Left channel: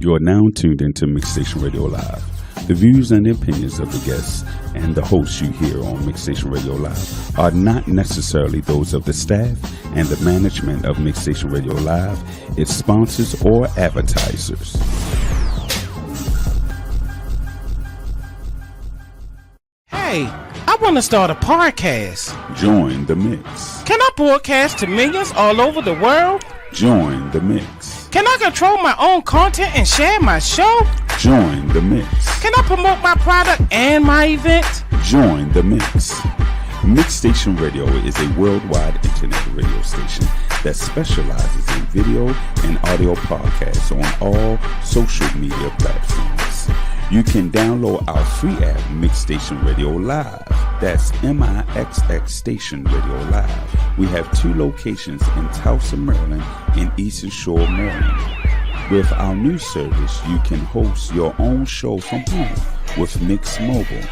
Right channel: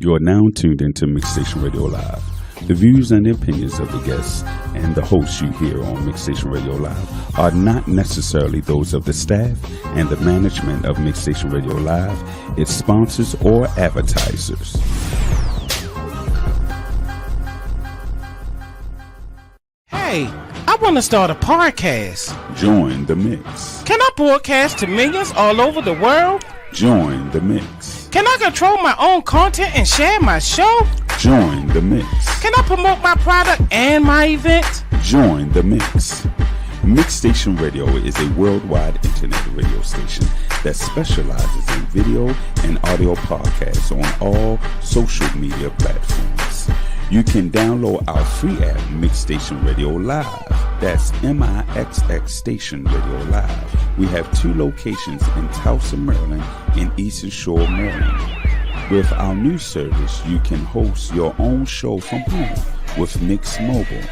You are now tuned into Mixstation Radio Live. The views and opinions of the guests and the hosts you hear on Mixstation Radio Live are not necessarily those of the staff and the management of Mixstation Radio Live, its sponsors, or advertisers. Hey, I want to start a podcast. Join the mix. Can I broadcast to millions all over the world? Join the mix. Can I control my own content and share my show? Join the mix. Can I promote my product and my event? Join the mix. Mixstation Radio is a worldwide internet radio station that specializes in video and audio podcasts on all social media platforms. You can download our free app, Mixstation Radio Live. That's MIXX Station Radio Live. We have 2 locations in Tulsa, Maryland and Eastern Shore, Maryland. With our new service, you can host your own show from home with Mix Mobile.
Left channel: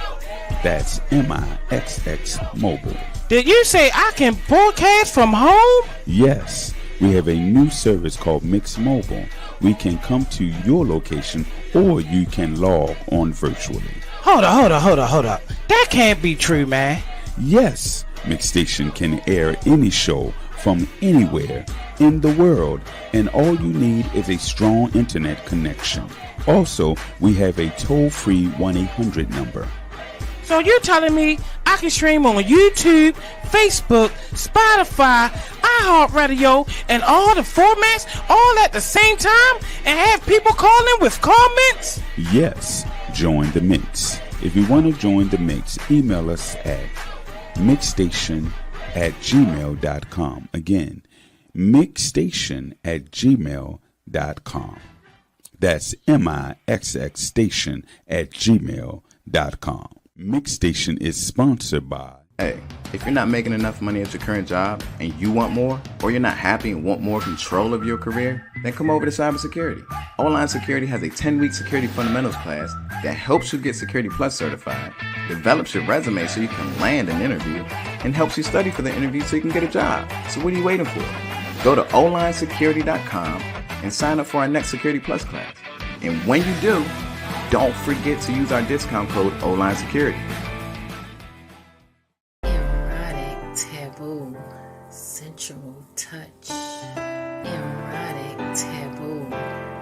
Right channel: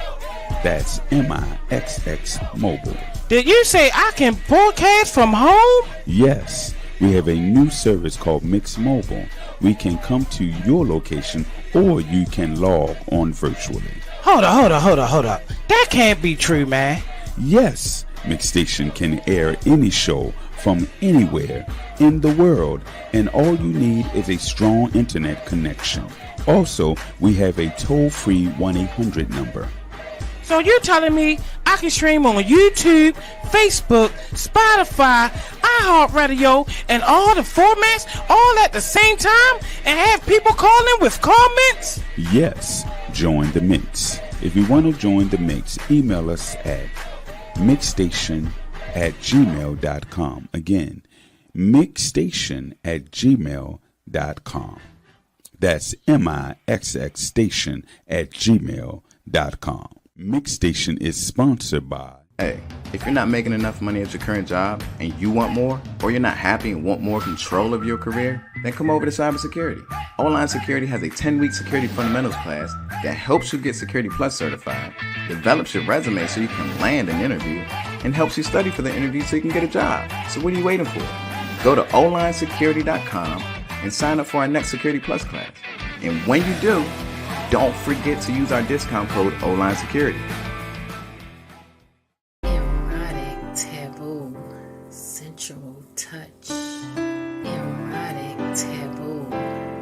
That's MIXX Mobile. Did you say I can broadcast from home? Yes, we have a new service called Mix Mobile. We can come to your location or you can log on virtually. Hold up. That can't be true, man. Yes, Mixstation can air any show from anywhere in the world, and all you need is a strong internet connection. Also, we have a toll-free 1-800 number. So you're telling me I can stream on YouTube, Facebook, Spotify, iHeartRadio, and all the formats all at the same time and have people calling with comments? Yes, join the mix. If you want to join the mix, email us at mixstation@gmail.com. Again, mixstation@gmail.com. That's MIXX station@gmail.com. Mixstation is sponsored by... Hey, if you're not making enough money at your current job and you want more, or you're not happy and want more control of your career, then come over to cybersecurity. Online Security has a 10-week security fundamentals class that helps you get Security Plus certified, develops your resume so you can land an interview, and helps you study for the interview so you can get a job. So what are you waiting for? Go to onlinesecurity.com and sign up for our next Security Plus class. And when you do, don't forget to use our discount code ONLINESECURITY. Erotic, taboo, sensual touch. Erotic, taboo,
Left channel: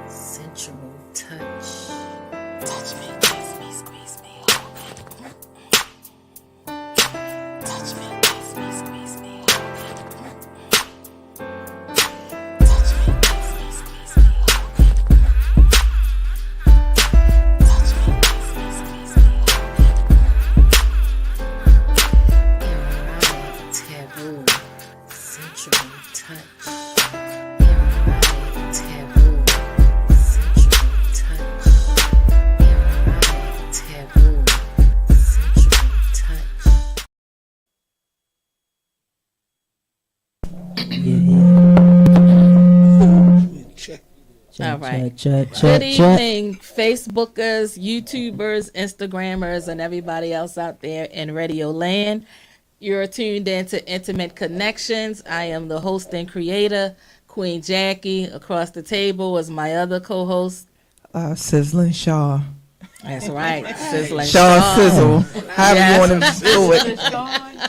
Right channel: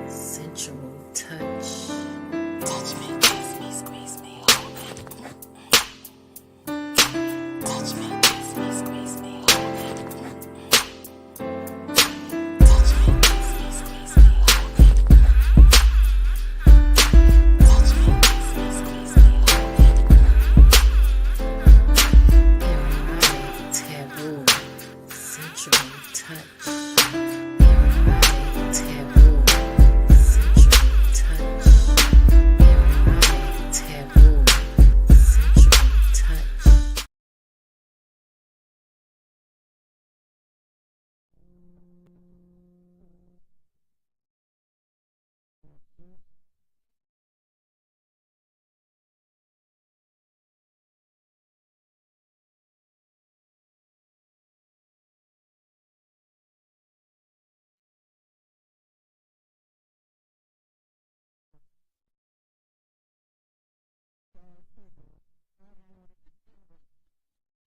sensual touch. Touch me, kiss me, squeeze me, hold me. Touch me, kiss me, squeeze me, hold me. Touch me, kiss me, squeeze me, hold me. Touch me, kiss me, squeeze me, hold me. Erotic, taboo, sensual touch. Erotic, taboo, sensual touch. Erotic, taboo, sensual touch. All right. Good Good evening, Facebookers, YouTubers, Instagrammers, and everybody else out there in Radio Land. You're tuned in to Intimate Connections. I am the host and creator, Queen Jackie. Across the table is my other co-host. Sizzling Shaw. That's right, Sizzling Shaw Sizzle. However you want to do it.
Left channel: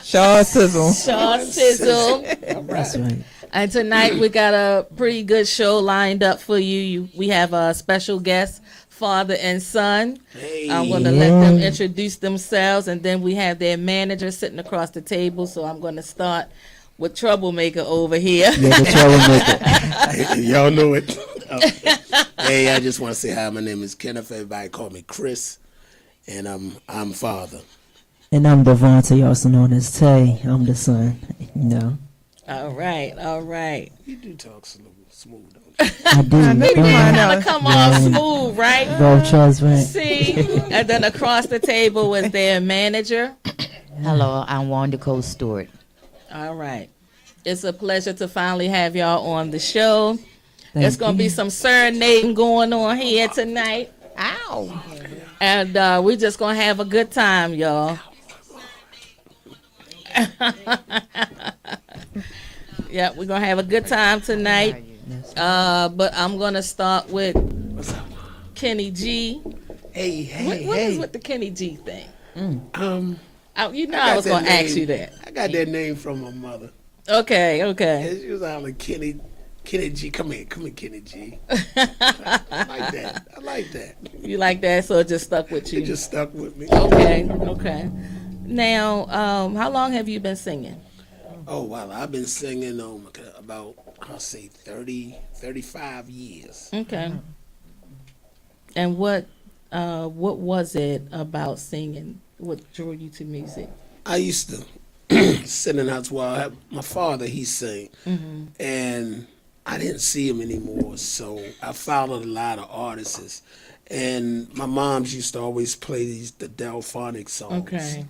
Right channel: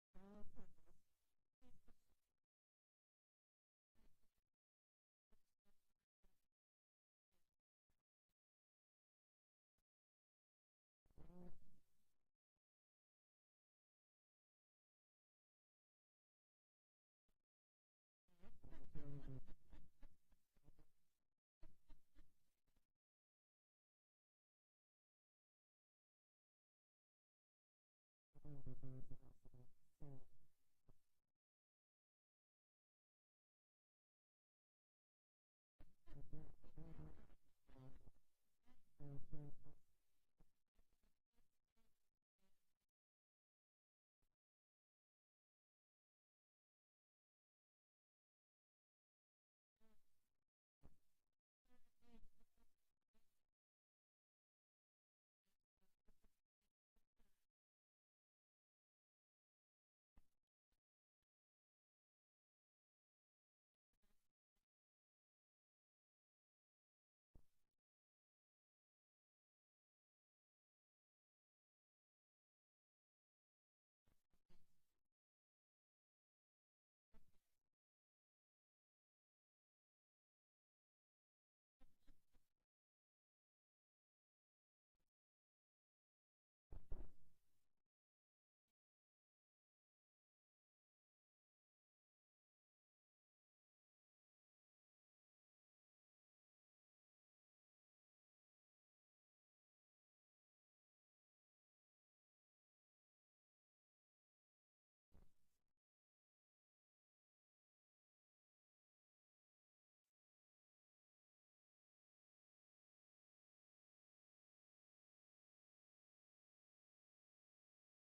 Shaw Sizzle. Shaw Sizzle. That's right. And tonight we got a pretty good show lined up for you. We have a special guest, father and son. I'm going to let them introduce themselves, and then we have their manager sitting across the table. So I'm going to start with Troublemaker over here. Yeah, the Troublemaker. Y'all know it. Hey, I just want to say hi. My name is Kenneth. Everybody call me Chris, and I'm father. And I'm Devontae, also known as Tay. I'm the son. All right. You do talk smooth, don't you? I do. Gotta come on smooth, right? Bro, trust me. See? And then across the table was their manager. Hello, I'm Wanda Cole Stewart. All right. It's a pleasure to finally have y'all on the show. There's going to be some serenading going on here tonight. Ow. And we're just going to have a good time, y'all. Yeah, we're going to have a good time tonight. But I'm going to start with Kenny G. Hey, What is with the Kenny G thing? You know I I was got going to that ask name. you that. I got that name from my mother. Okay. And she was hollering, Kenny G, come here, Kenny G. I like that. You like that, so it just stuck with you. It just stuck with me. Okay. Now, how long have you been singing? Oh, wow. I've been singing about, I'll say 35 years. Okay. And what was it about singing? What drew you to music? I used to sit in the house while my father, he sang. And I didn't see him anymore, so I followed a lot of artists. And my mom's used to always play the Delphonic songs. Okay.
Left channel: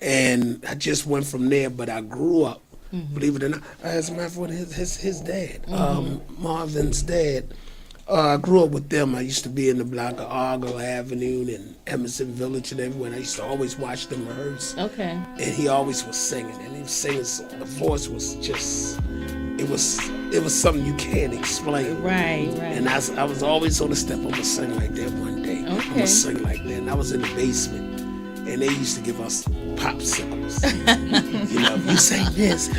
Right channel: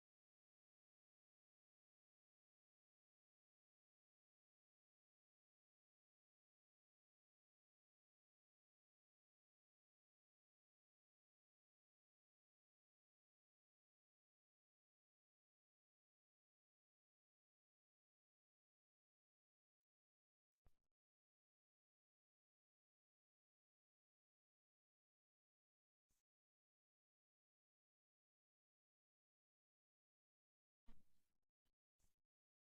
And I just went from there, but I grew up, believe it or not, as a matter of fact, his dad, Marvin's dad, I grew up with them. I used to be in the block of Argyle Avenue and Emerson Village and everywhere. And I used to always watch them rehearse. Okay. And he always was singing, and he was singing, so the voice was just, it was something you can't explain. Right. And I was always on the step, I'm gonna sing like that one day. I'm Okay. gonna sing like that. And I was in the basement, and they used to give us popsicles. If you sing this,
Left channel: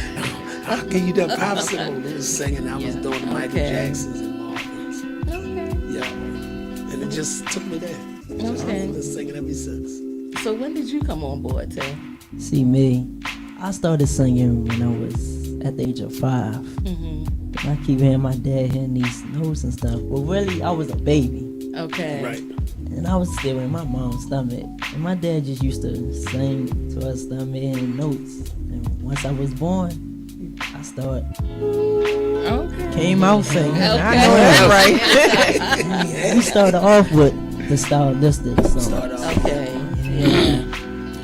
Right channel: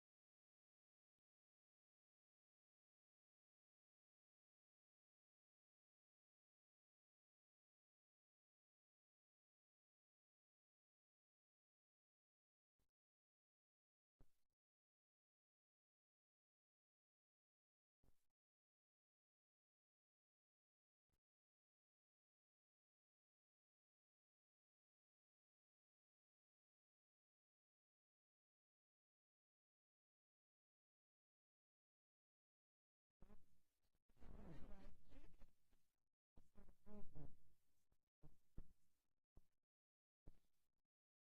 I'll give you that popsicle. They was singing, I was doing the Michael Okay. Jacksons and Marvins. Okay. Yeah. And it just took me there. I've been singing ever since. So when did you come on board, Tay? See me, I started singing when I was at the age of 5. I keep hearing my dad hitting these notes and stuff, but really I was a baby. Okay. Right. And I was still in my mom's stomach. And my dad just used to sing to us stomach and notes. And once I was born, I started Okay. came out singing. Okay. I know that's right. We started off with the stylistic song. Okay. Yeah.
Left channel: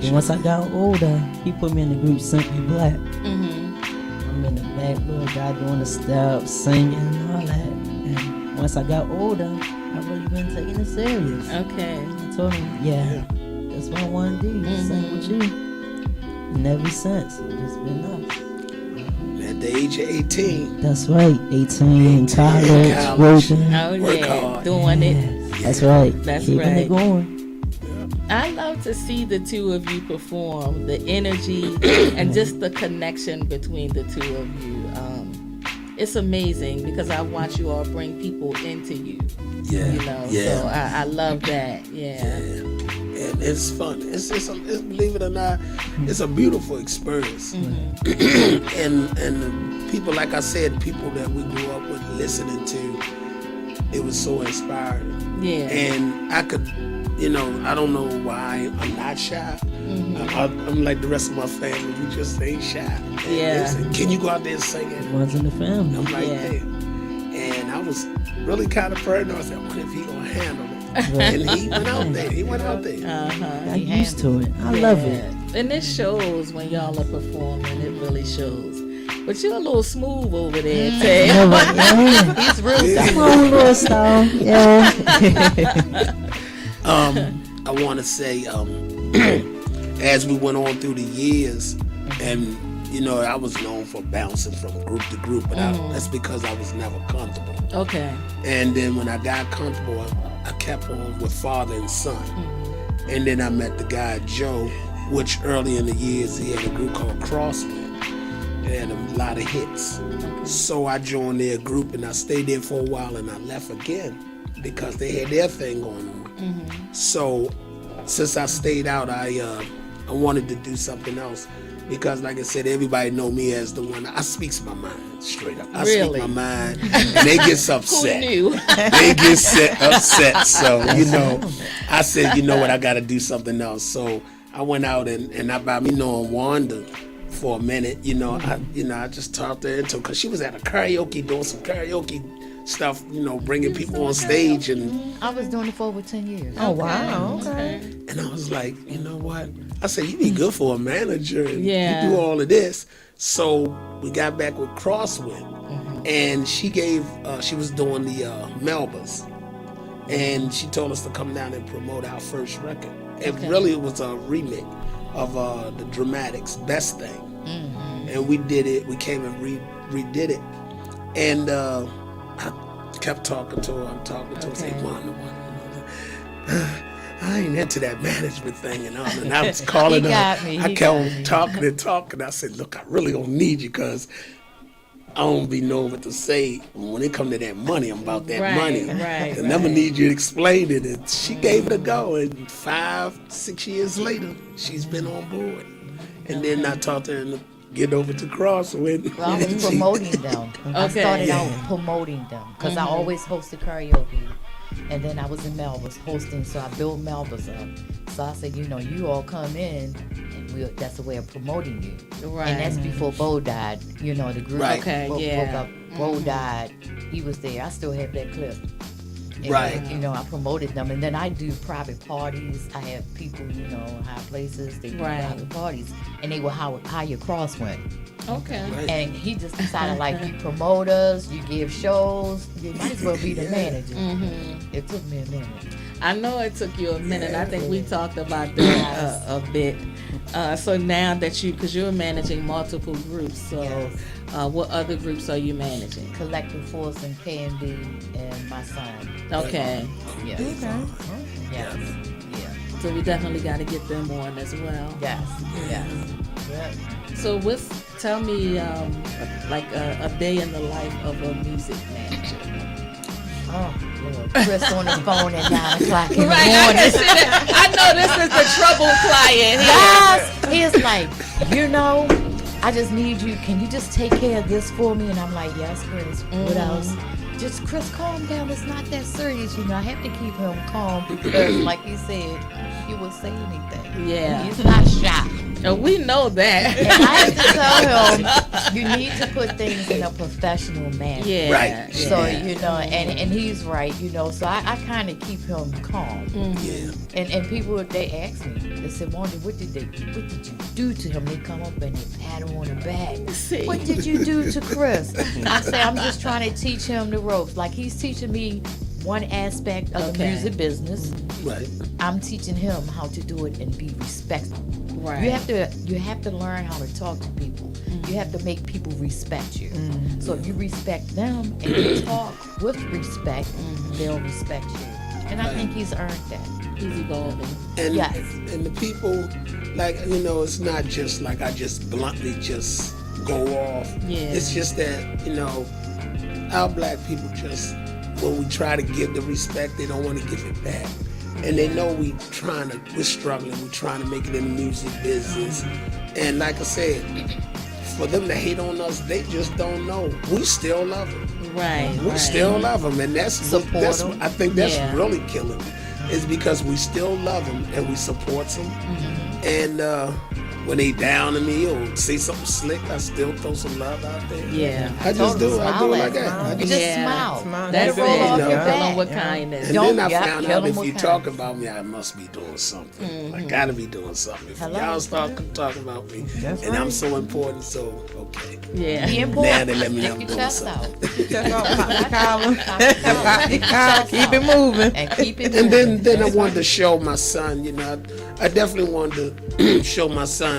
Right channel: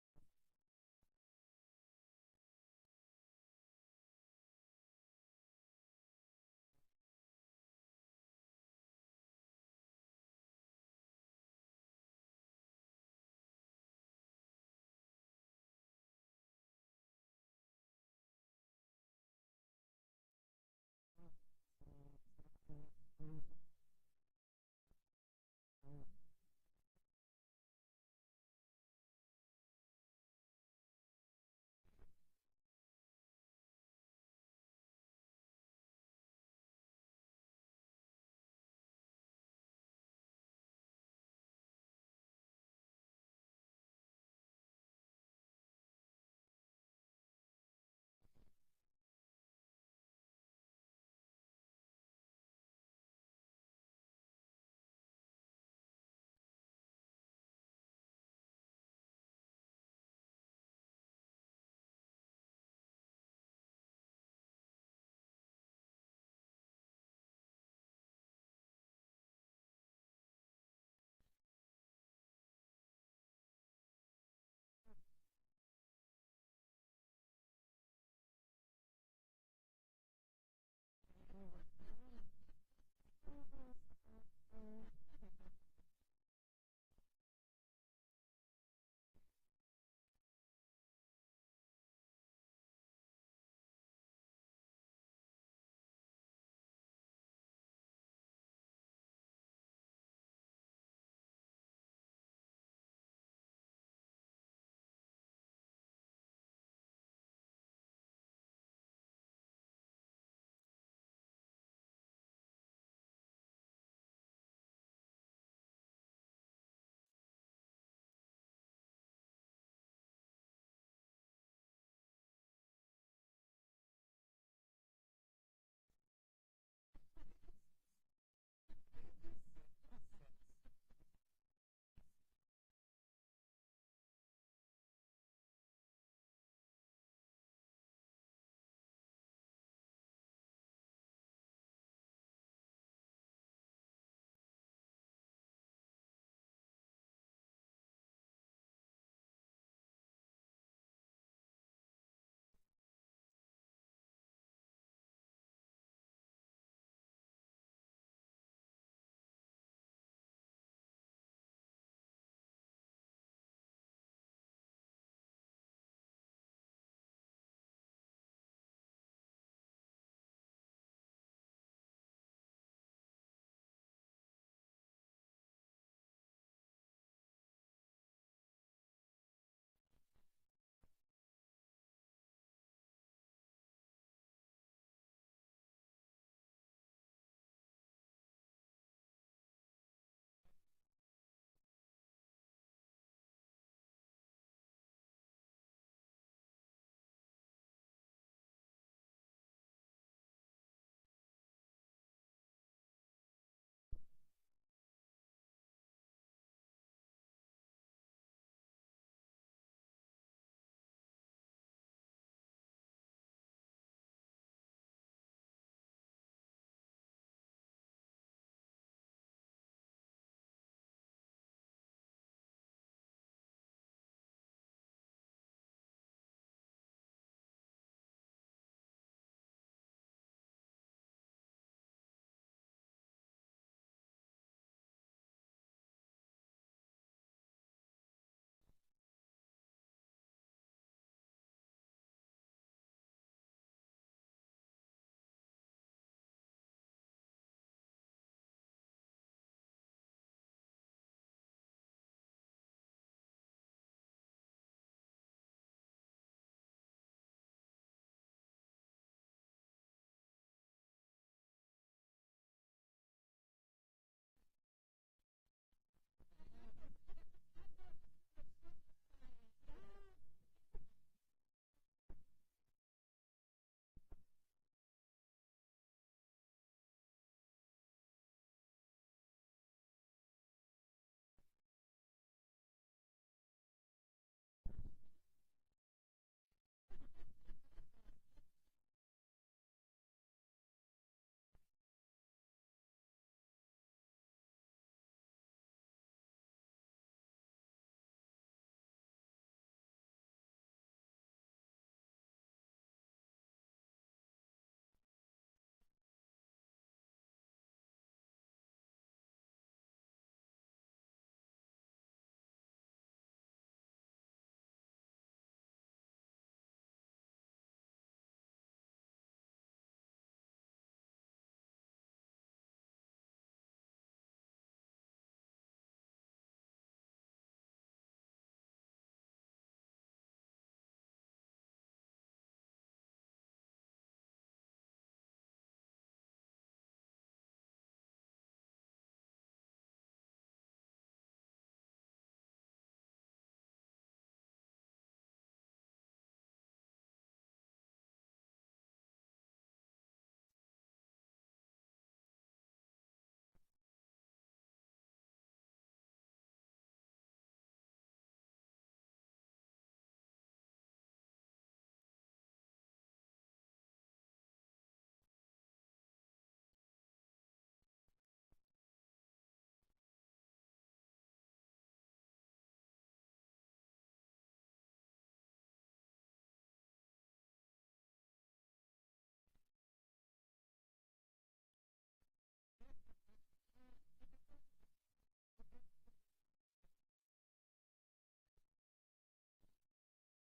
And once I got older, he put me in the group Simply Black. I'm in the back, little guy doing the steps, singing and all that. And once I got older, I really been taking it serious. Okay. I told him, yeah, that's what I want to do, sing with you. And ever since, it's been us. At the age of 18, That's right, 18, college, working. Oh, Work yeah. hard. Doing it. That's right. That's Keeping right. it going. I love to see the two of you perform, the energy and just the connection between the two of you. It's amazing because I watch you all bring people into you. Yeah. You know, Yeah. so I love that. Yeah. And it's fun. It's believe it or not, it's a beautiful experience. and people, like I said, people that we grew up with listening to, it was so inspiring. Yeah. And I could, I don't know why I'm not shy. I'm like the rest of my family. We just ain't shy. And Yeah. they say, can you go out there and sing it? One's in the family. I'm like, Yeah. yeah. And I was really kind of paranoid. I said, what if he gonna handle it? And he went out there. Got used to it. I love it. And it shows when y'all are performing. It really shows. But you're a little smooth over there, Tay. He's real. Come on, little style. Yeah. I want to say, as we went on through the years, and I was known for bouncing from group to group, but that's because I was never comfortable. Okay. And then when I got comfortable, I kept on with Father and Son. And then I met the guy Joe, which early in the years he had a group called Crosswind. They had a lot of hits. So I joined their group and I stayed there for a while and I left again because they had their thing going on. So since I stayed out, I wanted to do something else because, like I said, everybody know me as the one. I speaks my mind straight up. I Really? speak my mind, and they get upset. Who knew? They get upset. So I said, you know what, I got to do something else. So I went out and I by me knowing Wanda for a minute, I just talked to her because she was at a karaoke doing some karaoke stuff, bringing people on stage, and I was doing it for over 10 years. Oh, wow. Okay. and I was like, you know what? I said, you be good for a manager, and Yeah. you do all of this. So we got back with Crosswind, and she was doing the Melbas, and she told us to come down and promote our first record. It really was a remix of the Dramatics' Best Thing, and we did it. We came and redid it, and I kept talking to her. I'm talking to her, say, Wanda. I ain't into that management thing and all. And I was calling He her. got me, I he kept got on me. talking and talking. I said, look, I really don't need you because I don't be knowing what to say. When it come to that money, I'm about that Right, money. right, I never right. need you to explain it. And she gave it a go. And 5-6 years later, she's been on board. And then I taught her to get over to Crosswind. Well, I was promoting them. I Okay. started Yeah. out promoting them because I always hosted karaoke. And then I was in Melba's hosting, so I built Melba's up. So I said, you all come in, and that's a way of promoting you. Right. And that's before Bo died. The group Right. Okay, broke yeah. up. Bo died. He was there. I still have that clip. And, Right. I promoted them. And then I do private parties. I have people, high places. They do Right. private parties. And they will hire Crosswind. Okay. Right. And he just decided, you promote us, you give shows, you might as well be the manager. It took me a minute. I know it took you a minute. I think we talked about that a bit. So now that because you're managing multiple groups, so what other groups are you managing? Collective Force and KMD and my son. Okay. Yes. Yes. Yeah. So we definitely got to get them on as well. Yes. Yes. Yep. So tell me like a day in the life of a music manager. Oh, Lord. Chris on the phone at 9 o'clock in the Right, I morning. can see that. I know this is the trouble client. Guys, he's like, I just need you. Can you just take care of this for me? And I'm like, yes, Chris. What else? Just, Chris, calm down. It's not that serious. I have to keep him calm because, like he said, he will say anything. Yeah. He's not shy. We know that. And I have to tell him, you need to put things in a professional manner. Yeah. Right. So, yeah. and he's right, so I kind of keep him calm. Yeah. And people, they ask me, they said, Wanda, what did you do to him? They come up and they pat him on the back. See. What did you do to Chris? I say, I'm just trying to teach him the ropes. Like he's teaching me one aspect of the Okay. music business. Right. I'm teaching him how to do it and be respectful. Right. You have to learn how to talk to people. You have to make people respect you. So if you respect them and you talk with respect, they'll respect you. And I think he's earned that. He's evolving. And, Yes. and the people, it's not just like I just bluntly just go off. Yeah. It's just that, our black people just, when we try to give the respect, they don't want to give it back. And they know we're struggling, we're trying to make it in the music business. And like I said, for them to hate on us, they just don't know. We still love them. Right. We right. still love them, and that's Support that's 'em. I think that's Yeah. really killing them. Is because we still love them and we support them. And when they down on me or say something slick, I still throw some love out there. Yeah. I just do. I do Smile it at like that. I You just, just Yeah. smile. That's Let it roll off You your know. Kill 'em back. with kindness. and Don't- then I yeah, found kill out 'em if with you kindness. talk about me, I must be doing something. I gotta be doing something. If Hello? y'all start talking about me, and I'm so important, so okay. Yeah. Be important. Now they let me know I'm Stick your doing chest something. out. Keep it moving. And keep it And moving. then I wanted to show my son, I definitely wanted to show my son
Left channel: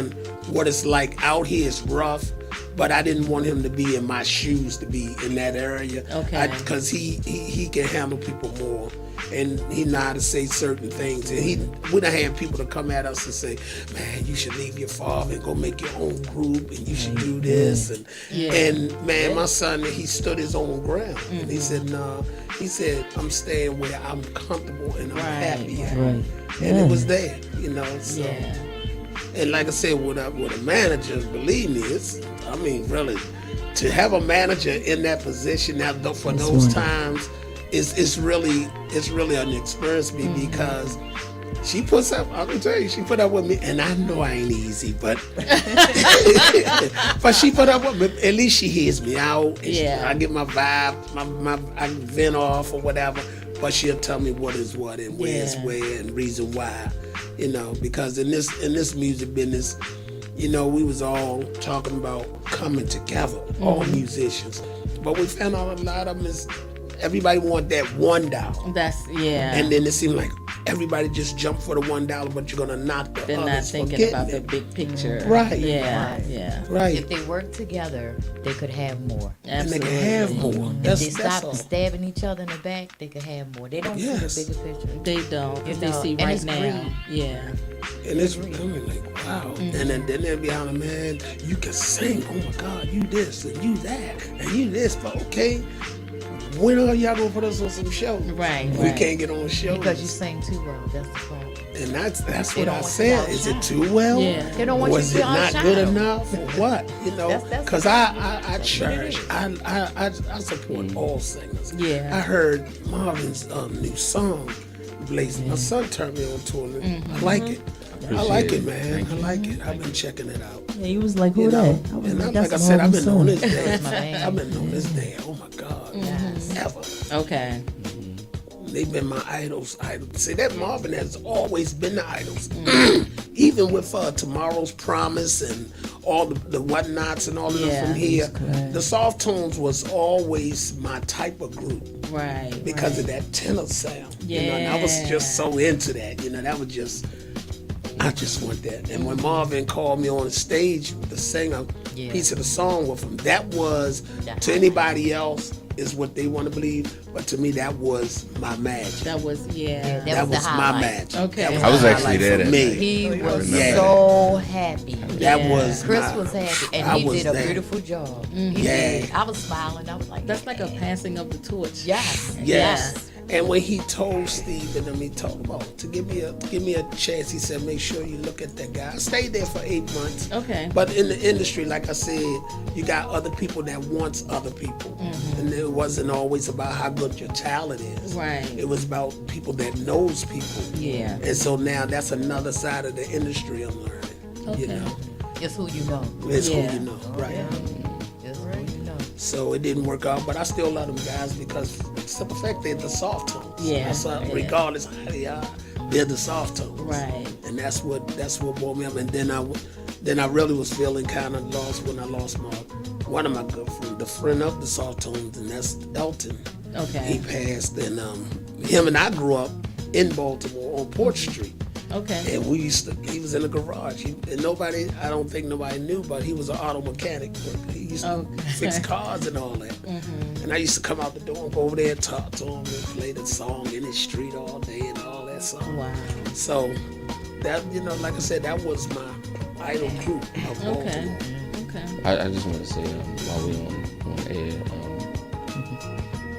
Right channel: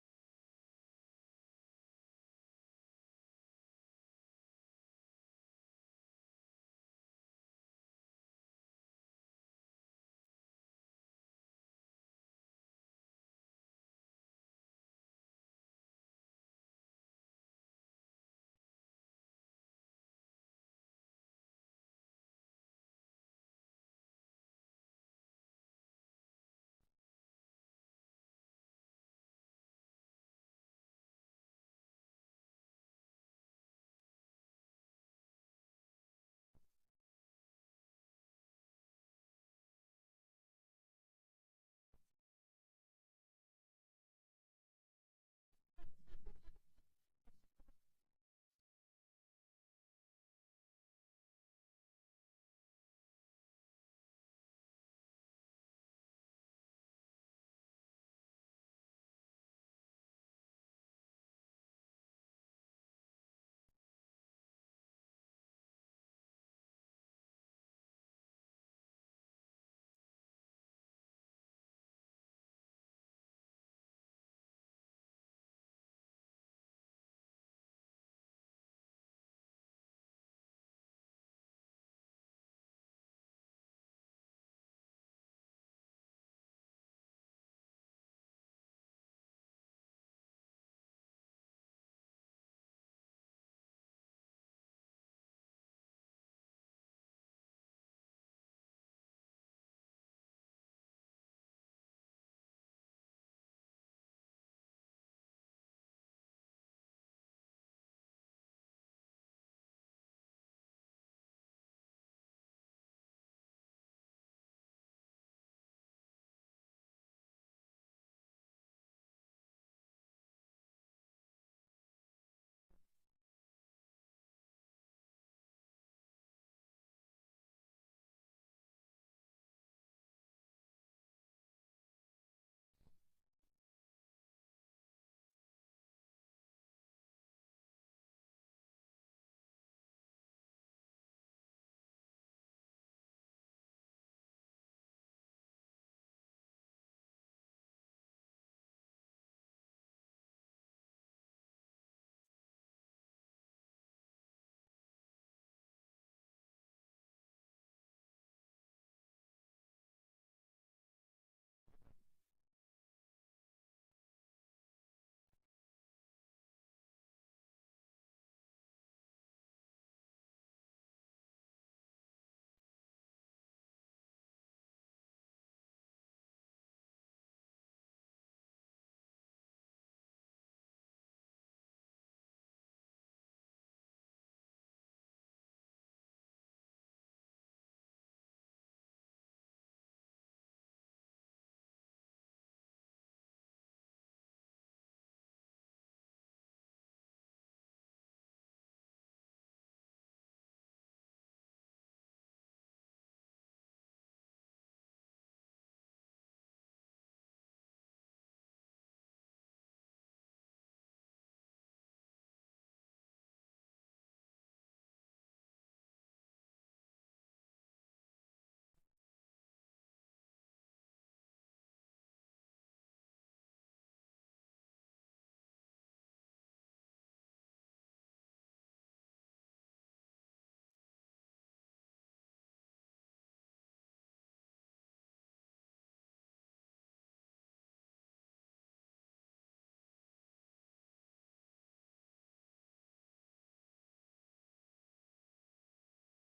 what it's like out here. It's rough, but I didn't want him to be in my shoes, to be in that area. Okay. Because he can handle people more. And he know how to say certain things. And we done had people to come at us and say, man, you should leave your father and go make your own group and you should do this. And man, my son, he stood his own ground. And he said, no. He said, I'm staying where I'm comfortable and I'm happy. Right. And it was there, So. Yeah. And like I said, with a manager, believe me, really, to have a manager in that position now for those times, it's really an experience for me because she puts up. I can tell you, she put up with me, and I know I ain't easy, but but she put up with me. At least she hears me out. And I get my vibe, I vent off or whatever. But she'll tell me what is what and where is where and reason why. Because in this music business, we was all talking about coming together, all musicians. But we found out a lot of them is everybody want that $1. That's And then it seemed like everybody just jump for the $1, but you're gonna knock the They're not others for thinking getting about the it. big picture. Right. Yeah. Right. Yeah. Right. If they work together, they could have more. And they Absolutely. can have more. If That's they all. stop stabbing each other in the back, they could have more. They don't Yes. see the bigger picture. They don't. You They know, see and right it's now. greed. Yeah. And it's becoming like, wow. And then they'll be on, man, you can sing. Oh my God, you this and you that and you this. But okay, when are y'all gonna put us on some shows? Right, We right. can't get on shows. Because you sing too well. That's the problem. And that's They what don't I want said. you to Is it outshine. too well? Yeah. They don't want Was you it to not outshine good them. enough or what? You know, That's because what I it cherish, is. I support all singers. Yeah. I heard Marvin's new song, Blazing. My son turned me on to it. I like it. I like it, man. I like it. I've been checking it out. Yeah, he was like, who You that? know, I was and like, like I that's said, I've Marvin's been on son. this day. That's my man. I've been on this day. Oh my God, ever. Okay. They've been my idols. See, that Marvin has always been the idols. Even with Tomorrow's Promise and all the whatnots and all of them Yeah, from here, correct. the Soft Tones was always my type of group Right. because of that tenor sound. You know, and I was Yeah. just so into that. You know, that was just, I just want that. And when Marvin called me on the stage to sing a Yeah. piece of the song with him, that was, to anybody else, is what they want to believe. But to me, that was my magic. That was Yeah, That was the my highlight. magic. Okay. That I was the actually highlight there for that me. night. He was Yeah. so happy. That Yeah. was Chris my, was happy, and I he was did a there. beautiful job. He Yeah. did. I was smiling. I was like, That's like a passing of the torch. yes, Yes. And when he told Steve and them, he told him, to give me a chance, he said, make sure you look at that guy. I stayed there for 8 months. Okay. But in the industry, like I said, you got other people that wants other people. And it wasn't always about how good your talent is. Right. It was about people that knows people. Yeah. And so now that's another side of the industry I'm learning. You Okay. know, It's who you know. it's Yeah. who you know, right? It's who you know. So it didn't work out, but I still love them guys because simple fact they're the soft tones. Yeah, So yeah. regardless of how they are, they're the soft tones. Right. And that's what brought me up. And then I really was feeling kind of lost when I lost one of my good friends, the friend of the soft tones, and that's Elton. He Okay. passed, and him and I grew up in Baltimore on Porch Street. Okay. And he was in the garage. And I don't think nobody knew, but he was an auto mechanic. He used to Okay. fix cars and all that. And I used to come out the door and go over there and talk to him and play the song in his street all day and all that stuff. Wow. So that, like I said, that was my idol group of Baltimore. Okay. Okay. I just want to say while we're on air,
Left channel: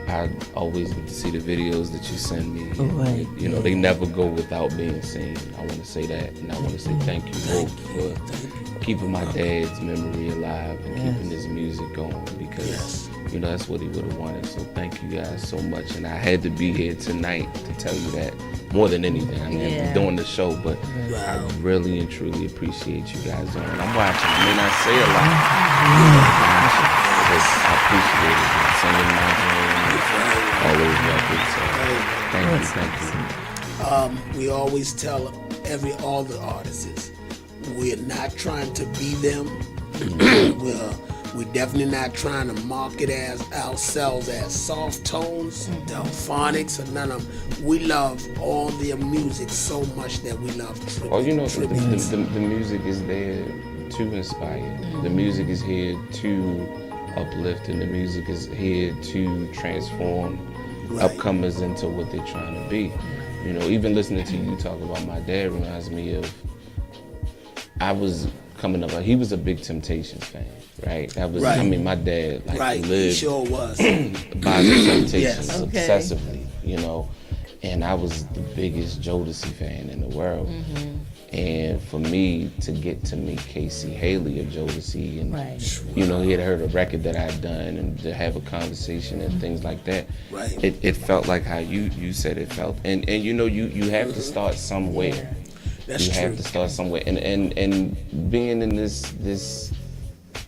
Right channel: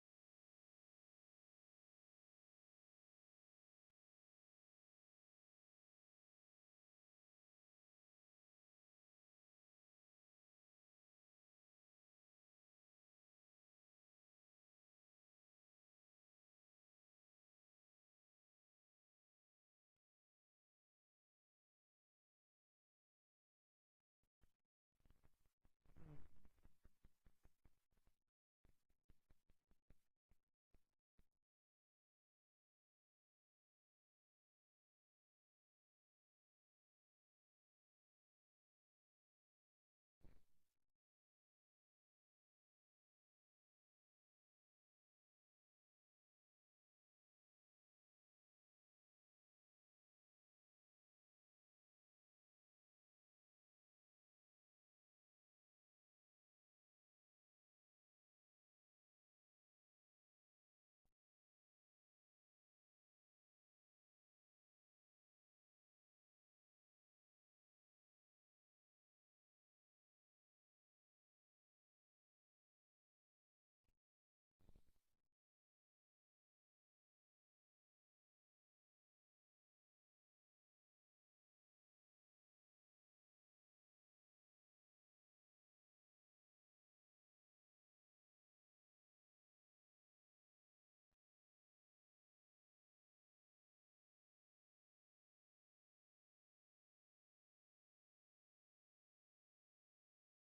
I always get to see the videos that you send me. Right. You know, they never go without being seen. I want to say that, and I want to say thank you both for keeping my dad's memory alive and keeping his music going because that's what he would have wanted. So thank you guys so much, and I had to be here tonight to tell you that more than anything. I mean, Yeah. I'm doing the show, but I really and truly appreciate you guys on. I'm watching. I may not say a lot, but I appreciate it. I'm singing my dream, all those records. So thank you. We always tell all the artists, we're not trying to be them. We're definitely not trying to market as ourselves as soft tones, Delphonics, or none of them. We love all their music so much that we love tribute. Well, the tributes. music is there to inspire. The music is here to uplift, and the music is here to transform upcomers into what they're trying to be. Even listening to you talk about my dad reminds me of, I was coming up, he was a big Temptations fan, right? That was, Right. I mean, my dad Right, he lived sure was. by the Temptations Yes. Okay. obsessively, and I was the biggest Jodeci fan in the world. And for me to get to meet Casey Haley of Jodeci, and Right. he had heard a record that I'd done, and to have a conversation and things like that, Right. it felt like how you said it felt, and you have to start somewhere. That's You true. have to start somewhere, and being in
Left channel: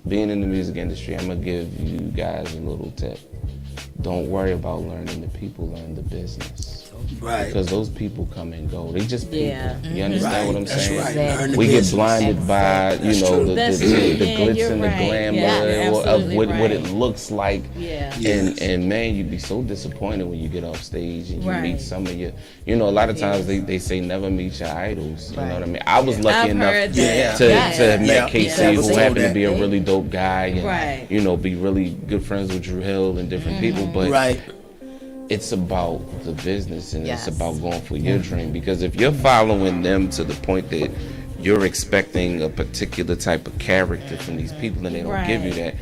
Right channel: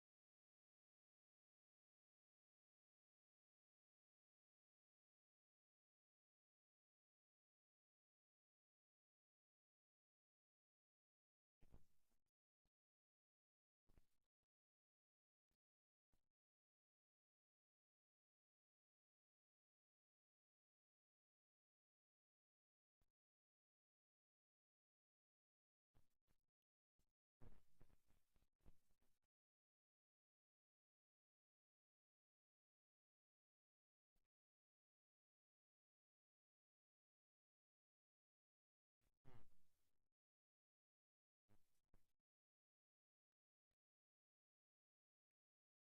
being in the music industry, I'm gonna give you guys a little tip. Don't worry about learning the people, learn the business. Right. Because those people come and go. They just people. Yeah. You understand what I'm That's saying? right. Exactly. Learn the We get business. blinded by, That's the true. That's the true. glitz You're and the right. glamour Yeah, of absolutely what it right. looks like. Yeah. Yes. And man, you'd be so disappointed when you get off stage and you Right. meet some of your, a lot of times they say never meet your idols. You know what I mean? I was I've lucky enough heard to that. to Yeah. have met Yeah. KC, Yeah. who Yeah. happened to Yeah. be a really dope guy, and Right. be really good friends with Drew Hill and different people. But Right. it's about the business and Yes. it's about going for your dream. Because if you're following them to the point that you're expecting a particular type of character from these people and they don't give you that,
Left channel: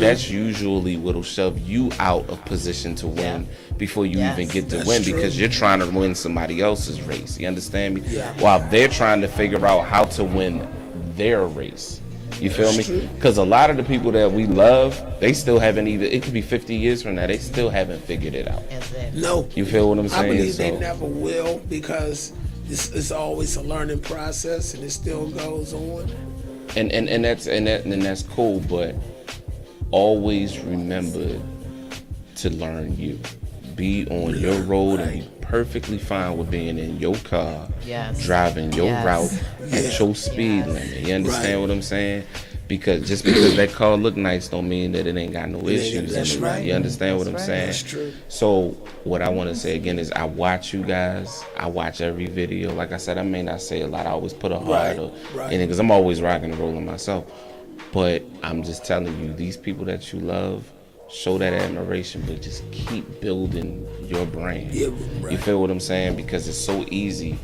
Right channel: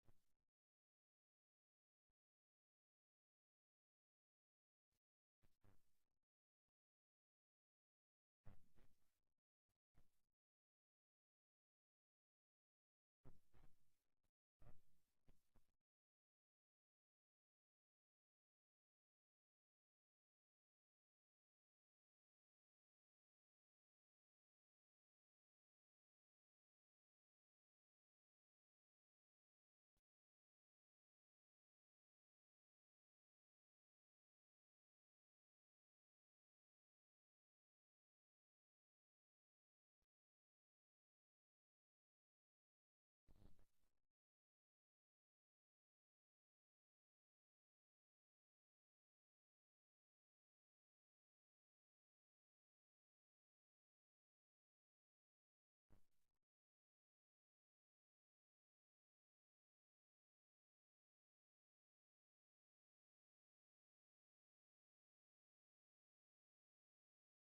that's usually what'll shove you out of position to win before you even get to win, because you're trying to win somebody else's race. You understand me? While they're trying to figure out how to win their race. You feel me? Because a lot of the people that we love, they still haven't even, it could be 50 years from now, they still haven't figured it out. Exactly. No. You feel what I'm saying? I believe they So- never will, because it's always a learning process and it still goes on. And that's cool, but always remember to learn you. Be on your road and be perfectly fine with being in your car, driving your route at your speed limit. You understand what I'm saying? Because just because that car look nice don't mean that it ain't got no issues in it. right. You understand what I'm saying? That's true. So what I want to say again is I watch you guys. I watch every video. Like I said, I may not say a lot. I always put a heart in it because I'm always rocking and rolling myself. But I'm just telling you, these people that you love, show that admiration, but just keep building your brand. Yeah, right. You feel what I'm saying? Because it's so easy.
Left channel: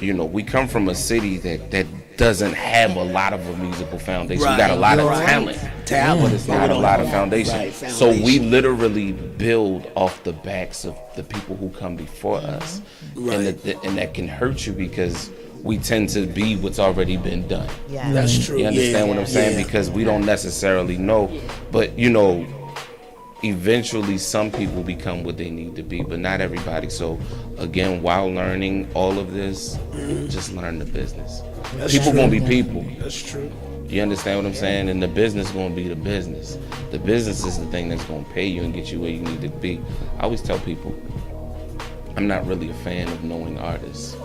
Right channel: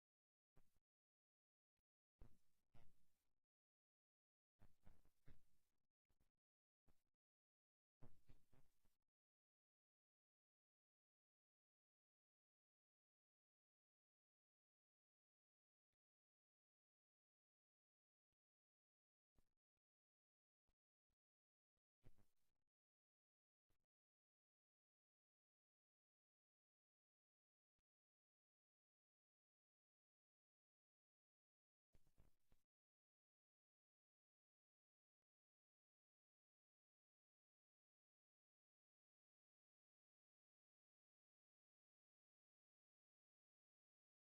We come from a city that doesn't have a lot of a musical foundation. We got a lot of talent, but it's not a lot of foundation. Right, So we literally build off the backs of the people who come before us, and that can hurt you because we tend to be what's already been done. Yeah. That's true. You understand what I'm saying? Yeah. Because we don't necessarily know, but eventually some people become what they need to be, but not everybody. So again, while learning all of this, just learn the business. People gonna be people. That's true. You understand what I'm saying? And the business gonna be the business. The business is the thing that's gonna pay you and get you where you need to be. I always tell people, I'm not really a fan of knowing artists.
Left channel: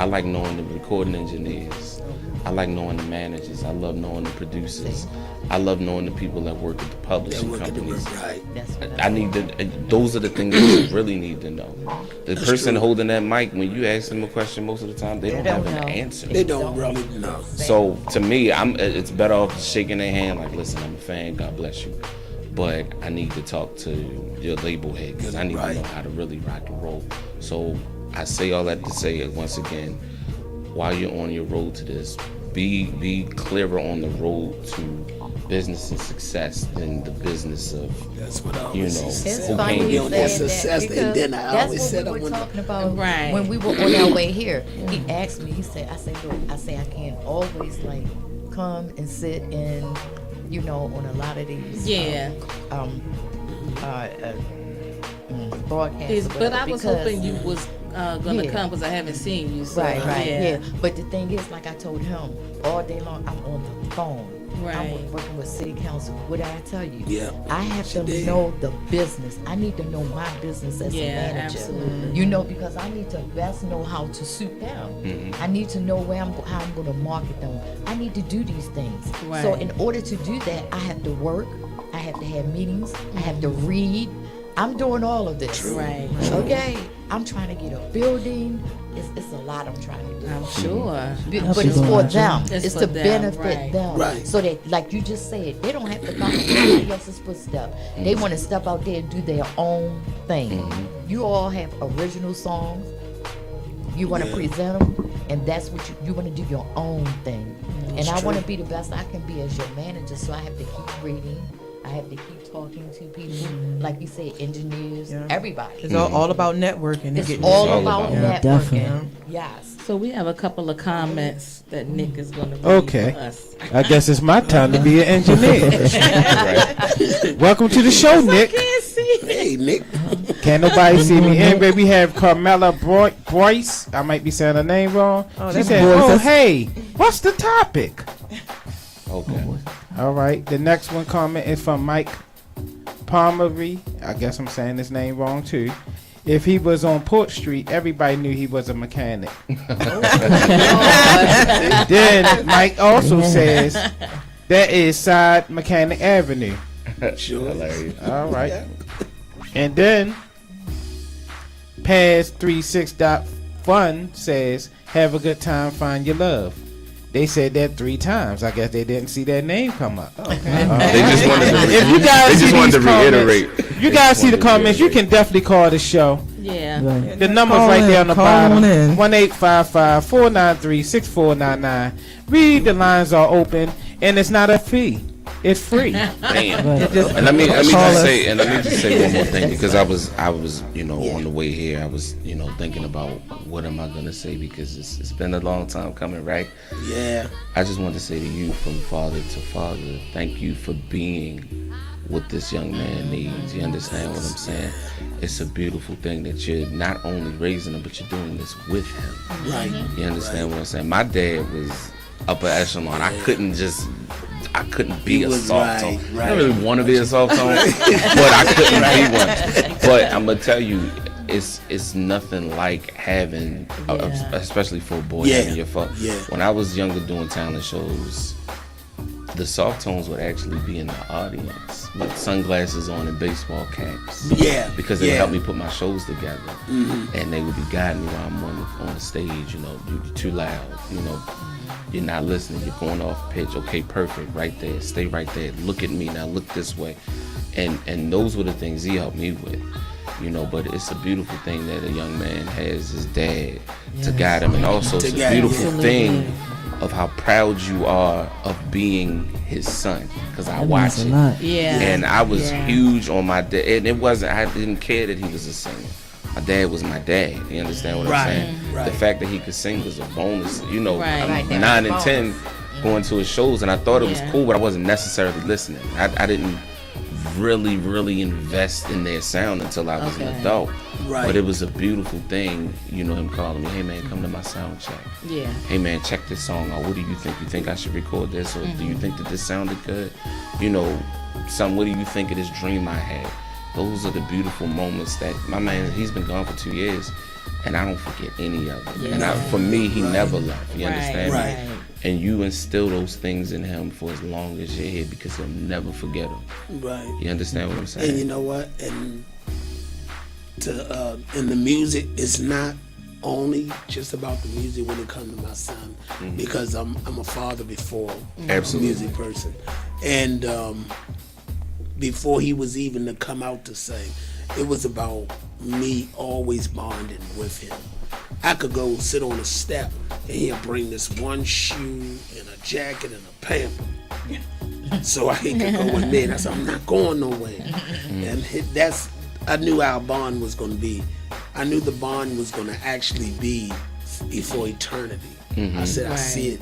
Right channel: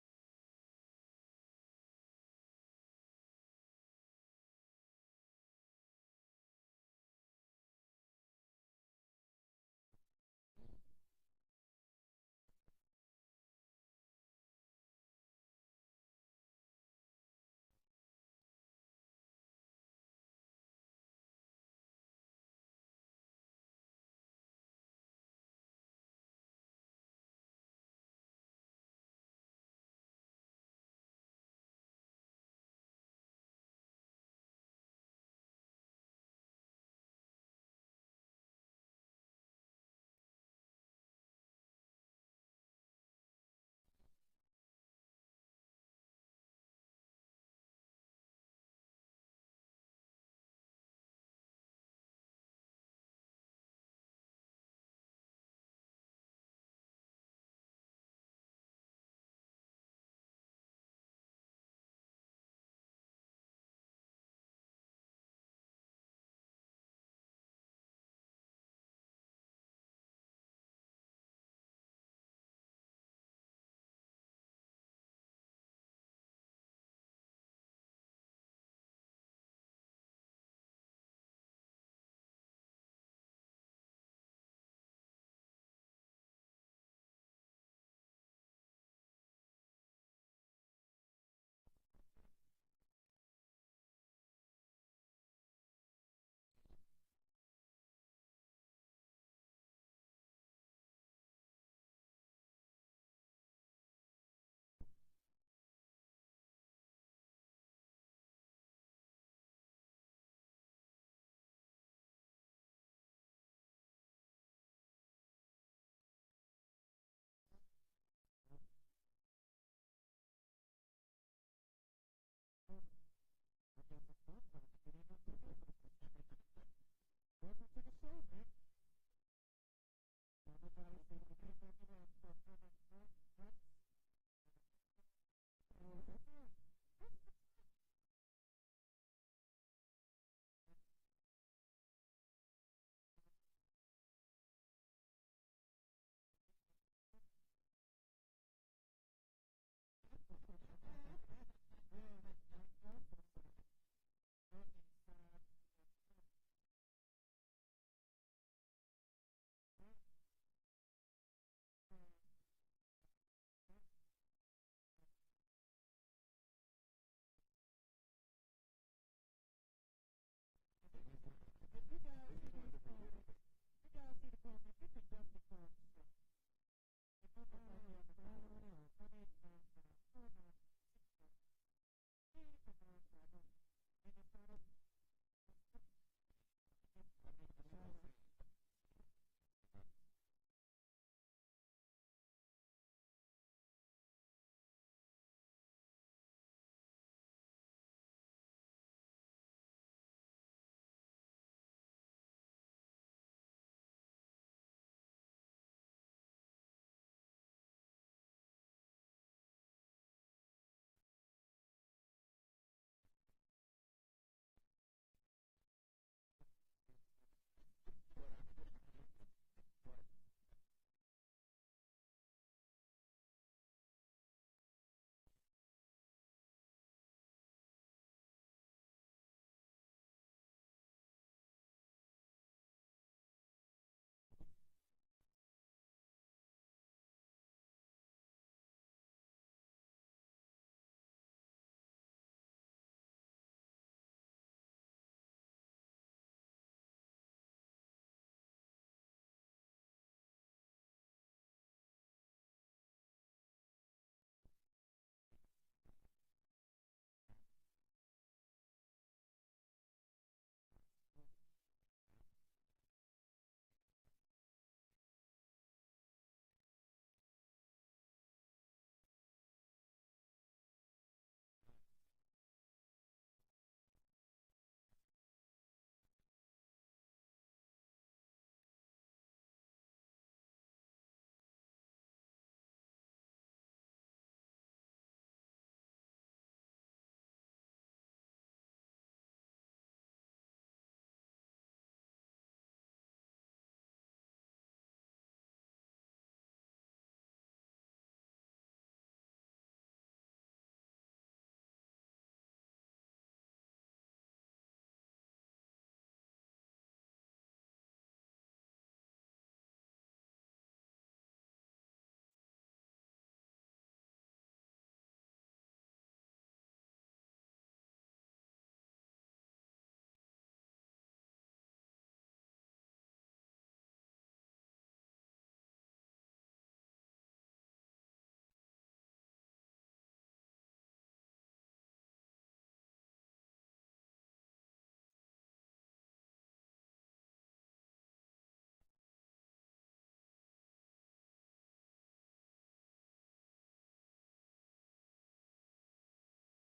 I like knowing the recording engineers. I like knowing the managers. I love knowing the producers. I love knowing the people that work at the publishing companies. Right. I need to. Those are the things that you really need to know. The person holding that mic, when you ask them a question, most of the time they don't have an answer. They don't really know. So to me, it's better off shaking their hand, like, listen, I'm a fan. God bless you, but I need to talk to your label head because I need to know how to really rock and roll. So I say all that to say once again, while you're on your road to this, be clearer on the road to business and success than the business of, That's what I always say. It's who funny came you on say that that success, because and then I that's always what said we I were wanna- talking about Right. when we were on our way here. He asked me. He said, "I say, look, I can't always like come and sit and on a lot of these broadcasts." But I was hoping you was gonna come because I haven't seen you. So, Right. Yeah. But the thing is, like I told him, all day long I'm on the phone. Right. I'm working with city council. What did I tell you? Yeah. I have to did. know the business. I need to know my business as a Yeah, manager. absolutely. Because I need to best know how to suit them. I need to know how I'm going to market them. I need to do these things. Right. So in order to do that, I have to work. I have to have meetings. I have to read. I'm doing all of this. Right. Okay. I'm trying to get a building. It's a lot I'm trying to do. I'm sure. But it's for them. It's It's for to them, benefit right. them. Right. So that, like you just said, they don't have to follow somebody else's footsteps. They want to step out there and do their own thing. You all have original songs. You want to present them, and that's what you want to do your own thing. And I want to be the best I can be as your manager, so I have to keep reading. I have to keep talking to people, like you said, engineers, everybody. It's all about networking. It's Getting all this- about Yeah, networking. definitely. Yes. So we have a couple of comments that Nick is going to read Okay. for us. I guess it's my time to be an engineer. Welcome to the show, Nick. Hey, Nick. Can't nobody see me. Anyway, we have Carmela Bryce. I might be saying her name wrong. She that's said, Boyce. "Oh, hey, what's the topic?" Okay. All right. The next one comment is from Mike Palmery. I guess I'm saying his name wrong too. if he was on Port Street, everybody knew he was a mechanic. Then Mike also says that is Side Mechanic Avenue. Sure. All right. And then Paz 36.fun says, have a good time, find your love. They said that 3 times. I guess they didn't see that name come up. They just wanted to, If you guys they just see wanted to these comments, reiterate. you guys see the comments, you can definitely call the show. Yeah. Right. The number's Call right in, there on the call bottom. on in. 1-855-493-6499. Read, the lines are open, and it's not a fee. It's free. Damn. Right. And let me Call just us. say, one more thing, because I was, on the way here, I was, thinking about what am I gonna say, because it's been a long time coming, right? Yeah. I just want to say to you, from father to father, thank you for being what this young man needs. You understand what I'm saying? It's a beautiful thing that you're not only raising him, but you're doing this with him. Right. You understand what I'm saying? My dad was upper echelon. I couldn't be He a was soft tone. right. I don't really want to be a soft tone, but I couldn't be one. But I'm gonna tell you, it's nothing like having, especially for a boy, having your father. Yeah. When I was younger doing talent shows, the soft tones would actually be in the audience with sunglasses on and baseball caps. Yeah. Because it helped me put my shows together. And they would be guiding me while I'm on the stage, you're too loud, you're not listening, you're going off pitch. Okay, perfect, right there, stay right there, look at me now, look this way. And those were the things he helped me with. But it's a beautiful thing that a young man has his dad to guide him, and also it's a beautiful thing of how proud you are of being his son, because I watch it. Yeah. And I was huge on my dad, and I didn't care that he was a singer. My dad was my dad. You understand what I'm saying? Right. The fact that he could sing was a bonus. I'm Right. 9 and 10 going to his shows, and I thought it was cool, but I wasn't necessarily listening. I didn't really invest in their sound until I was an adult. Right. But it was a beautiful thing, him calling me, hey man, come to my sound check. Yeah. Hey man, check this song out. What do you think? You think I should record this? Or do you think that this sounded good? Son, what do you think of this dream I had? Those are the beautiful moments that my man, he's been gone for 2 years, and I don't forget any of it. And for me, he never left. You understand me? Right. And you instill those things in him for as long as you're here, because he'll never forget them. Right. You understand what I'm saying? And you know what? And in the music, it's not only just about the music when it comes to my son, because I'm a father before Absolutely. a music person, and before he was even to come out to sing, it was about me always bonding with him. I could go sit on a step and he'll bring this one shoe and a jacket and a pamper. So I could go in there, and I said, I'm not going nowhere. And I knew our bond was going to be, I knew the bond was going to actually be for eternity. I said, I see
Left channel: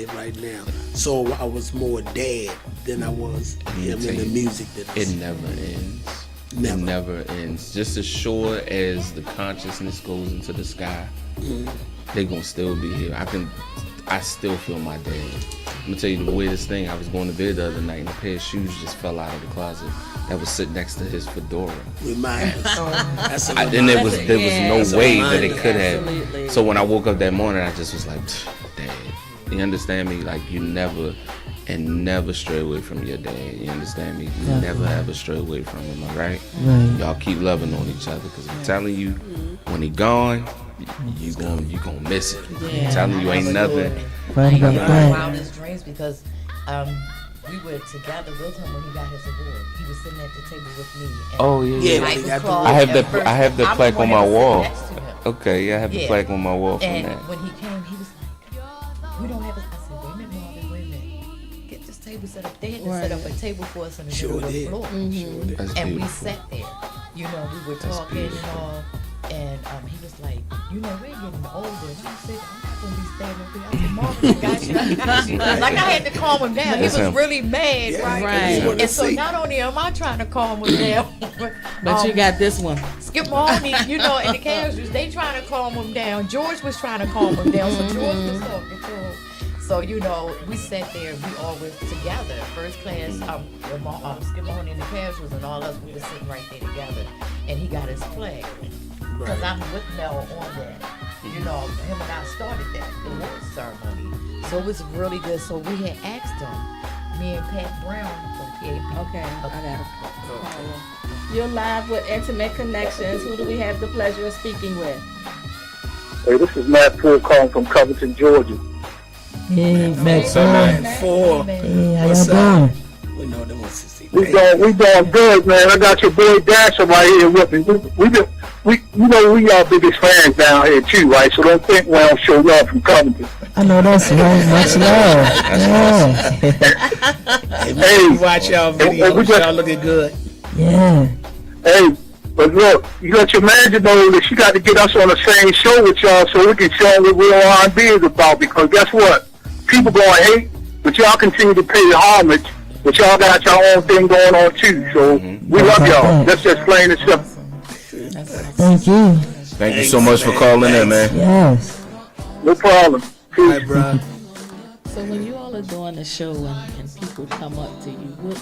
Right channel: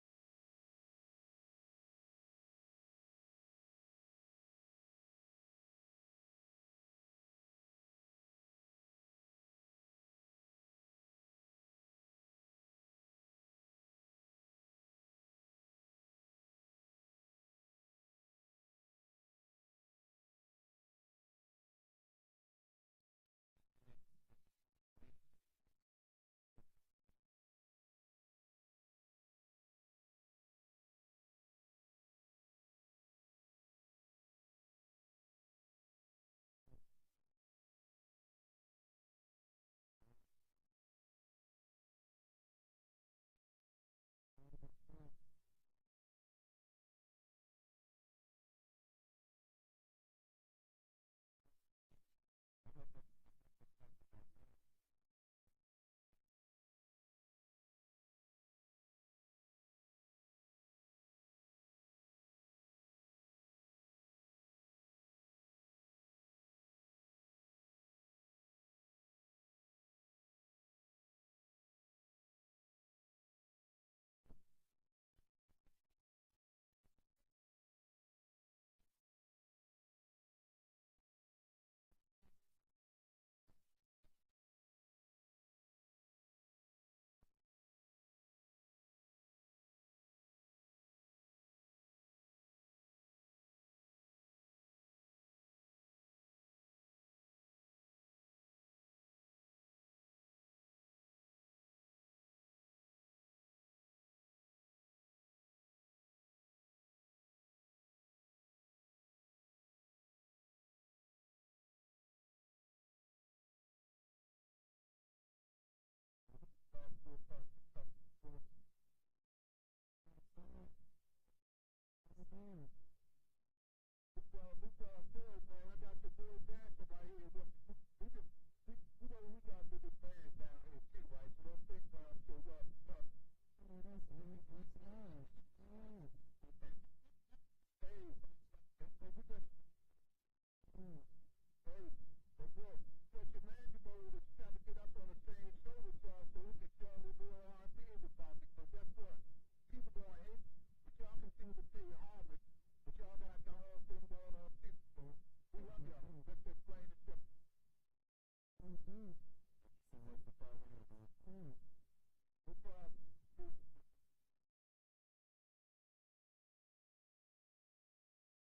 it right now. So I was more dad than I was him in the music business. It never ends. Never. It never ends. Just as sure as the consciousness goes into the sky, they're gonna still be here. I still feel my dad. I'm gonna tell you the weirdest thing. I was going to bed the other night and a pair of shoes just fell out of the closet that was sitting next to his fedora. Remind us. That's a And there was no That's a way that reminder. it could have. Absolutely. So when I woke up that morning, I just was like, Dad, you understand me? Like, you never stray away from your dad. You understand me? You never ever stray away from him, all right? Y'all keep loving on each other, because I'm telling you, when he gone, you gonna miss it. I'm telling you, ain't nothing. Right I about had my that. wildest dreams because we were together with him when he got his award. He was sitting at the table with me. And Oh yeah. Yeah, Mike when he was got the called I have at the first. I have the I'm plaque one on that my was wall. next to him. Okay, yeah, I have the Yeah. plaque on my wall from And that. when he came, he was like, we don't have a, I said, wait a minute, Marvin, wait a minute. Get this table set up. They had to set up a table for us in the middle of the floor. That's And we beautiful. sat there. We were talking beautiful. and all. And he was like, we're getting older. And I said, I'm not going to be standing up here. I said, Marvin, I got you. Like, I had to calm him down. He That's was him. really mad, right? Right. And so not only am I trying to calm him down, But you got this one. Skip Mahoney, and the Connectionz, they trying to calm him down. George was trying to calm him down, so George was talking to him. So, we sat there, we all were together. First class, Skip Mahoney and the Connectionz and all us, we were sitting right there together. And he got his flag. because I'm with Mel on that. You know, him and I started that, the award ceremony. So it was really good. So we had asked him, me and Pat Brown from PAP. Okay, I got it. You're live with Intimate Connections. Who do we have the pleasure of speaking with? Hey, this is Matt Poole calling from Covington, Georgia. Hey, Max. Four. Hey, how What's y'all up? doing? We know they want to see. We doing good, man. I got your boy Dasher right here with me. We are biggest fans down here too, right? So don't think we don't show love from Covington. I know that's right. Much love. Yeah. Hey, watch y'all videos. Y'all looking good. Yeah. Hey, but look, you let your manager know that she got to get us on the same show with y'all so we can show them what real R&B is about. Because guess what? People gonna hate, but y'all continue to pay homage. But y'all got your own thing going on too. So we love y'all. That's just plain and simple. Thank you. Thank you so much for calling in, man. Yes. No problem. All right, bro. So when you all are doing the show and people come up to you, what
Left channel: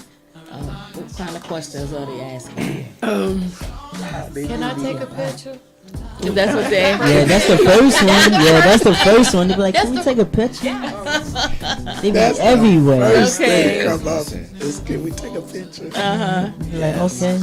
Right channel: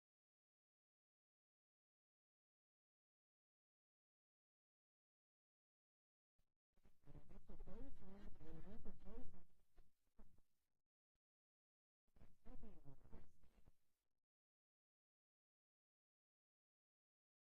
kind of questions are they asking you? Can I take a picture? If that's what they Yeah, that's the first one. Yeah, that's the first one. They be like, can we take a picture? They be everywhere. First Okay. thing come up is, can we take a picture? Like, okay.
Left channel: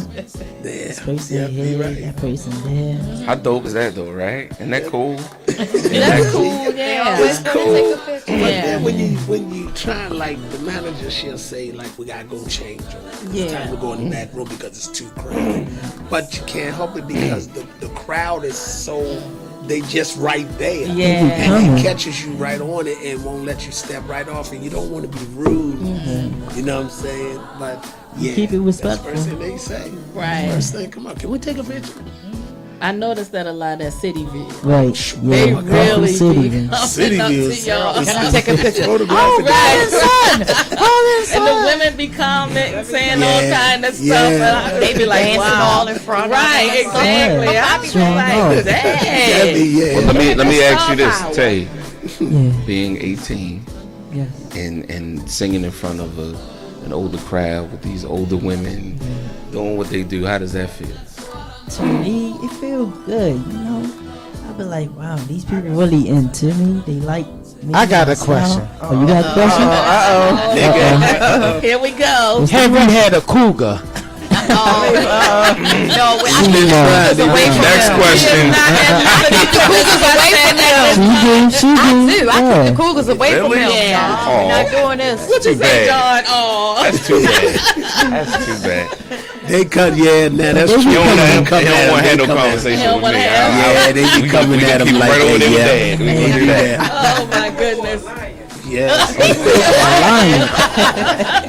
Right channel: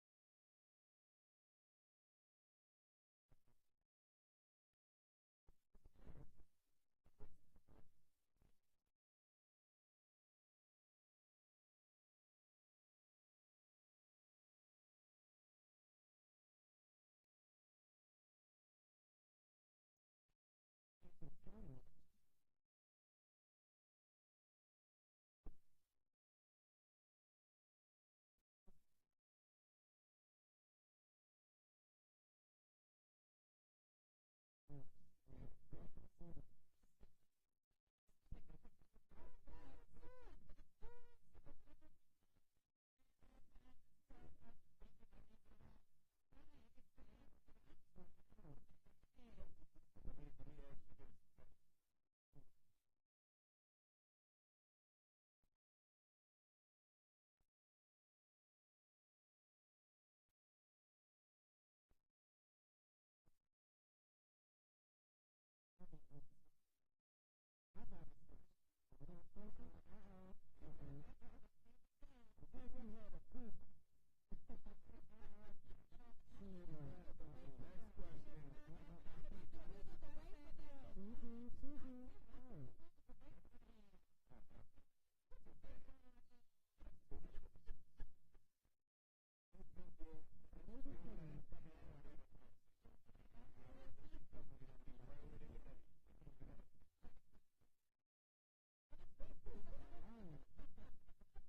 There. This person Yeah, here, be right. that person there. How dope is that though, right? Isn't that cool? That's cool, yeah. It's cool. Take a picture. But Yeah. then when you try, like the manager, she'll say like we gotta go change or it's Yeah. time to go in the back room because it's too crowded. But you can't help it because the crowd is so they just right there. Yeah. And it catches you right on it and won't let you step right off and you don't want to be rude. You know what I'm saying? But yeah, Keep it that's the respectful. first thing they say. Right. First thing, come on, can we take a picture? I noticed that a lot at City View. Right. They Yeah. really City. be coming City up View to is- y'all. Can I take a picture? Photographic. And the women be commenting, saying all Yeah, kind of stuff. yeah. And they be like, Dancing wow. all in front of Right, us. exactly. Yeah. I be Sure like, enough. dang. Yeah. Well, let me ask you this, Power. Tay. Yeah. Being 18 Yes. and singing in front of an older crowd with these older women doing what they do, how does that feel? To me, it feels good, you know. I be like, wow, these people really into me. They like me. I got my a style. question. Oh, you got a question? Here we go. Have you had a cougar? No, Next question. She do. Dude, I Yeah. took the cougars away from Really? him. Yeah. Y'all. We're not doing this. What you Too say, bad. John? Oh. That's too bad. That's too bad. They cut, yeah, nah, that's true. You don't want They to come at have no him, they come at him. conversation He don't with wanna me. have- Yeah, they be coming at him keep like right over that, there with yeah. Dad. We gonna do that. Oh my goodness. Yeah.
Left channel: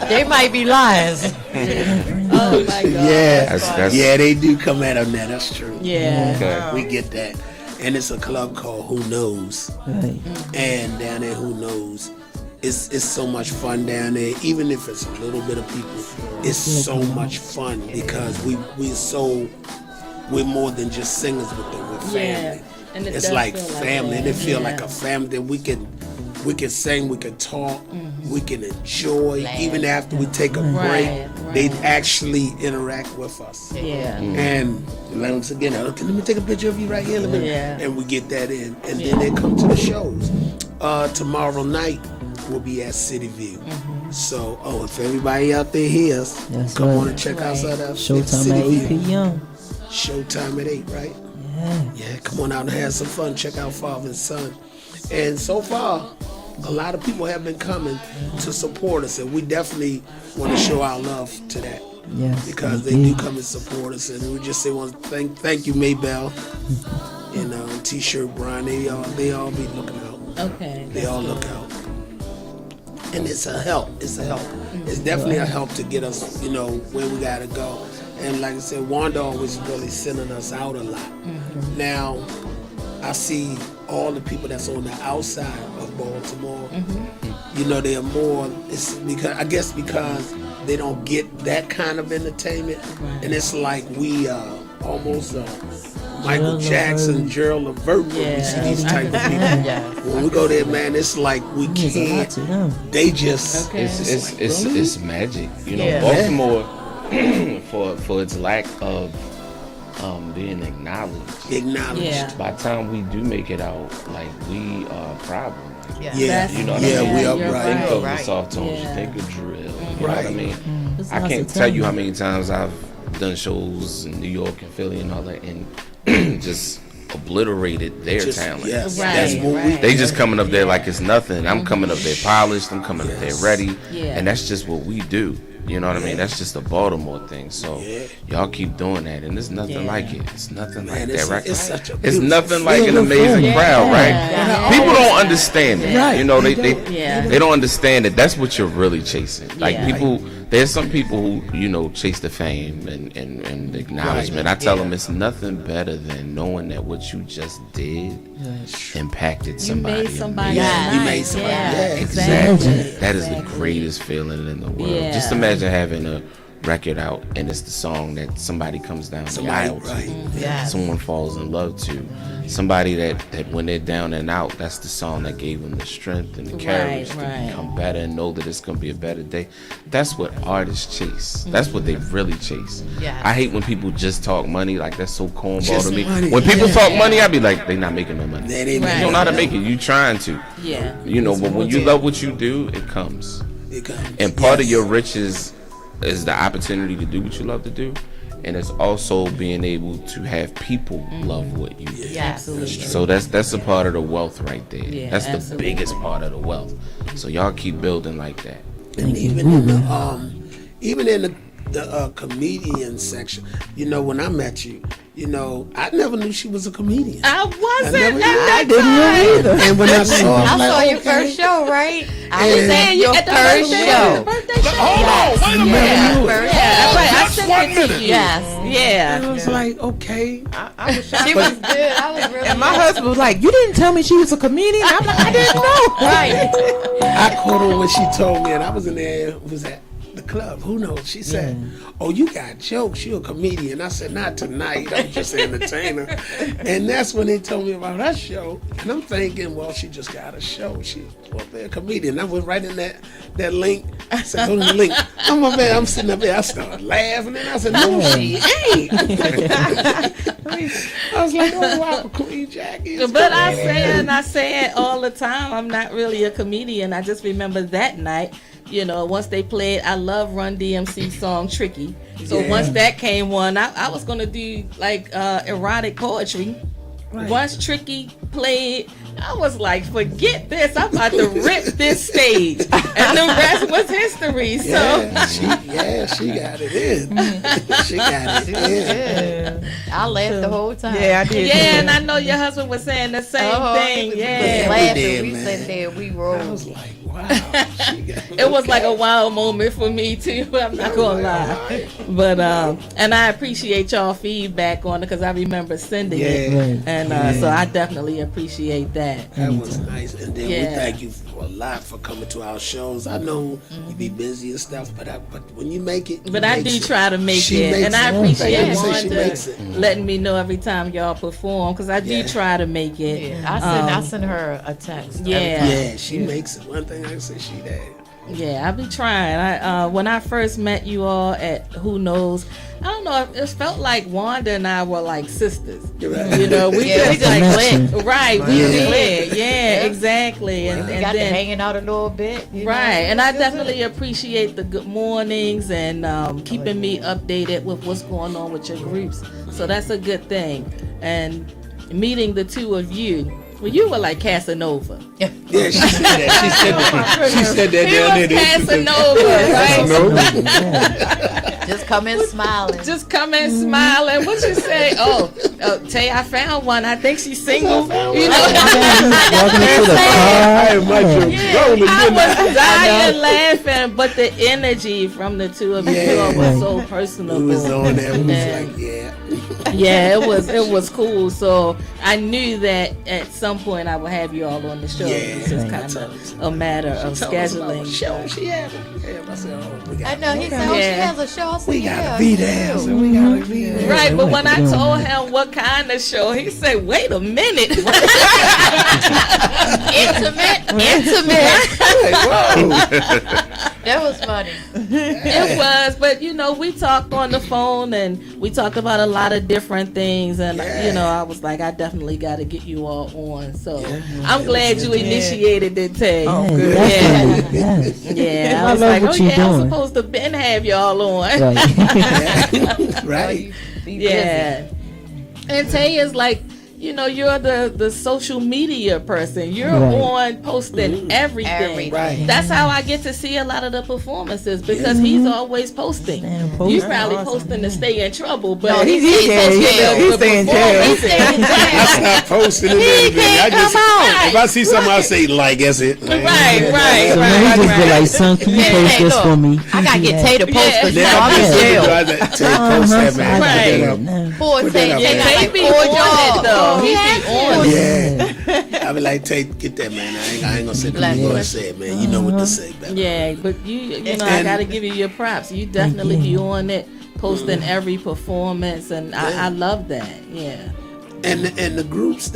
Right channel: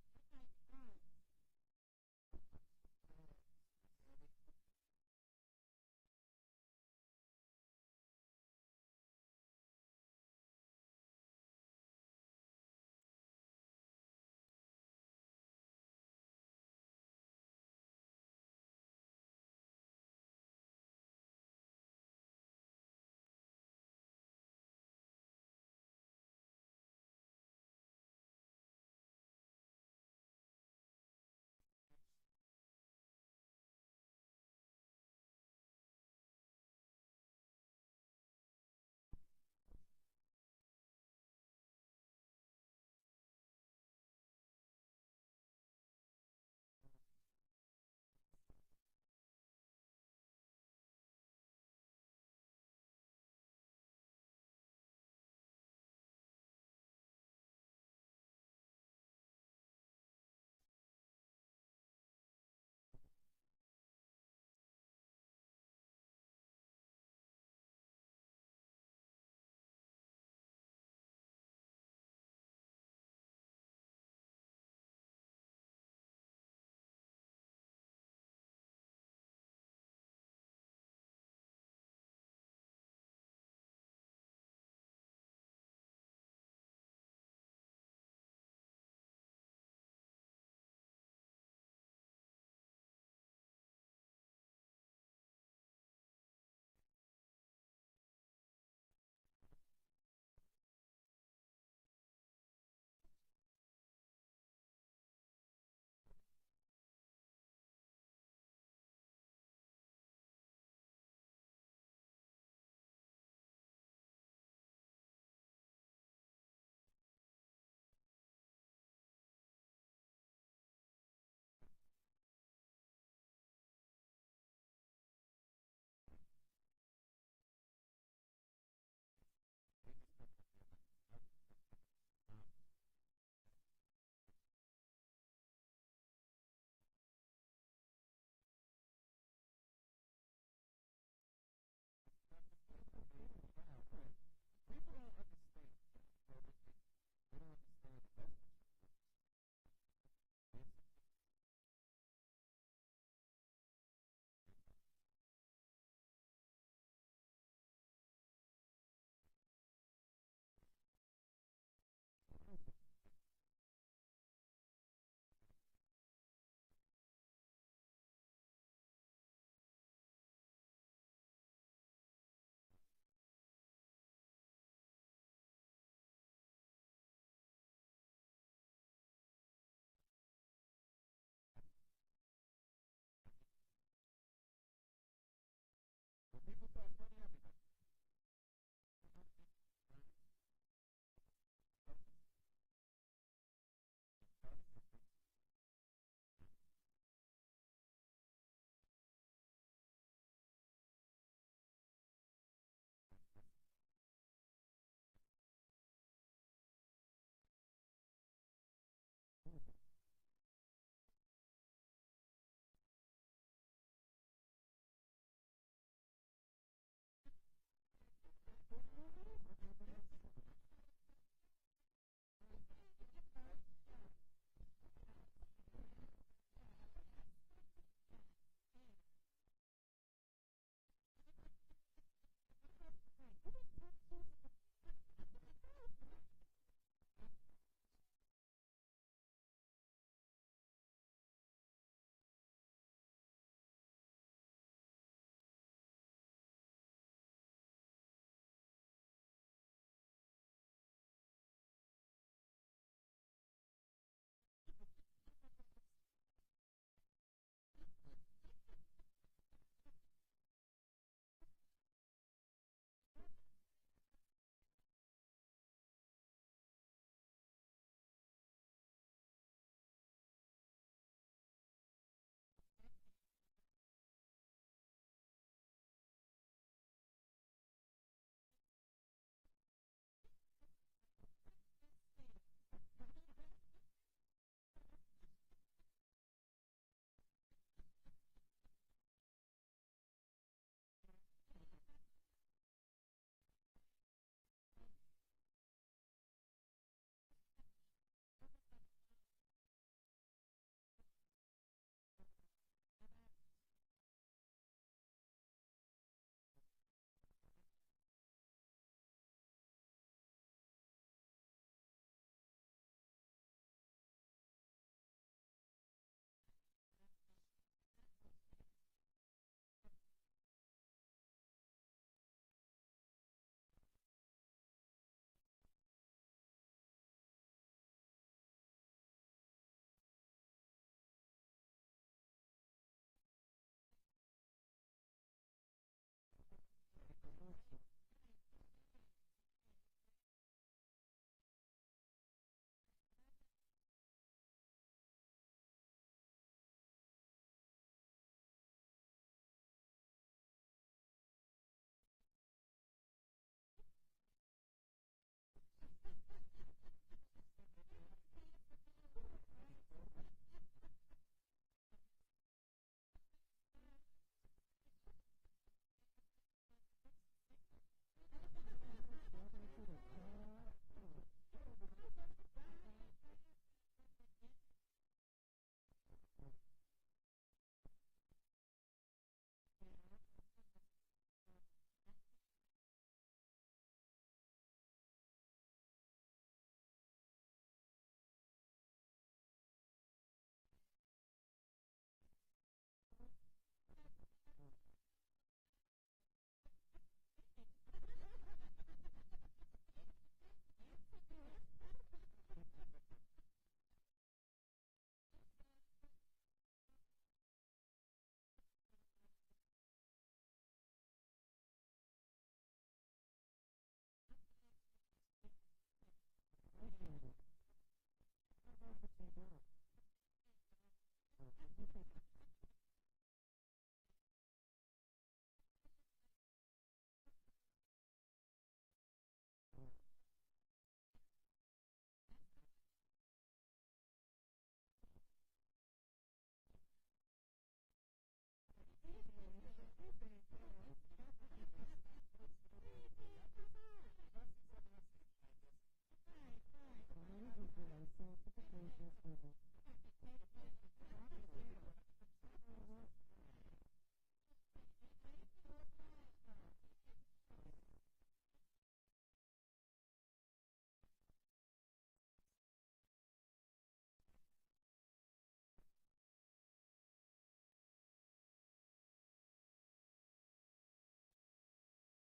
They might be lions. Oh my God. Yeah. That's Yeah, they do come at him now, that's true. Yeah. okay. We get that. And it's a club called Who Knows. Right. And down there, Who Knows, it's so much fun down there. Even if it's a little bit of people, it's so much fun because we're more than just singers with them. We're Yeah. family. And it It's does like feel like family, that. and it feel Yeah. like a family that we can sing, we can talk, we can enjoy. Even after we take a break, Right, they right. actually interact with us. Yeah. And once again, okay, let me take a picture of you right here. Yeah. And we get that in. And then they come to the shows. Tomorrow night, we'll be at City View. So, if everybody out there hears, That's come right. on and check us out at Showtime City at 8 View. p.m. Showtime at 8, right? Yeah. Yeah, come on out and have some fun. Check out Father and Son. And so far, a lot of people have been coming to support us, and we definitely want to show our love to that. Yes. Because they indeed. do come and support us, and we just say, thank you, Maybell, and T-shirt Brian. They all be looking out. Okay. They all look out, and it's a help. It's a help. It's definitely a help to get us, where we gotta go. And like I said, Wanda always really sending us out a lot. Now, I see all the people that's on the outside of Baltimore. They are more. It's because they don't get that kind of entertainment, and it's like we almost Michael Gerald Jackson, Levert. Gerald Levert when we see these type of people. When we go there, man, it's like we Means a lot can't. to them. They just. Okay. It's magic. Yeah. Baltimore for its lack of being acknowledged. Yeah. By the time we do make it out, like, we are a problem. Yeah. You know what I Yeah, mean? we You are think right. of the Right. soft tones, Yeah. you think of drill. You know what I mean? There's I lots can't of tell you how talent. many times I've done shows in New York and Philly and all that, and just obliterated their talent. Yes, Right, that's what we. They just coming up there like it's nothing. I'm coming up there polished. I'm coming up there ready. Yeah. And that's just what we do. You know what I mean? That's just a Baltimore thing. So y'all keep doing that, and there's nothing like it. It's nothing like that, right? It's such a It's beautiful nothing like an feeling. amazing crowd, right? Yeah. People don't understand it. Right. You know, They they don't understand it. That's what you're really chasing. Like Yeah. people, there's some people who, you know, chase the fame and the acknowledgement. I tell them it's nothing better than knowing that what you just did impacted You somebody. made somebody Yeah. You nice. made somebody- Yeah, yeah, exactly. That is the greatest feeling in the world. Yeah. Just imagine having a record out and it's the song that somebody comes down the aisle to, right. Yes. someone falls in love to, somebody that when they're down and out, that's the song that gave them the strength and the courage to right. become better and know that it's gonna be a better day. That's what artists chase. That's what they really chase. Yes. I hate when people just talk money, like that's so cornball Just to me. money, When people yeah. talk money, I be like, they not making no money. That ain't Right. You don't know how to make it. You trying to. Yeah. You know, but when you love what you do, it comes. It comes. And part of Yes. your riches is the opportunity to do what you love to do, and it's also being able to have people love what you do. Yes. So that's a part of the wealth right there. Yeah, That's the absolutely. biggest part of the wealth. So y'all keep building like that. And even in the comedian section, you know, when I met you, you know, I never knew she was a comedian. I wasn't never- at that I didn't know either. And when I saw, I I'm like, saw your okay. first show, right? I And- was at your at the first birthday show. show. Hold on, wait a minute. Yeah, right. I Just sent one it to minute. you. Yes. Yeah. And I was like, okay. I was shocked. She was good. I was really And my husband was like, "You didn't tell me she was a comedian." I'm like, "I didn't know." right. I caught her when she told me, and I was in there, was at the club. Who knows? She said, "Oh, you got jokes. You're a comedian." I said, "Not tonight. I'm just an entertainer." And that's when they told me about her show. And I'm thinking, well, she just got a show. She was a comedian. I went right in that link. I said, "Go to the link." I'm sitting up there. I started laughing, and I said, "No, she ain't." I was like, "Oh wow, Queen Jackie." is But comedian." I say it all the time. I'm not really a comedian. I just remember that night, you know, once they played, I love Run DMC song Tricky. So Yeah. once that came on, I was going to do like erotic poetry. Once Tricky played, I was like, forget this. I'm about to rip this stage. And the rest was history. So She got it in. She got it in. I laughed the whole time. Yeah, I did. yeah, and I know your husband was saying the same thing. We Yeah. laughing. did, We man. sat there. We I rolled. was like, wow. She got It was like a wild moment for me too. I'm not gonna lie, but and I appreciate y'all feedback on it because I remember sending it, Yeah. and so I definitely appreciate that. That was nice. And then we Yeah. thank you a lot for coming to our shows. I know you be busy and stuff, but when you make it, But you I make do it. try to make She it, makes and I it. appreciate Thank you. She Wanda makes it. letting me know every time y'all perform because I do Yeah. try to make it. Yeah, I sent her a text. Yeah. Yeah, she makes it. One thing I can say, she that. Yeah, I be trying. When I first met you all at Who Knows, I don't know. It felt like Wanda and I were like sisters. Right. You know, we Yeah, we just just like clicked. right. We Yeah. clicked. Yeah, exactly. And, We and got to then hanging out a little bit. you know. right, and I definitely appreciate the good mornings and keeping me updated with what's going on with your groups. So that's a good thing. And meeting the two of you. Well, you were like Casanova. Yeah, she said that. She said that. She said that He down was there. Casanova, right? Just come in smiling. Just come in smiling. What you say? Oh, Tay, I found one. I think she's single. You know, Walking into the I car. am much rolling, I didn't I? was dying laughing, but the energy from the two of you Yeah. was so personable. We was on there. We was And- like, yeah. yeah, it was cool. So I knew that at some point I would have you all on the show. Yeah. It's just kind of a matter of Told us about scheduling. the show she had. I said, oh, we I got know. He said, "Oh, she Yeah. has a show." I said, we "Yeah, gotta be there. you So do." we gotta be there. Right, but when I told him what kind of show, he said, "Wait a minute." Intimate. Like, whoa. That was funny. It was, but we talked on the phone and we talked about a lot of different things, and I was like, I definitely got to get you all on. So I'm glad you initiated it, Tay. Oh, good. Yeah. I I was love like, what you're I'm doing. supposed to been have y'all on. Right. Right. Yeah. And Tay is like, you're the social media person. You're on posting everything. Right. That's how I get to see a lot of the performances because he's always posting. You probably posting to stay in trouble, but No, he's He's staying in jail. He's staying in jail. I stop posting it. I just, if I see something, I say like, that's it. right. So now he just be like, son, can you post this for me? I gotta get Tay to post because Then I'm I in just jail. post that, man. Right. Poor Tay. Yeah, Tay got Tay like be 4 on it jobs. though. He Yeah. be on it. Yeah. I be like, Tate, get that, man. I ain't gonna say nothing you gonna say, man. You know what to say, man. Yeah, but I gotta give you your props. You definitely be on it, posting every performance, and I love that. Yeah. And the groups,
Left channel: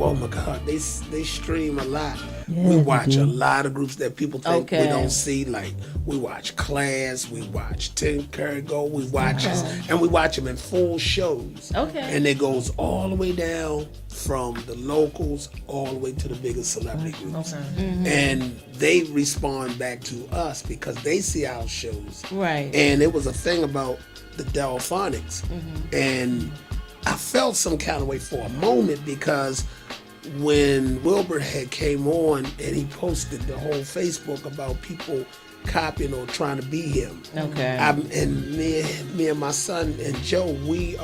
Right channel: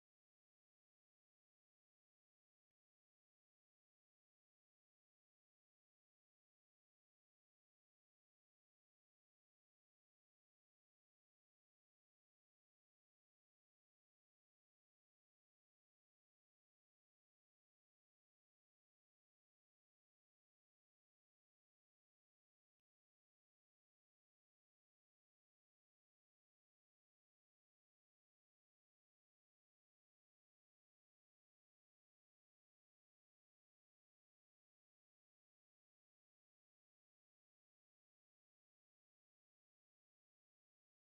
oh my God, they stream a lot. We they watch do. a lot of groups that people think we Okay. don't see. Like we watch Class, we watch Tim Curry Go, we watch and we watch them in full shows. Okay. And it goes all the way down from the locals all the way to the biggest celebrity groups. And they respond back to us because they see our shows. Right. And it was a thing about the Delphonics. And I felt some kind of way for a moment because when Wilbur had came on and he posted the whole Facebook about people copying or trying to be him. Okay. And me and my son and Joe, we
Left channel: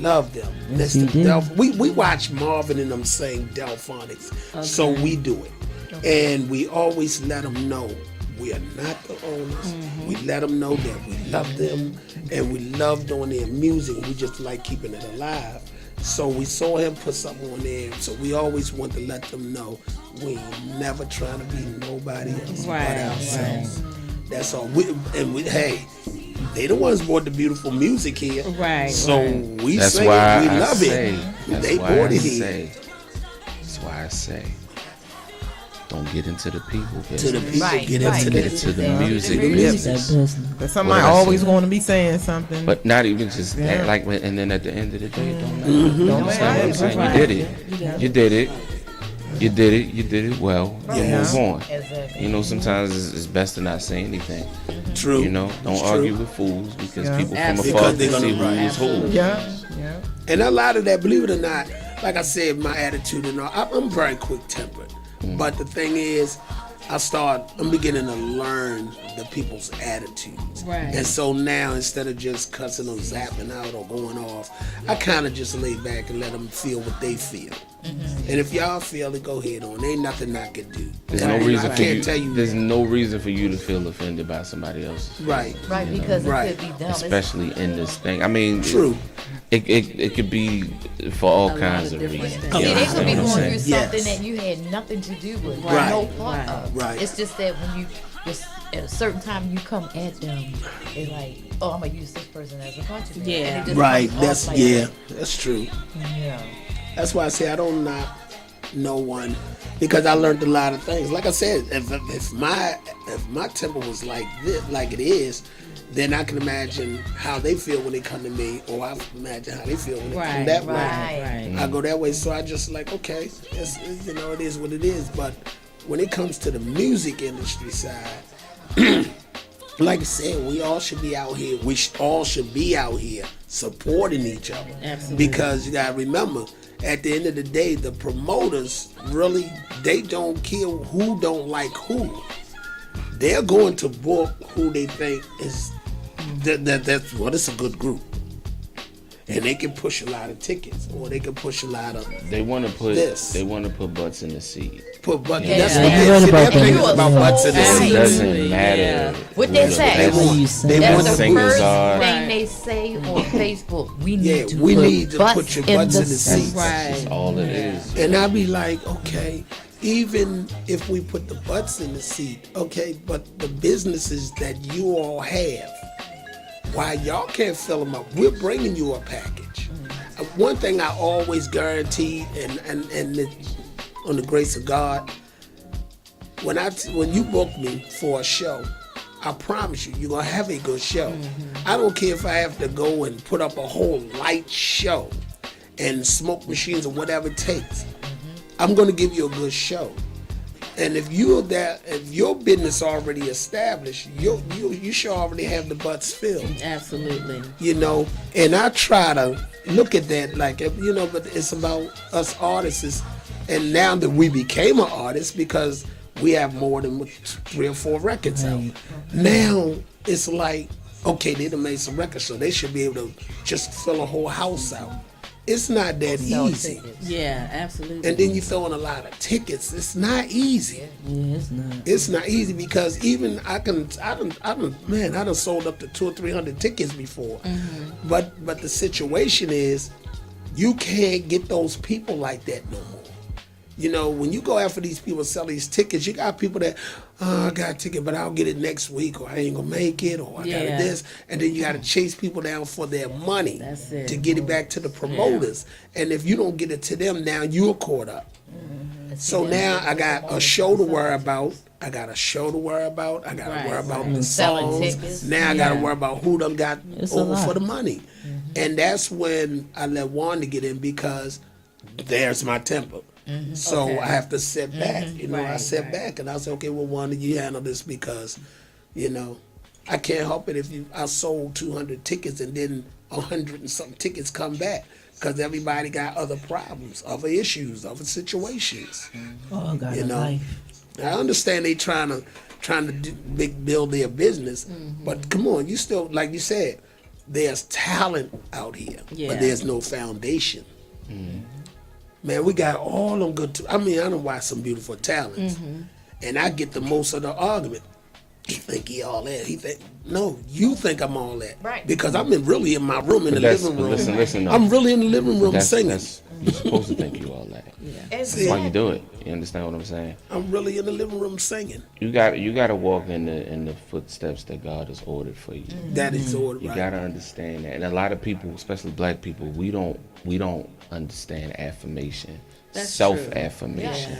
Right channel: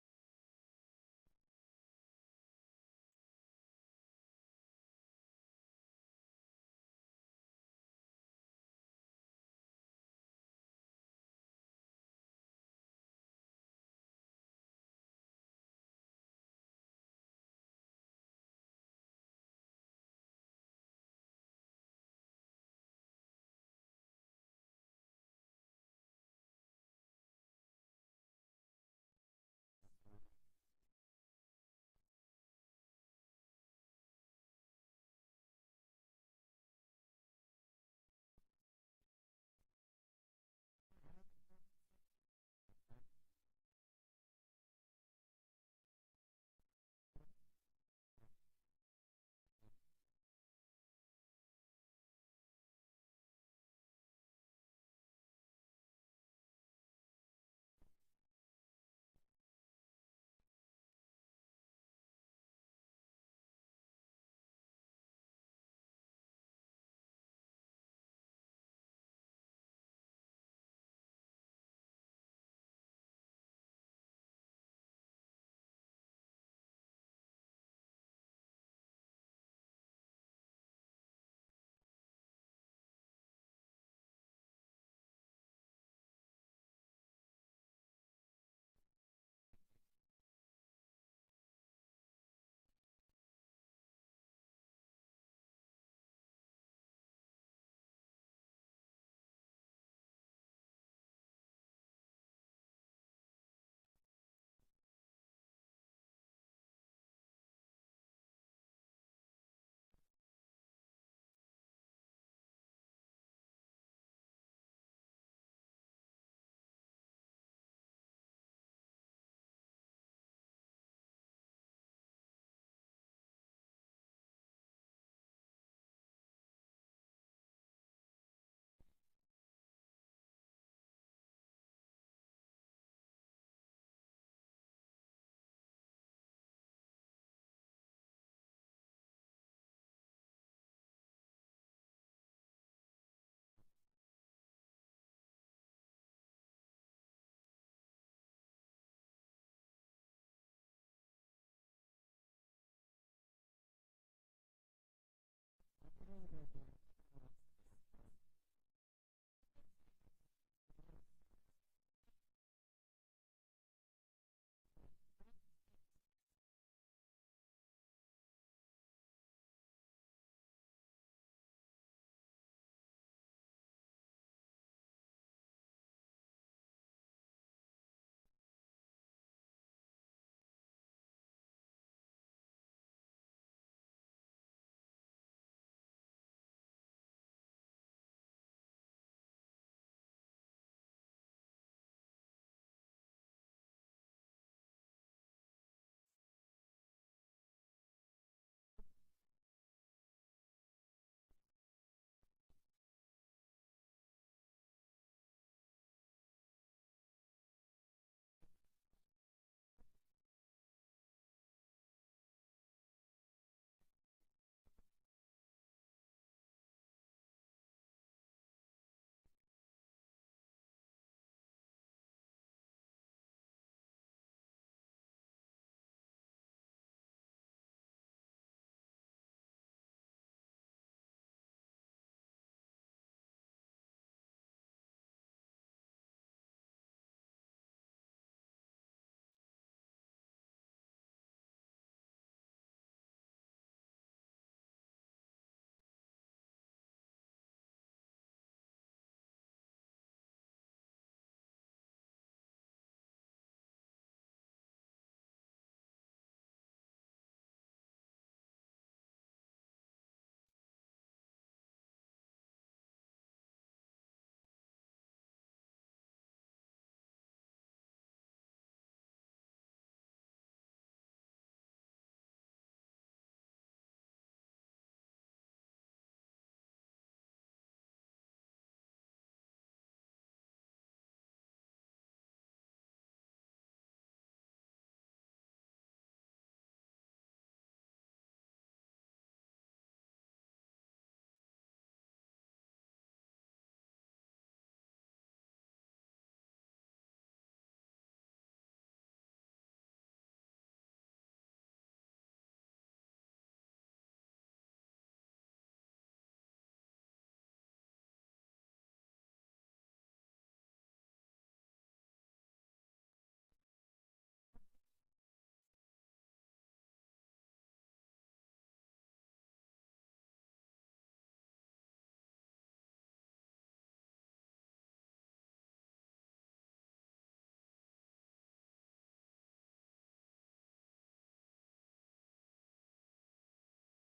love them. Yes, That's you do. we watch Marvin and them saying Delphonics, so we do it. And we always let them know we are not the owners. We let them know that we love them and we love doing their music. We just like keeping it alive. So we saw him put something on there. So we always want to let them know we ain't never trying to be nobody else but ourselves. That's all. Hey, they the ones brought the beautiful music here. Right. So we That's sing why it. We I love say, it. That's They why brought I it here. say. That's why I say. Don't get into the people To the business. people, Right, get right. into Get the into the Yeah. music That That business. business. But somebody Well, always that's it. going to be saying something. But not even just that. Yeah. Like, and then at the end of the day, it don't matter. Don't You know what I'm matter. saying? Right. You did it. You did it. You did it. You did it well. You Yeah. move on. Exactly. You know, sometimes it's best to not say anything. True. You know, don't It's argue true. with fools because Yeah. people from Absolutely. afar Because they're can see gonna- who's who. yeah. And a lot of that, believe it or not, like I said, my attitude and all, I'm very quick tempered. But the thing is, I'm beginning to learn the people's attitudes. Right. And so now, instead of just cussing or zapping out or going off, I kind of just lay back and let them feel what they feel. And if y'all feel it, go ahead on. Ain't nothing I can do. There's And no I reason for can't you. tell you. There's no reason for you to feel offended by somebody else's. Right. Right, because Right. it could be them. Especially in this thing. I mean, True. It could be for all lot kinds of of different reasons. things. See, You they could be understand what I'm going through saying? something Yes. that you had nothing to do with, Right. no part Right. of. Right. It's just that when you just at a certain time you come at them, it's like, oh, I'm gonna use this person as a punching bag. Yeah. And it just Right. comes off That's like yeah. that. That's true. Yeah. That's why I say I don't knock no one because I learned a lot of things. Like I said, if my temper was like this, like it is, then I can imagine how they feel when they come to me, or I can imagine how they feel when they come Right. that way. Right. I go that way, so I just like okay, it is what it is. But when it comes to the music industry side. Like I said, we all should be out here. All should be out here supporting each other. Absolutely. Because you gotta remember, at the end of the day, the promoters really they don't care who don't like who. They're going to book who they think is that's what it's a good group. And they can push a lot of tickets, or they can push a lot of They want to put This. butts in the seat. put buttons. Yeah. That's Yeah. what You they're right saying. about Their thing that. is about Yeah. butts in the It seat. Absolutely. doesn't matter. Yeah. What they who say. the What you best say. They That's want the to singers first are. thing Right. they say on Facebook. We need Yeah, to we put need to butts put your in butts the in the seats. seats. That's all it is. And I'd be like, okay, even if we put the butts in the seat, okay, but the businesses that you all have, why y'all can't fill them up? We're bringing you a package. One thing I always guarantee, and on the grace of God, when you book me for a show, I promise you, you're gonna have a good show. I don't care if I have to go and put up a whole light show and smoke machines or whatever it takes. I'm gonna give you a good show. And if your business already established, you should already have the butts filled. Absolutely. You know, and I try to look at that like, you know, but it's about us artists. And now that we became an artist, because we have more than 3 or 4 records out. Now it's like, okay, they done made some records, so they should be able to just fill a whole house out. It's not that easy. Yeah, absolutely. And then you throw in a lot of tickets. It's not easy. Yeah, it's not. It's not easy because even I done sold up to 200 or 300 tickets before. But the situation is, you can't get those people like that no more. You know, when you go after these people sell these tickets, you got people that, I got a ticket, but I'll get it next week, or I ain't gonna make it, or I got this, and then you got to chase people down for their money to get it back to the promoters. And if you don't get it to them, now you're caught up. So now I got a show to worry about. I got to worry about the songs. Now I got to worry about who them got over for the money. And that's when I let Wanda get in, because there's my temper. So I have to sit back. You know, I sit back and I say, okay, well, Wanda, you handle this, because, you know, I can't help it if I sold 200 tickets and then 100 and some tickets come back, because everybody got other problems, other issues, other situations. Oh, God, you know, life. I understand they trying to build their business, but come on, you still, like you said, there's talent out here, but there's no foundation. Man, we got all them good. I done watch some beautiful talents, and I get the most of the argument. He think he all that. He think, no, you think I'm all that, right? Because I'm really in my room in the living room. Listen, no. I'm really in the living room singing. You're supposed to think you all that. That's why you do it. You understand what I'm saying? I'm really in the living room singing. You got to walk in the footsteps that God has ordered for you. That is ordered. You got to understand that, and a lot of people, especially black people, we don't understand affirmation, self-affirmation.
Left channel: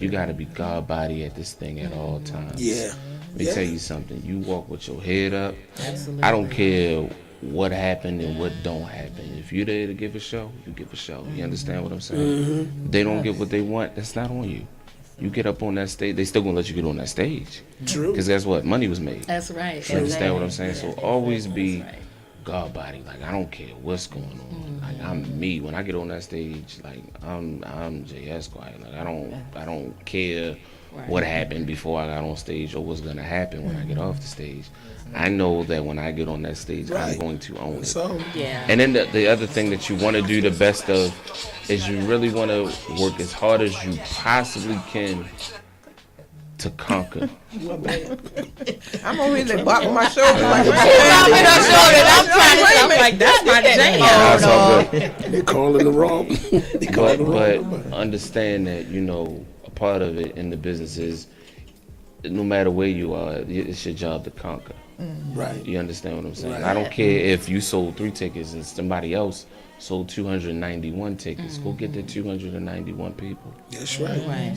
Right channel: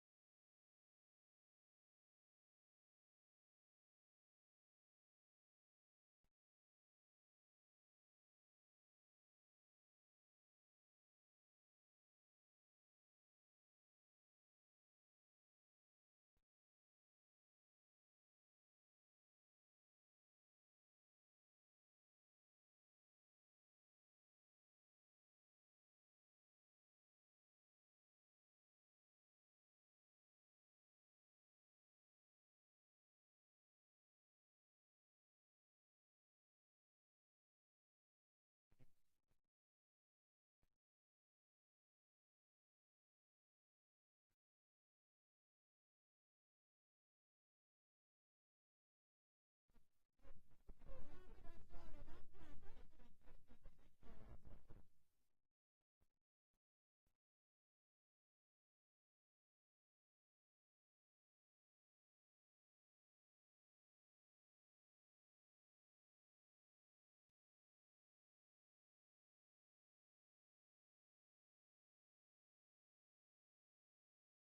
You got to be God body at this thing at all times. Let me tell you something. You walk with your head up. Absolutely. I don't care what happened and what don't happen. If you're there to give a show, you give a show. You understand what I'm saying? They don't get what they want, that's not on you. You get up on that stage, they still gonna let you get on that stage. True. Because that's what money was made. That's right. You understand what I'm saying? So always be God body. Like, I don't care what's going on. Like, I'm me. When I get on that stage, like, I'm J. Esquire. Like, I don't care what happened before I got on stage or what's gonna happen when I get off the stage. I know that when I get on that stage, I'm going to own it. So, and then the other thing that you want to do the best of is you really want to work as hard as you possibly can to conquer. I'm over here bopping my shoulder. I'm like, that's my jam. That's all good. They're calling the wrong. But understand that, you know, a part of it in the business is, no matter where you are, it's your job to conquer. Right. You understand what I'm saying? Right. I don't care if you sold 3 tickets and somebody else sold 291 tickets. Go get the 291 people. That's right.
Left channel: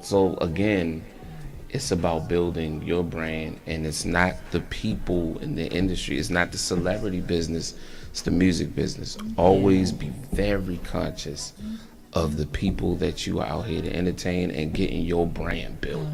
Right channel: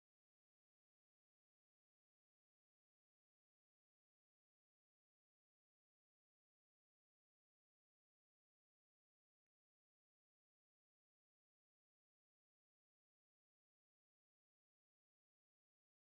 So again, it's about building your brand, and it's not the people in the industry. It's not the celebrity business. It's the music business. Always be very conscious of the people that you are out here to entertain and getting your brand built.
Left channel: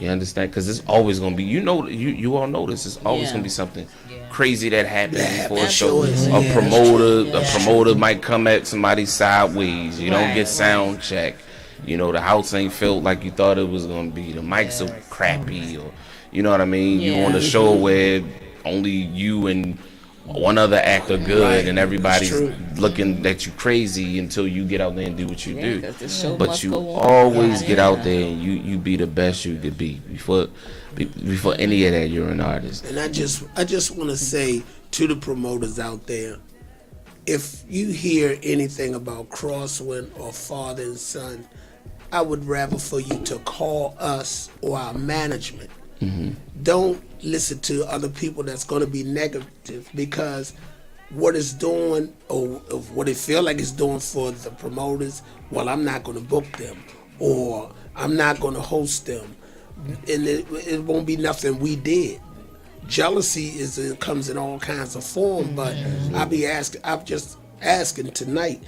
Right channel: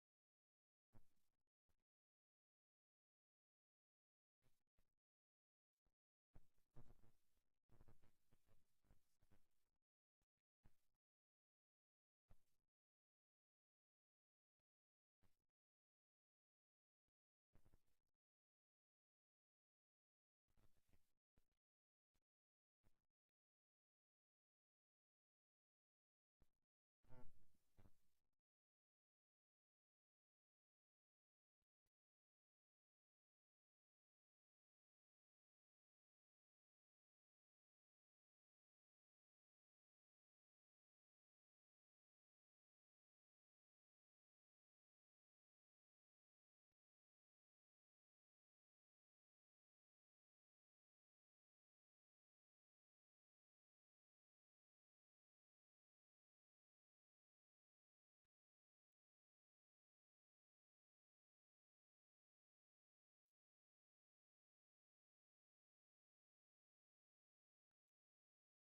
You understand? Because it's always going to be, you all know this, it's always going to be something crazy that happens before a show. A promoter might come at somebody sideways. You don't get sound check. You know, the house ain't filled like you thought it was going to be. The mics are crappy, or you know what I mean? You on a show where only you and one other actor good, and everybody's looking at you crazy until you get out there and do what you do. But you always get out there and you be the best you could be. Before any of that, you're an artist. And I just want to say to the promoters out there, if you hear anything about Crosswind or Father and Son, I would rather for you to call us or our management. Don't listen to other people that's going to be negative, because what it's doing, or what it feel like it's doing for the promoters, well, I'm not going to book them, or I'm not going to host them. and it won't be nothing we did. Jealousy comes in all kinds of form, but I'm just asking tonight,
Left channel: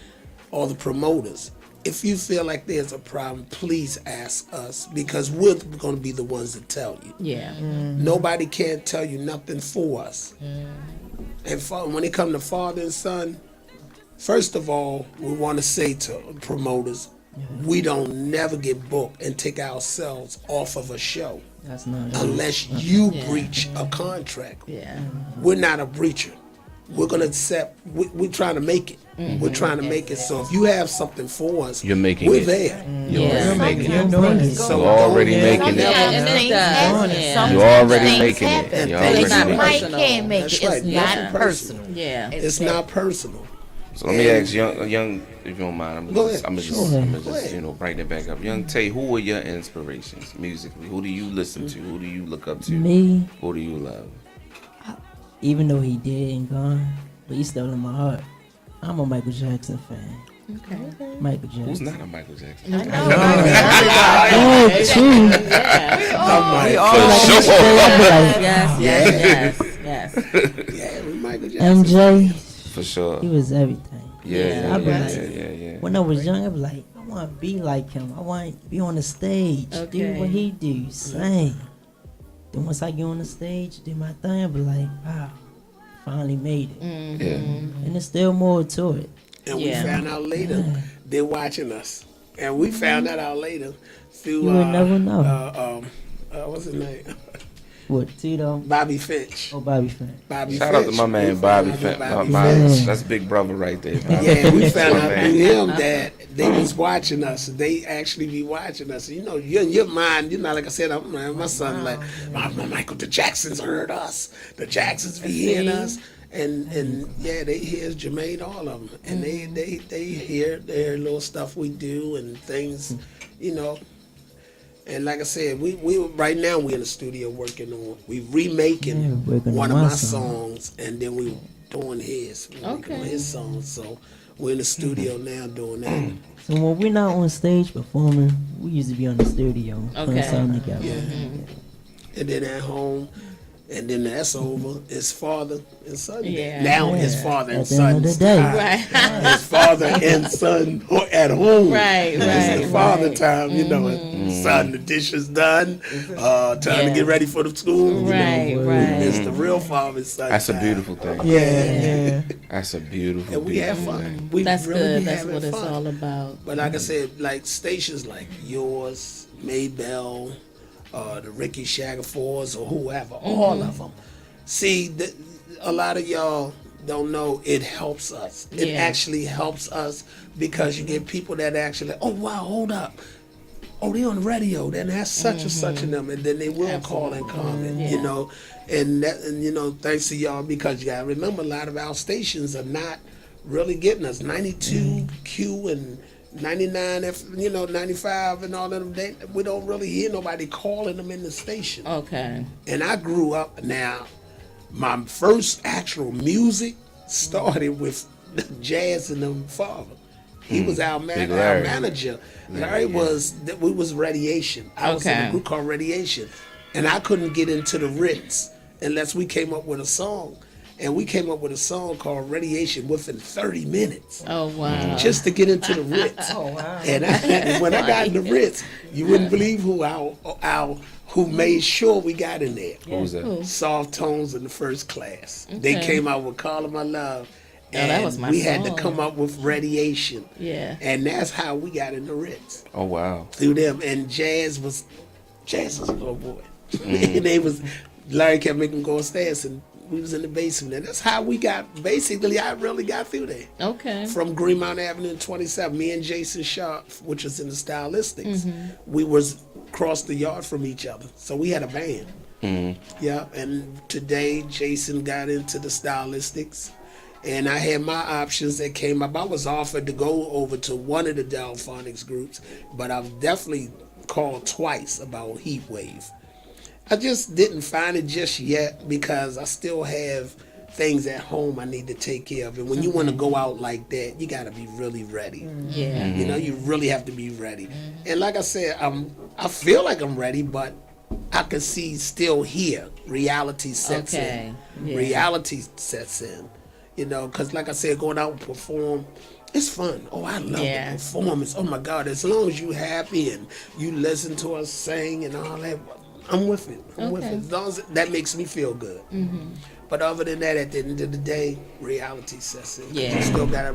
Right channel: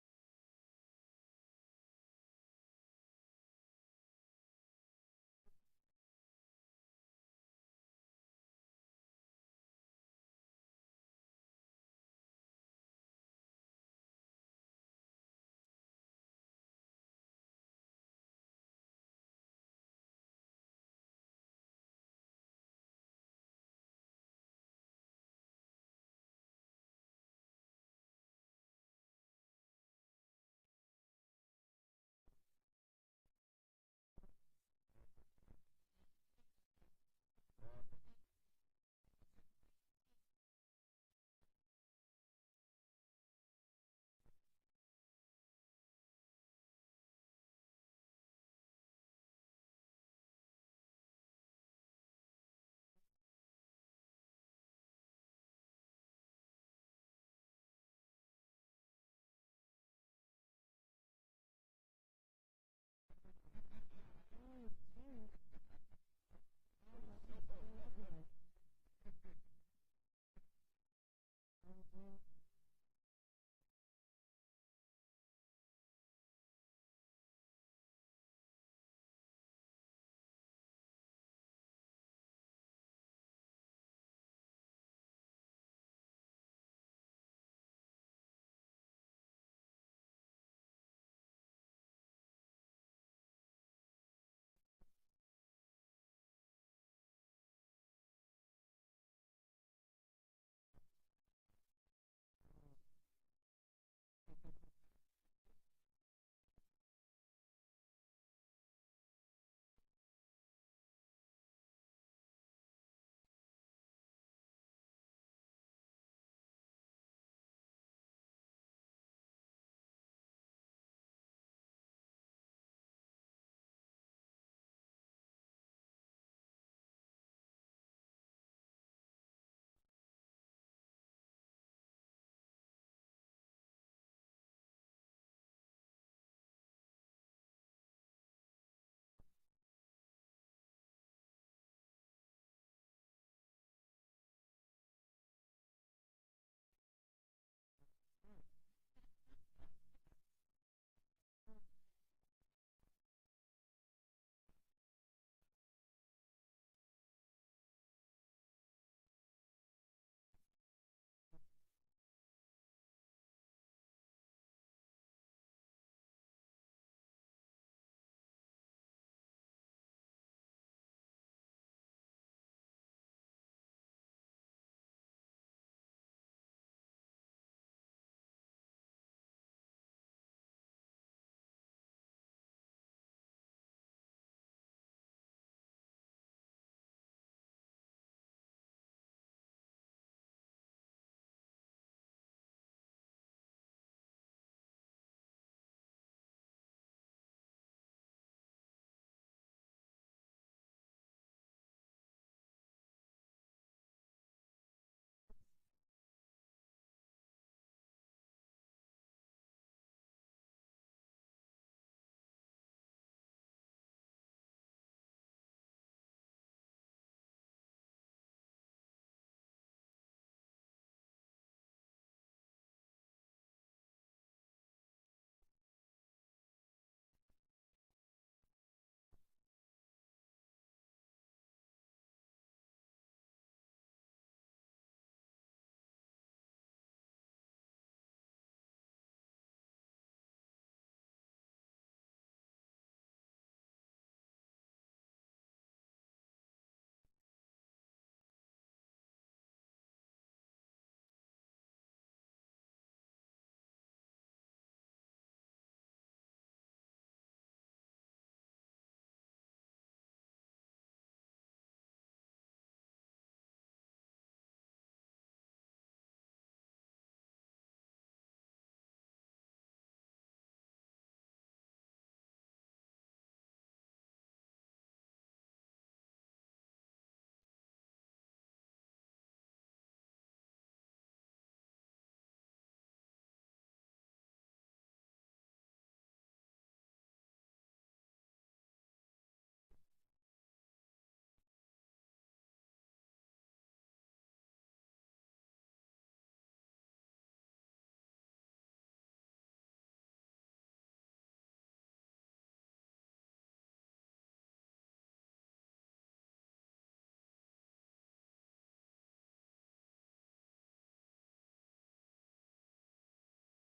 all the promoters, if you feel like there's a problem, please ask us, because we're going to be the ones to tell you. Yeah. Nobody can tell you nothing for us. And when it comes to father and son, first of all, we want to say to promoters, we don't never get booked and take ourselves off of a show. That's not Unless you breach a contract. Yeah. We're not a breacher. We're going to accept, we're trying to make it. We're trying to make it. So if you have something for us, You're making we're it. there. You're making it. So You're already making it. And it does. You're already making it. You're already It's not making Mike it. can't make That's it. right. It's Nothing not personal. personal. Yeah. It's not personal. So let me ask young, if you don't mind, I'm Go just, ahead. brighten it back up. Young Tay, who are your inspirations musically? Who do you listen to? Who do you look up to? Me, Who do you love? even though he dead and gone, but he's still in my heart. I'm a Michael Jackson fan. Okay. Michael Jackson. Who's not a Michael Jackson? Oh, true. Yes. Yeah, we Michael Jackson. MJ, For sure. he was everything. Yeah. I'd be like, Yeah. when I was young, I'd be like, I want to be like him. I want to be on the stage, do Okay. what he do, sing. Then once I get on the stage, do my thing, I'd be like, wow, finally made it. Yeah. And there's still more to it. And we Yeah. found out later they're watching us. And we found that out later through, You would never know. What's his name? What, Tito? Bobby Finch. Oh, Bobby Fan. Bobby Shout out to Finch. my man We Bobby found Fent. out That's big brother right there. Bobby. Yeah, we That's found my out man. through him that they was watching us. They actually be watching us. You know, you're in your mind, you know, like I said, my son like, Michael, the Jacksons heard us. The Jacksons be hearing us. And yeah, they hear Jermaine, all of them. And they hear their little stuff we do and things, you know. And like I said, we right now we in the studio working on, we remaking working one on of my my song. songs, and then we doing his. We working on Okay. his songs. So we're in the studio now doing that. So when we're not on stage performing, we used to be on the studio putting Okay. something together. Yeah. And then at home, and then that's over. It's father and son. Yeah. Now it's father and At the end of son. the day. Right. It's father and son at home. Right, It's the father right. time, you know. And son, the dishes done. Time to Yeah. get ready for the school. You Right, know. right. It's the real father and son. That's a time. beautiful thing. Yeah. That's a beautiful, And we have beautiful fun. thing. We That's really good. be That's having what it's fun. all about. But like I said, like stations like yours, Maybell, the Ricky Shackelfords, or whoever, all of them. See, a lot of y'all don't know it helps us. It Yeah. actually helps us because you get people that actually, oh wow, hold up. Oh, they on the radio. Then that's such and such in them, and then they will call and comment, you know, and you know, thanks to y'all, because you gotta remember a lot of our stations are not really getting us. 92 Q and 99 F, you know, 95 and all of them. We don't really hear nobody calling them in the station. Okay. And I grew up now. My first actual music started with Jazz and them father. He was our Big our Larry. manager. Larry was we was Radiation. I was in Okay. a group called Radiation, and I couldn't get into the Ritz unless we came up with a song. And we came up with a song called Radiation within 30 minutes. Oh wow. Just to get into the Ritz. And when I got in the Ritz, you wouldn't believe who made sure we got in there. Who was that? Soft Tones in the First Class. They Okay. came out with Call of My Love. And that was my we had to song. come up with Radiation. Yeah. And that's how we got in the Ritz. Oh wow. Through them. And Jazz was a little boy. And they was, Larry kept making them go upstairs, and we was in the basement. And that's how we got, basically, I really got through there. Okay. From Greenmount Avenue and 27, me and Jason Sharp, which was in the Stylistics, we was across the yard from each other. So we had a band. Yeah, and today Jason got into the Stylistics, and I had my options that came up. I was offered to go over to one of the Delphonics groups, but I've definitely called twice about Heat Wave. I just didn't find it just yet because I still have things at home I need to take care of. And when you want to go out like that, you got to be really ready. Yeah. You know, you really have to be ready. And like I said, I feel like I'm ready, but I can see still here. Reality sets Okay. in. Yeah. Reality sets in. You know, because like I said, going out and perform, it's fun. Oh, I love the performance. Oh my God, as long as you happy and you listen to us sing and all that, I'm with it. I'm with it. As long as that makes me feel good. But other than that, at the end of the day, reality sets in. Yeah. You still gotta,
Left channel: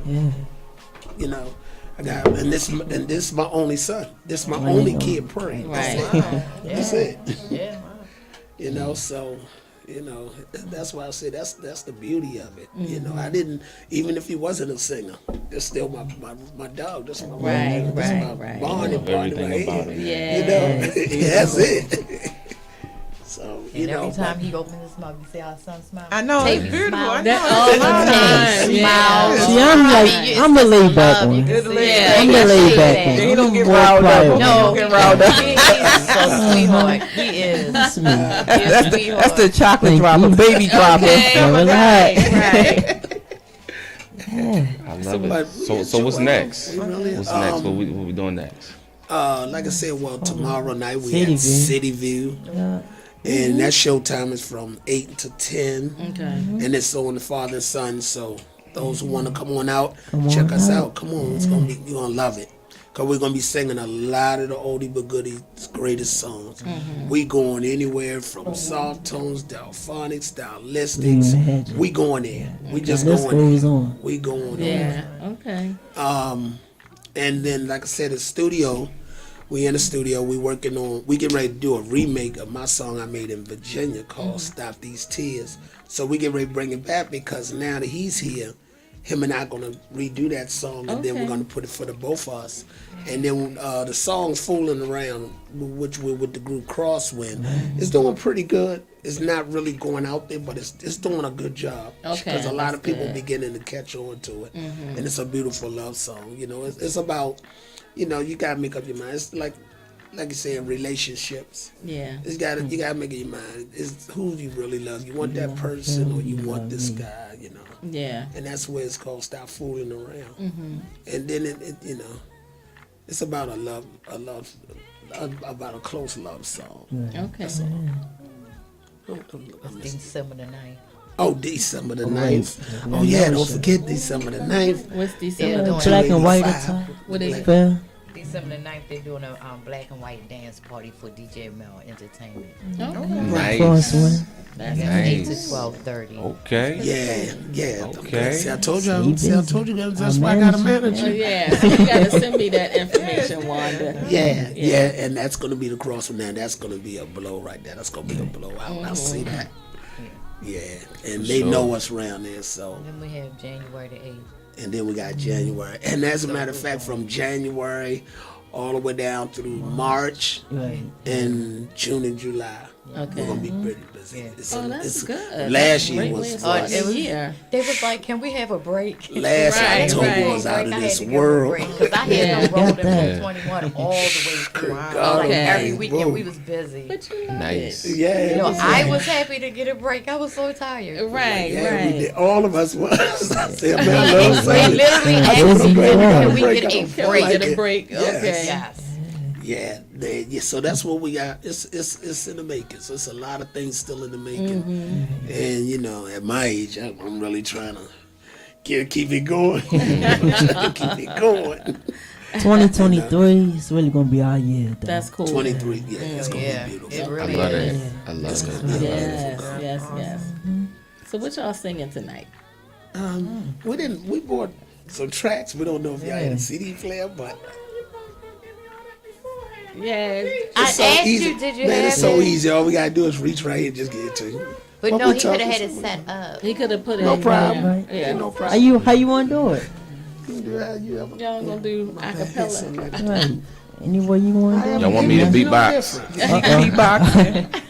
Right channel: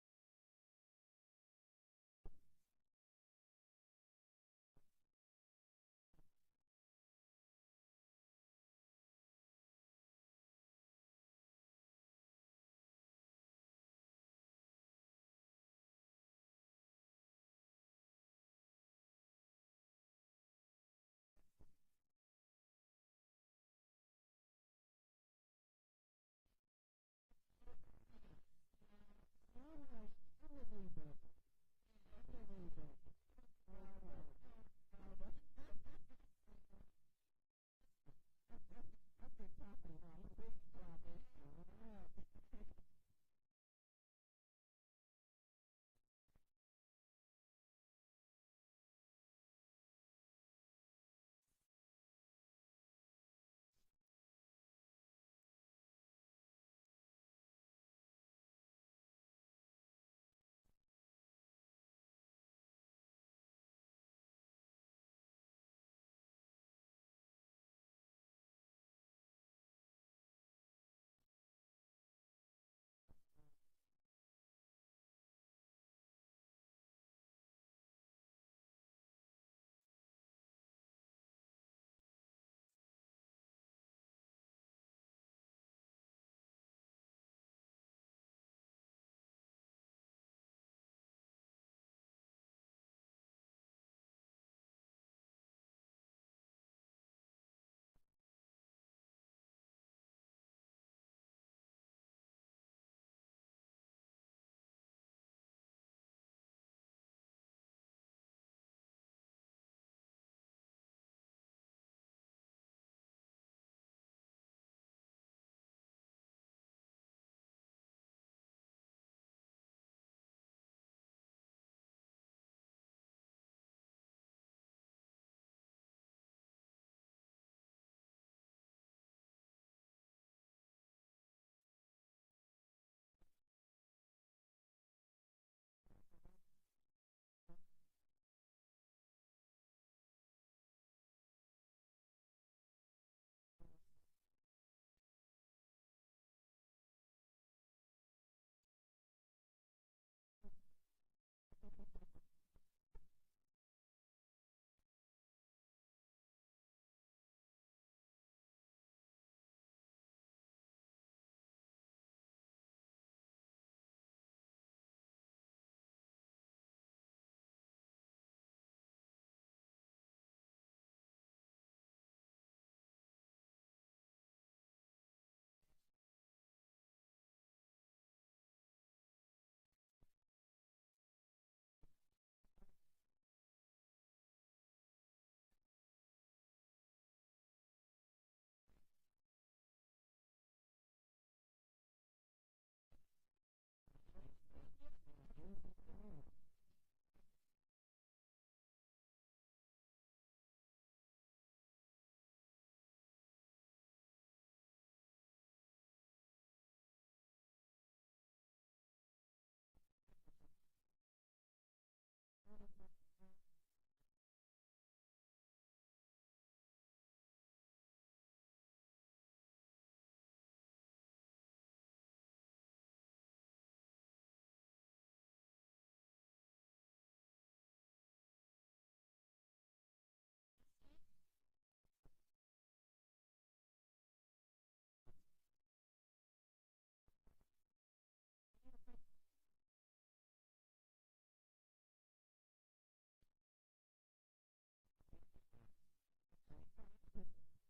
you know, I got, and this is my only son. This is my only kid praying. Right. That's it. Yeah. You know, so, you know, that's why I say that's the beauty of it. You know, I didn't, even if he wasn't a singer, that's still my dog. That's my Right, that's right, my right. bonding partner Everything right about here. it. You know, that's it. So, you And know, every time he opens his mouth, you see our son smile. I know, it's Baby beautiful. smile. I know. That all the time. Yeah. See, I'm the laid back one. Yeah. I'm the laid back one. He don't get More riled up. quiet. No, He don't get riled up. he's so sweetheart. He is. That's me. That's the chocolate Thank dropper, you. baby dropper. Never lied. I love it. So what's next? What's next? What we doing next? like I said, well, tomorrow night we City at View. City View. And that showtime is from 8 to 10. Okay. And it's on the Father and Son. So those who want to come on out, check us out. Come on. It's gonna be, you're going to love it. Because we're going to be singing a lot of the oldie but goodies, greatest songs. We going anywhere from soft tones, delphonics, stylistics. We going there. We just This going goes there. on. We going Yeah. Okay. and then, like I said, the studio, we in the studio, we getting ready to do a remake of my song I made in Virginia called Stop These Tears. So we get ready to bring it back because now that he's here, him and I going to redo that song, and then we're going to put it for the both of us. And then the song's Fooling Around, which we're with the group Crosswind, it's doing pretty good. It's not really going out there, but it's doing a good job. Okay, Because a lot of people good. beginning to catch on to it. And it's a beautiful love song. You know, it's about, you know, you got to make up your mind. It's like you said, relationships. Yeah. You got to make up your mind. It's who you really love. You want that person or you want this guy, you know. Yeah. And that's where it's called Stop Fooling Around. And then it you know, it's about about a close love song. Okay. That's all. December the 9th. Oh, December the 9th. Oh yeah, don't forget December the 9th. What's Yeah, December? doing Black and white 85. attack. What is it? Fair. December the 9th, they're doing a black and white dance party for DJ Mel Entertainment. Okay. Crosswind. That's From Nice. 8 to 12:30. Okay. Yeah. Okay. See, I told you guys, that's why I got a Oh, manager. yeah. So you gotta send me that information, Wanda. Yeah, and that's gonna be the Crosswind. Now that's gonna be a blow right there. That's gonna be a blowout. I see that. Yeah, and they know us around there, so. Then we have January the 8th. And then we got January. And as a matter of fact, from January all the way down through March and June and July, Okay. we're gonna be pretty busy. Oh, that's good. Last That's a year great was way to for start us. the year. They was like, can we have a break? Last Right, October right. was out of I this had to give world. a break because I had no road in 21 all the way through. God, Like okay. every weekend Boom. we was busy. But you love Nice. it. Yeah, You know, yeah, I was happy to get a break. I was so tired. Right, we right. did. All of us was. I said, man, I They love saying it. literally Yeah, asked busy me, for can us. we get a Can we break? Get a it. break. Yes. Okay. Yes. Yeah, so that's what we got. It's in the making. So it's a lot of things still in the making. And you know, at my age, I'm really trying to keep it going. I'm trying to keep it going. 2023 is really gonna be our year. Though. That's cool. 23, yeah, it's gonna Yeah, be it beautiful. I really love is. it. I love It's gonna it. be a Yes, beautiful. yes. So what y'all singing tonight? We bought some tracks. We don't know if y'all had a CD player, but Yeah. I it's so asked easy. you, did you Man, have it's so it? easy. All we gotta do is reach right here and just get it to you. But What no, we he could have talking had it some- set up. He could have put it No in problem. there. Right. Yeah. No problem. How you wanna do it? You can do that. You ever- Y'all gonna do acapella. Right. Any way you wanna do it? Y'all want me to beatbox? Beatboxing.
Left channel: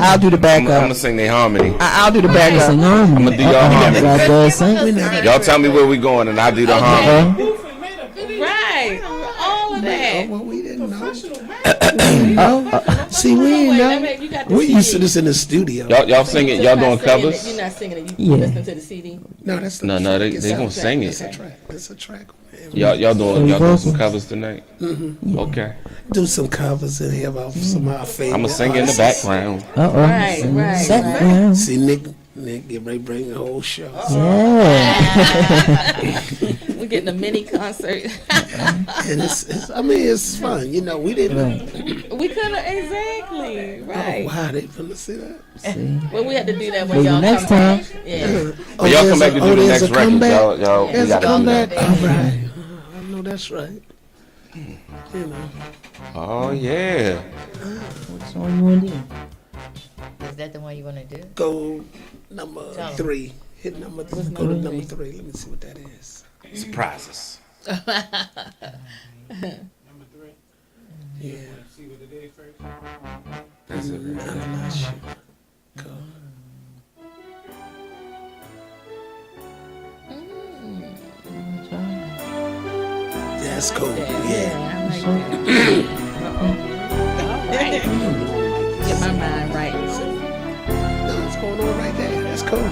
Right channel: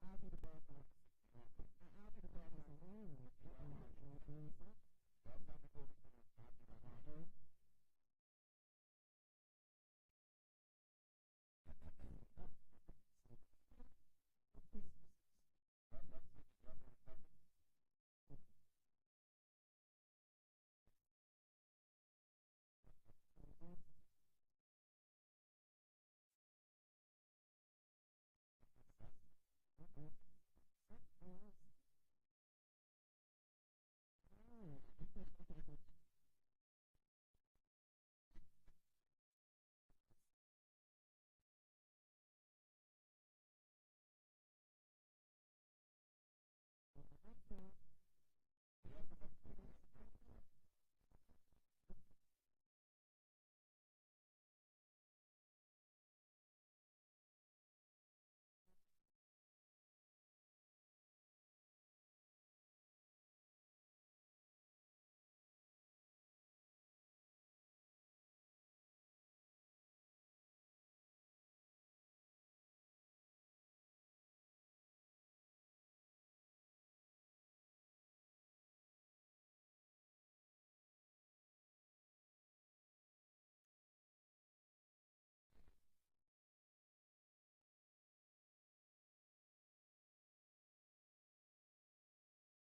I'll do the I'm backup. gonna sing the harmony. I'll do the backup. Sing I'm harmony. gonna do your harmony. Right there, sing. Y'all tell me where we going, and I'll do the harmony. Right. All of that. Well, we didn't know. See, we ain't You got know. the We used to CD. this in the studio. Y'all singing? Y'all doing covers? You're not singing it. You Yeah. listen to the CD. No, that's No, not they gonna sing It's a it. track. It's a track. Man. Y'all doing some covers tonight? Mm-hmm. Okay. Do some covers in here about some of our favorite. I'ma sing in the artists. background. Right. See, Nick get ready to bring the whole show. Yeah. We're getting a mini concert. And it's fun. You know, we didn't. We couldn't exactly right. Oh, wow, they finna see that. Well, we had to do that when Maybe y'all next come time. back. Yeah. But y'all come back to do the there's next a record. comeback? Y'all, we There's a gotta do comeback. that. All right. I know that's right. You know. Oh yeah. What song you want to do? Is that the one you want to do? Go number Tell 'em. 3. Hit number. Go to number 3. Let me see what that is. Surprises. Yeah. That's it. I'm not sure. Go. That's cool. Yeah. I like that. Get my mind right. No, what's going on right there? That's cool.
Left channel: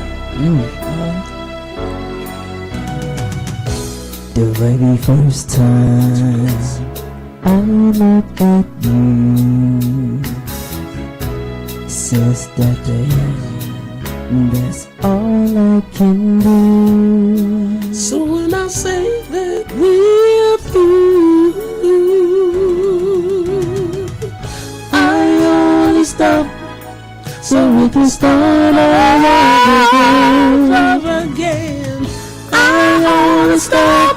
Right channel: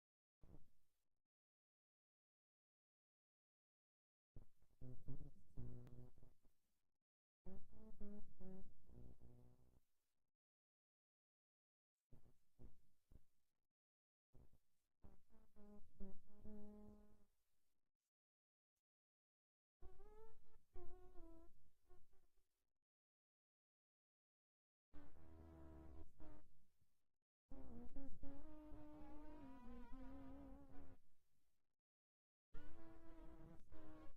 The very first time I looked at you, since that day, that's all I can do. So when I say that we're through, I only stop so we can start all over again. I only stop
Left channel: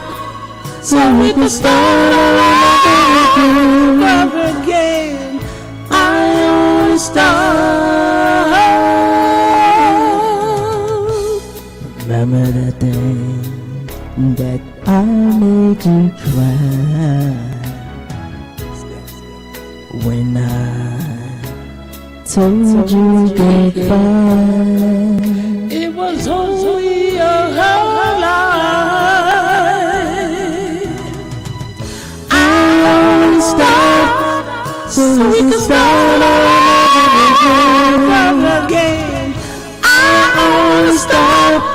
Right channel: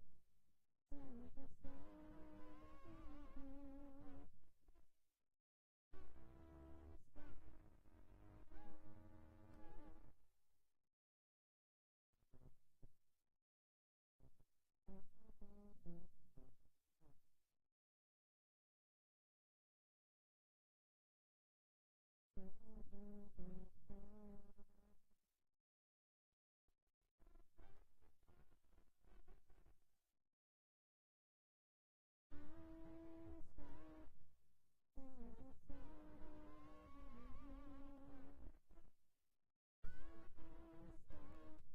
so we can start all over again. I only stop. Remember that day that I made you cry, when I told you goodbye. It was only a lie. I only stopped so we can start all over again. I only stopped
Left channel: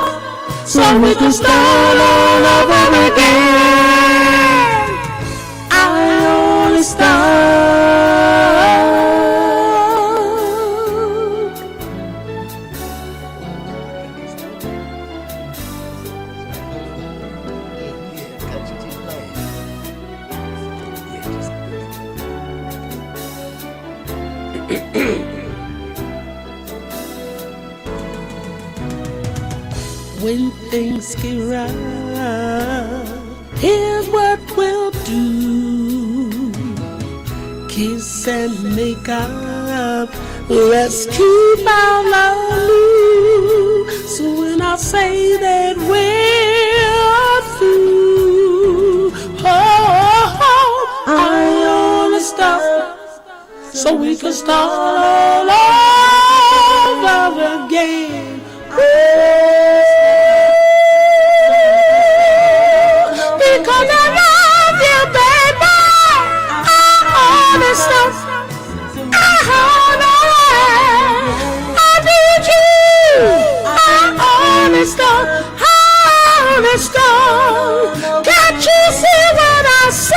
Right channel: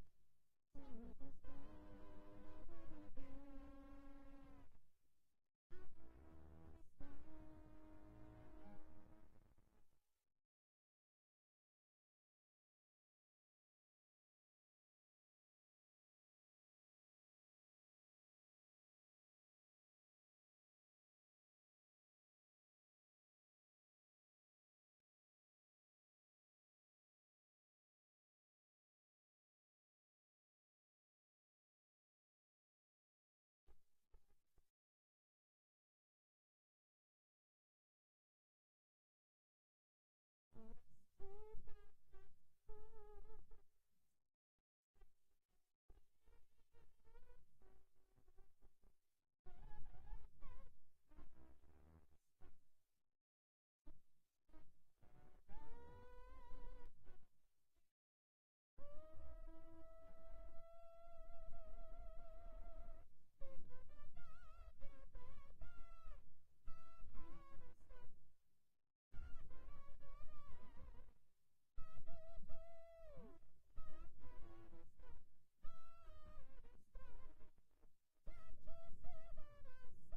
so we can start all over again. I only stopped. When things get rough, here's what we'll do. Kiss and make up. Let's keep our love. So when I say that we're through, I only stop so we can start all over again. Because I love you, baby. I only stop. I need you. I only stop. Can't you see what I say?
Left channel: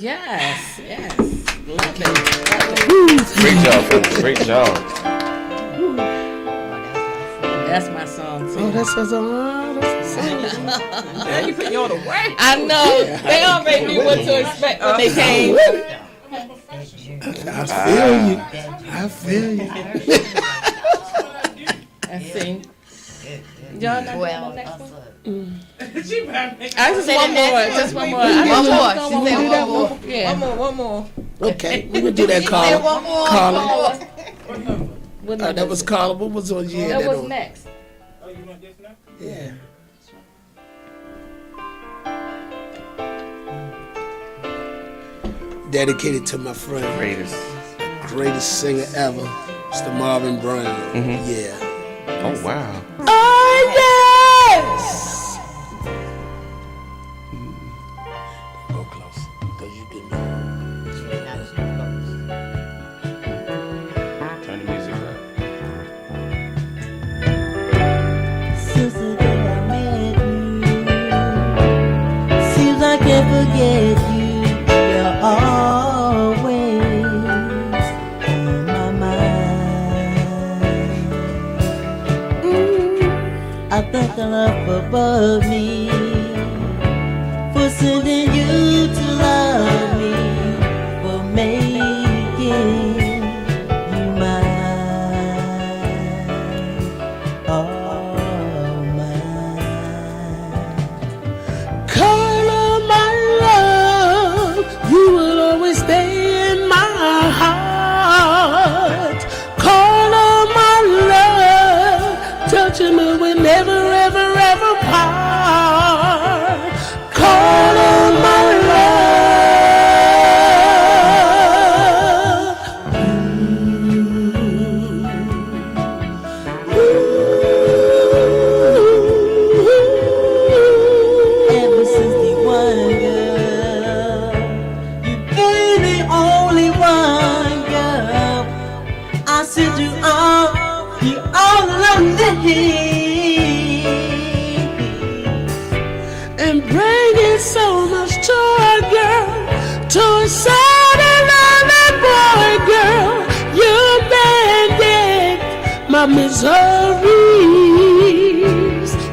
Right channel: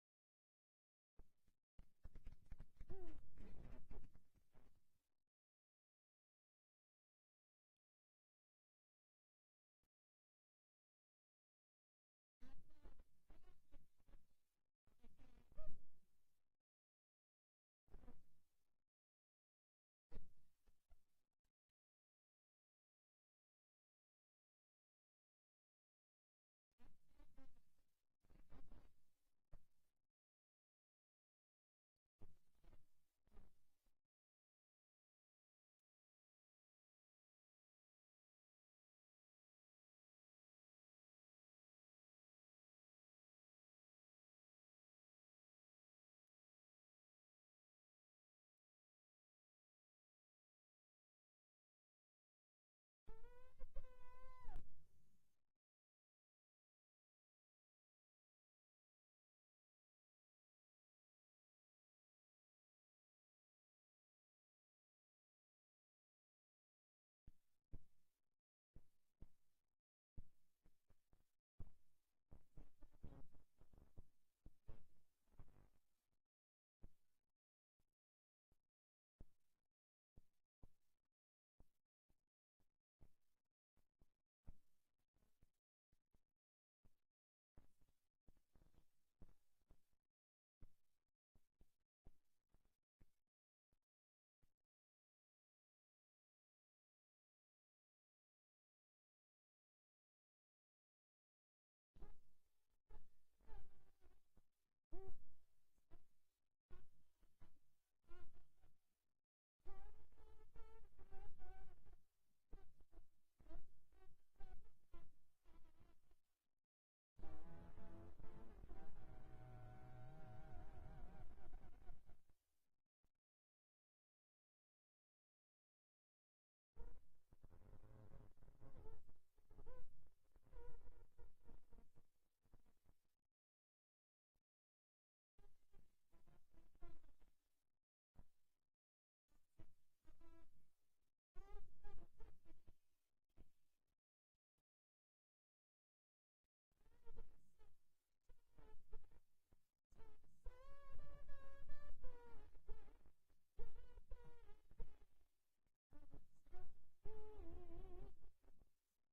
Yes. Love it. Great job, folks. Great job. That's my song too. Oh, that's a song. Now you put you on the way. I know. They already knew what to expect when they came. I feel you. I feel you. Let's see. Y'all not Well, doing the next one? She better make I just one more. I One just more. want She one said more. one more. Yeah. one more. Okay, we can do that, Say Carla. one more. Carla. What number That was is it? Carla. What was on you? That was next. Oh, you want this now? Yeah. dedicated to my friend, greatest singer ever, Mr. Marvin Brown. Yeah. Oh, wow. Oh, yes! Go close, because you didn't know. Turn the music up. Since the day I met you, seems I can't forget you. You're always on my mind. I thank Allah above me for sending you to love me, for making you mine, all mine. Carla, my love, you will always stay in my heart. Carla, my love, touching me will never, ever, ever part. Carla, my love. Ever since the one girl, you've been the only one girl. I said you all, the all lonely, And bringing so much joy, girl, to a sad and lonely boy, girl. You banded my miseries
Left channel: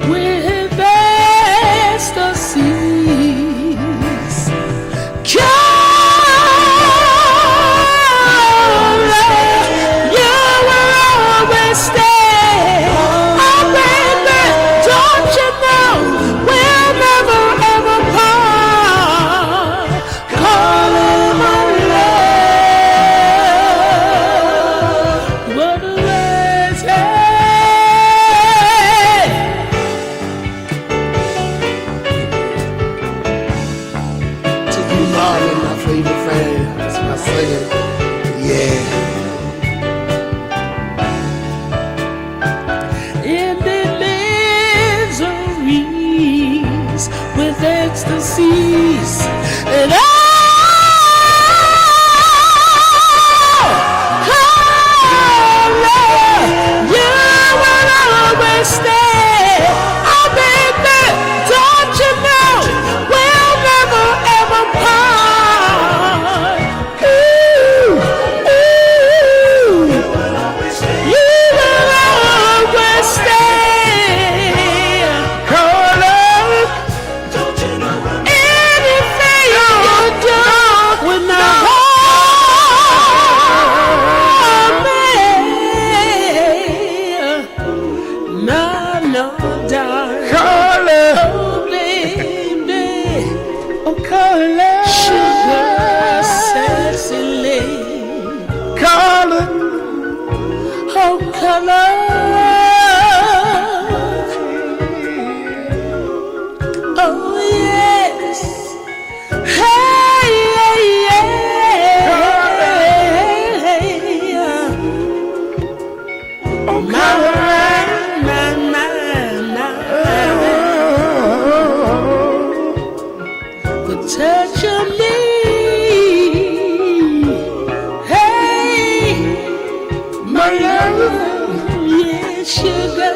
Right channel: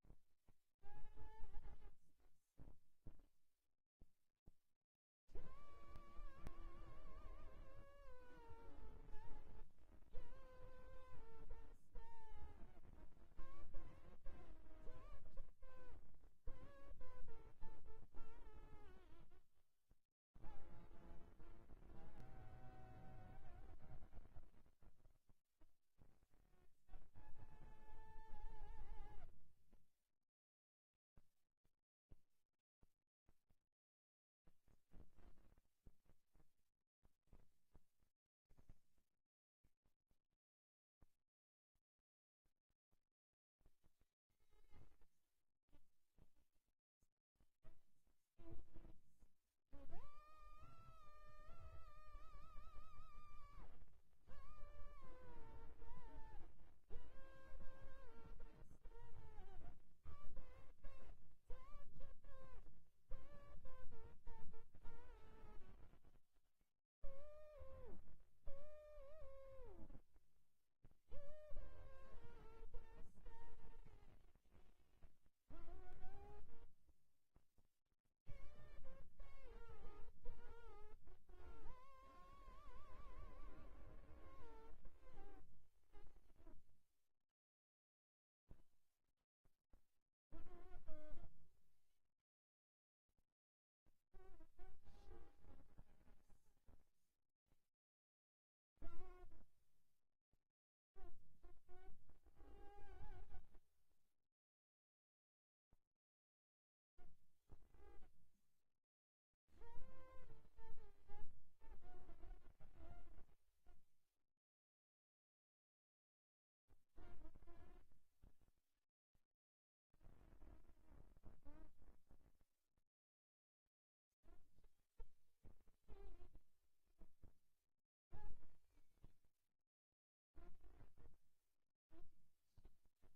with ecstasies. Carla, you will always stay. Oh, baby, don't you know we'll never ever part? Carla, my love, what a legend. To you, Marvin, my favorite fan, that's my singer. Yeah. In the miseries with ecstasies and you will always stay. Oh, baby, don't you know we'll never ever part? Ooh, ooh, you will always stay. Carla, anything you do with my heart, no, no, darling. Carla, oh baby, oh Carla, sugar, sexy lady. Carla, oh Carla, oh yes, hey, yeah, yeah. Oh, my, the touch of me, hey, my love, yeah, sugar.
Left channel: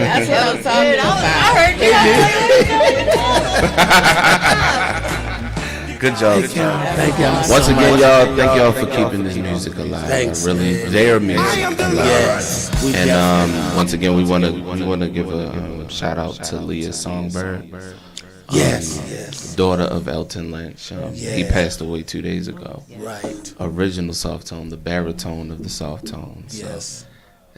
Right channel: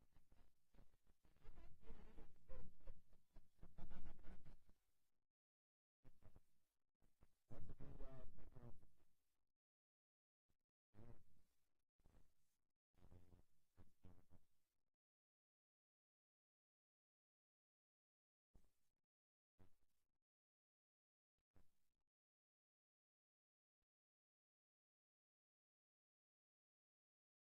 That's what I'm talking about. I heard you. Good job. Thank y'all. Once so again, much. y'all, thank y'all for keeping this music alive. Thanks, Really, man. their music alive. Yes. We And definitely- once again, we want to give a shout out to Leah Songbird. Yes, yes. Daughter of Elton Lynch. He passed away 2 days ago. Right. Original soft tone, the baritone of the soft tone. So, Yes.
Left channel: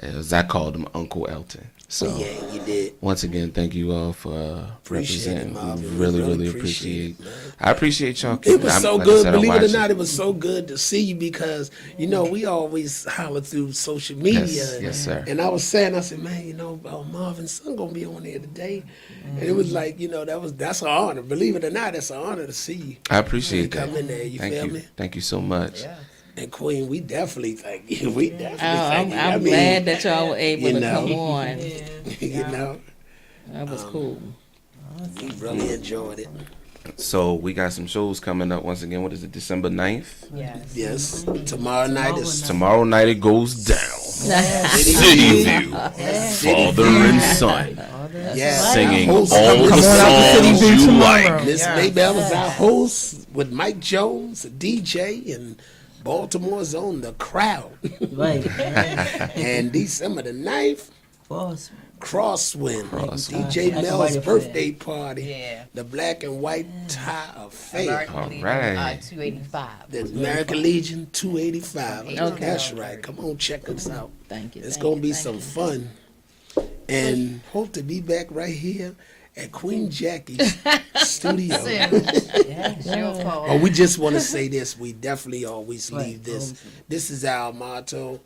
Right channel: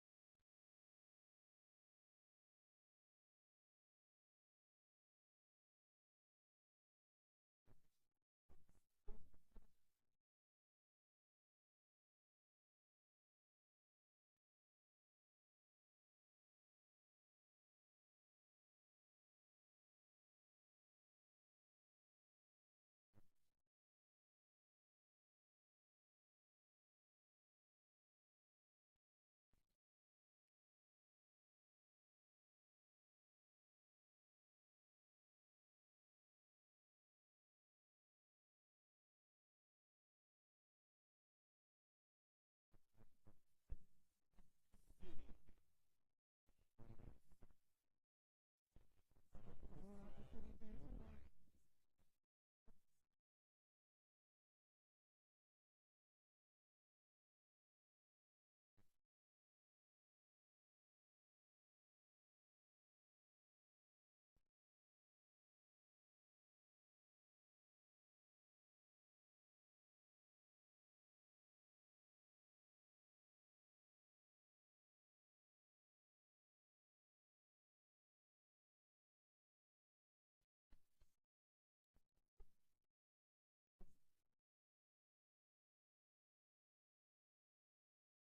as I called him, Uncle Elton. So Yeah, you did. once again, thank you all for Appreciate it, representing. Marvin. We We really really appreciate. appreciate it, man. I appreciate y'all. It was so like I good. said, I Believe it or watch not, it was so good to see you because, we always holler through social media. Yes, sir. And I was saying, I said, man, Marvin's son going to be on there today. And it was like, that's an honor. Believe it or not, it's an honor to see you. I appreciate Come that. in there, you Thank feel you. me? Thank you so much. And Queen, we definitely thank you. We definitely thank you. I I'm mean, glad that y'all were able you to know. come on. That was cool. We really enjoyed it. So we got some shows coming up once again. What is it? December 9th? Yes. Tomorrow night is Tomorrow night it goes down. City View, father and son, singing all the songs you like. Miss Maybell is our host with Mike Jones, a DJ, and Baltimore's on the crowd. Right. And December the 9th, Crosswind, DJ Black and Mel's White birthday party, the Black and White Tie Affair. All right. 285. The American Legion 285. Okay. That's right. Come on, check us out. Thank you. It's going to be some fun. And hope to be back right here at Queen Jackie's studio. Oh, we just want to say this. We definitely always leave this. This is our motto,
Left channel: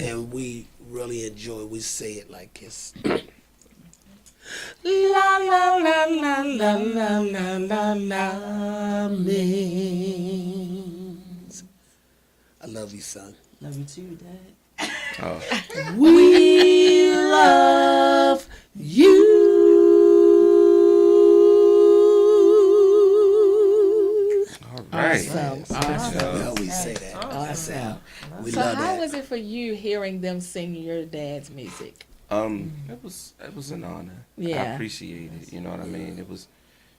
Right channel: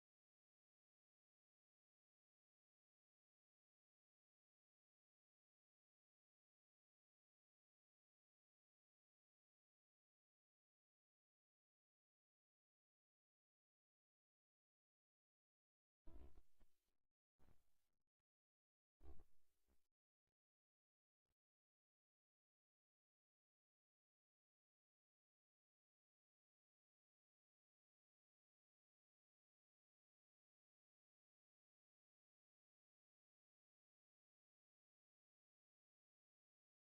and we really enjoy it. We say it like this. La la la la la la la la la means. I love you, son. Love you too, Dad. Oh. We love you. All right. Well, we say that. That's how we So love how that. was it for you hearing them sing your dad's music? It was an honor. I Yeah. appreciate it. You know what I mean? It was,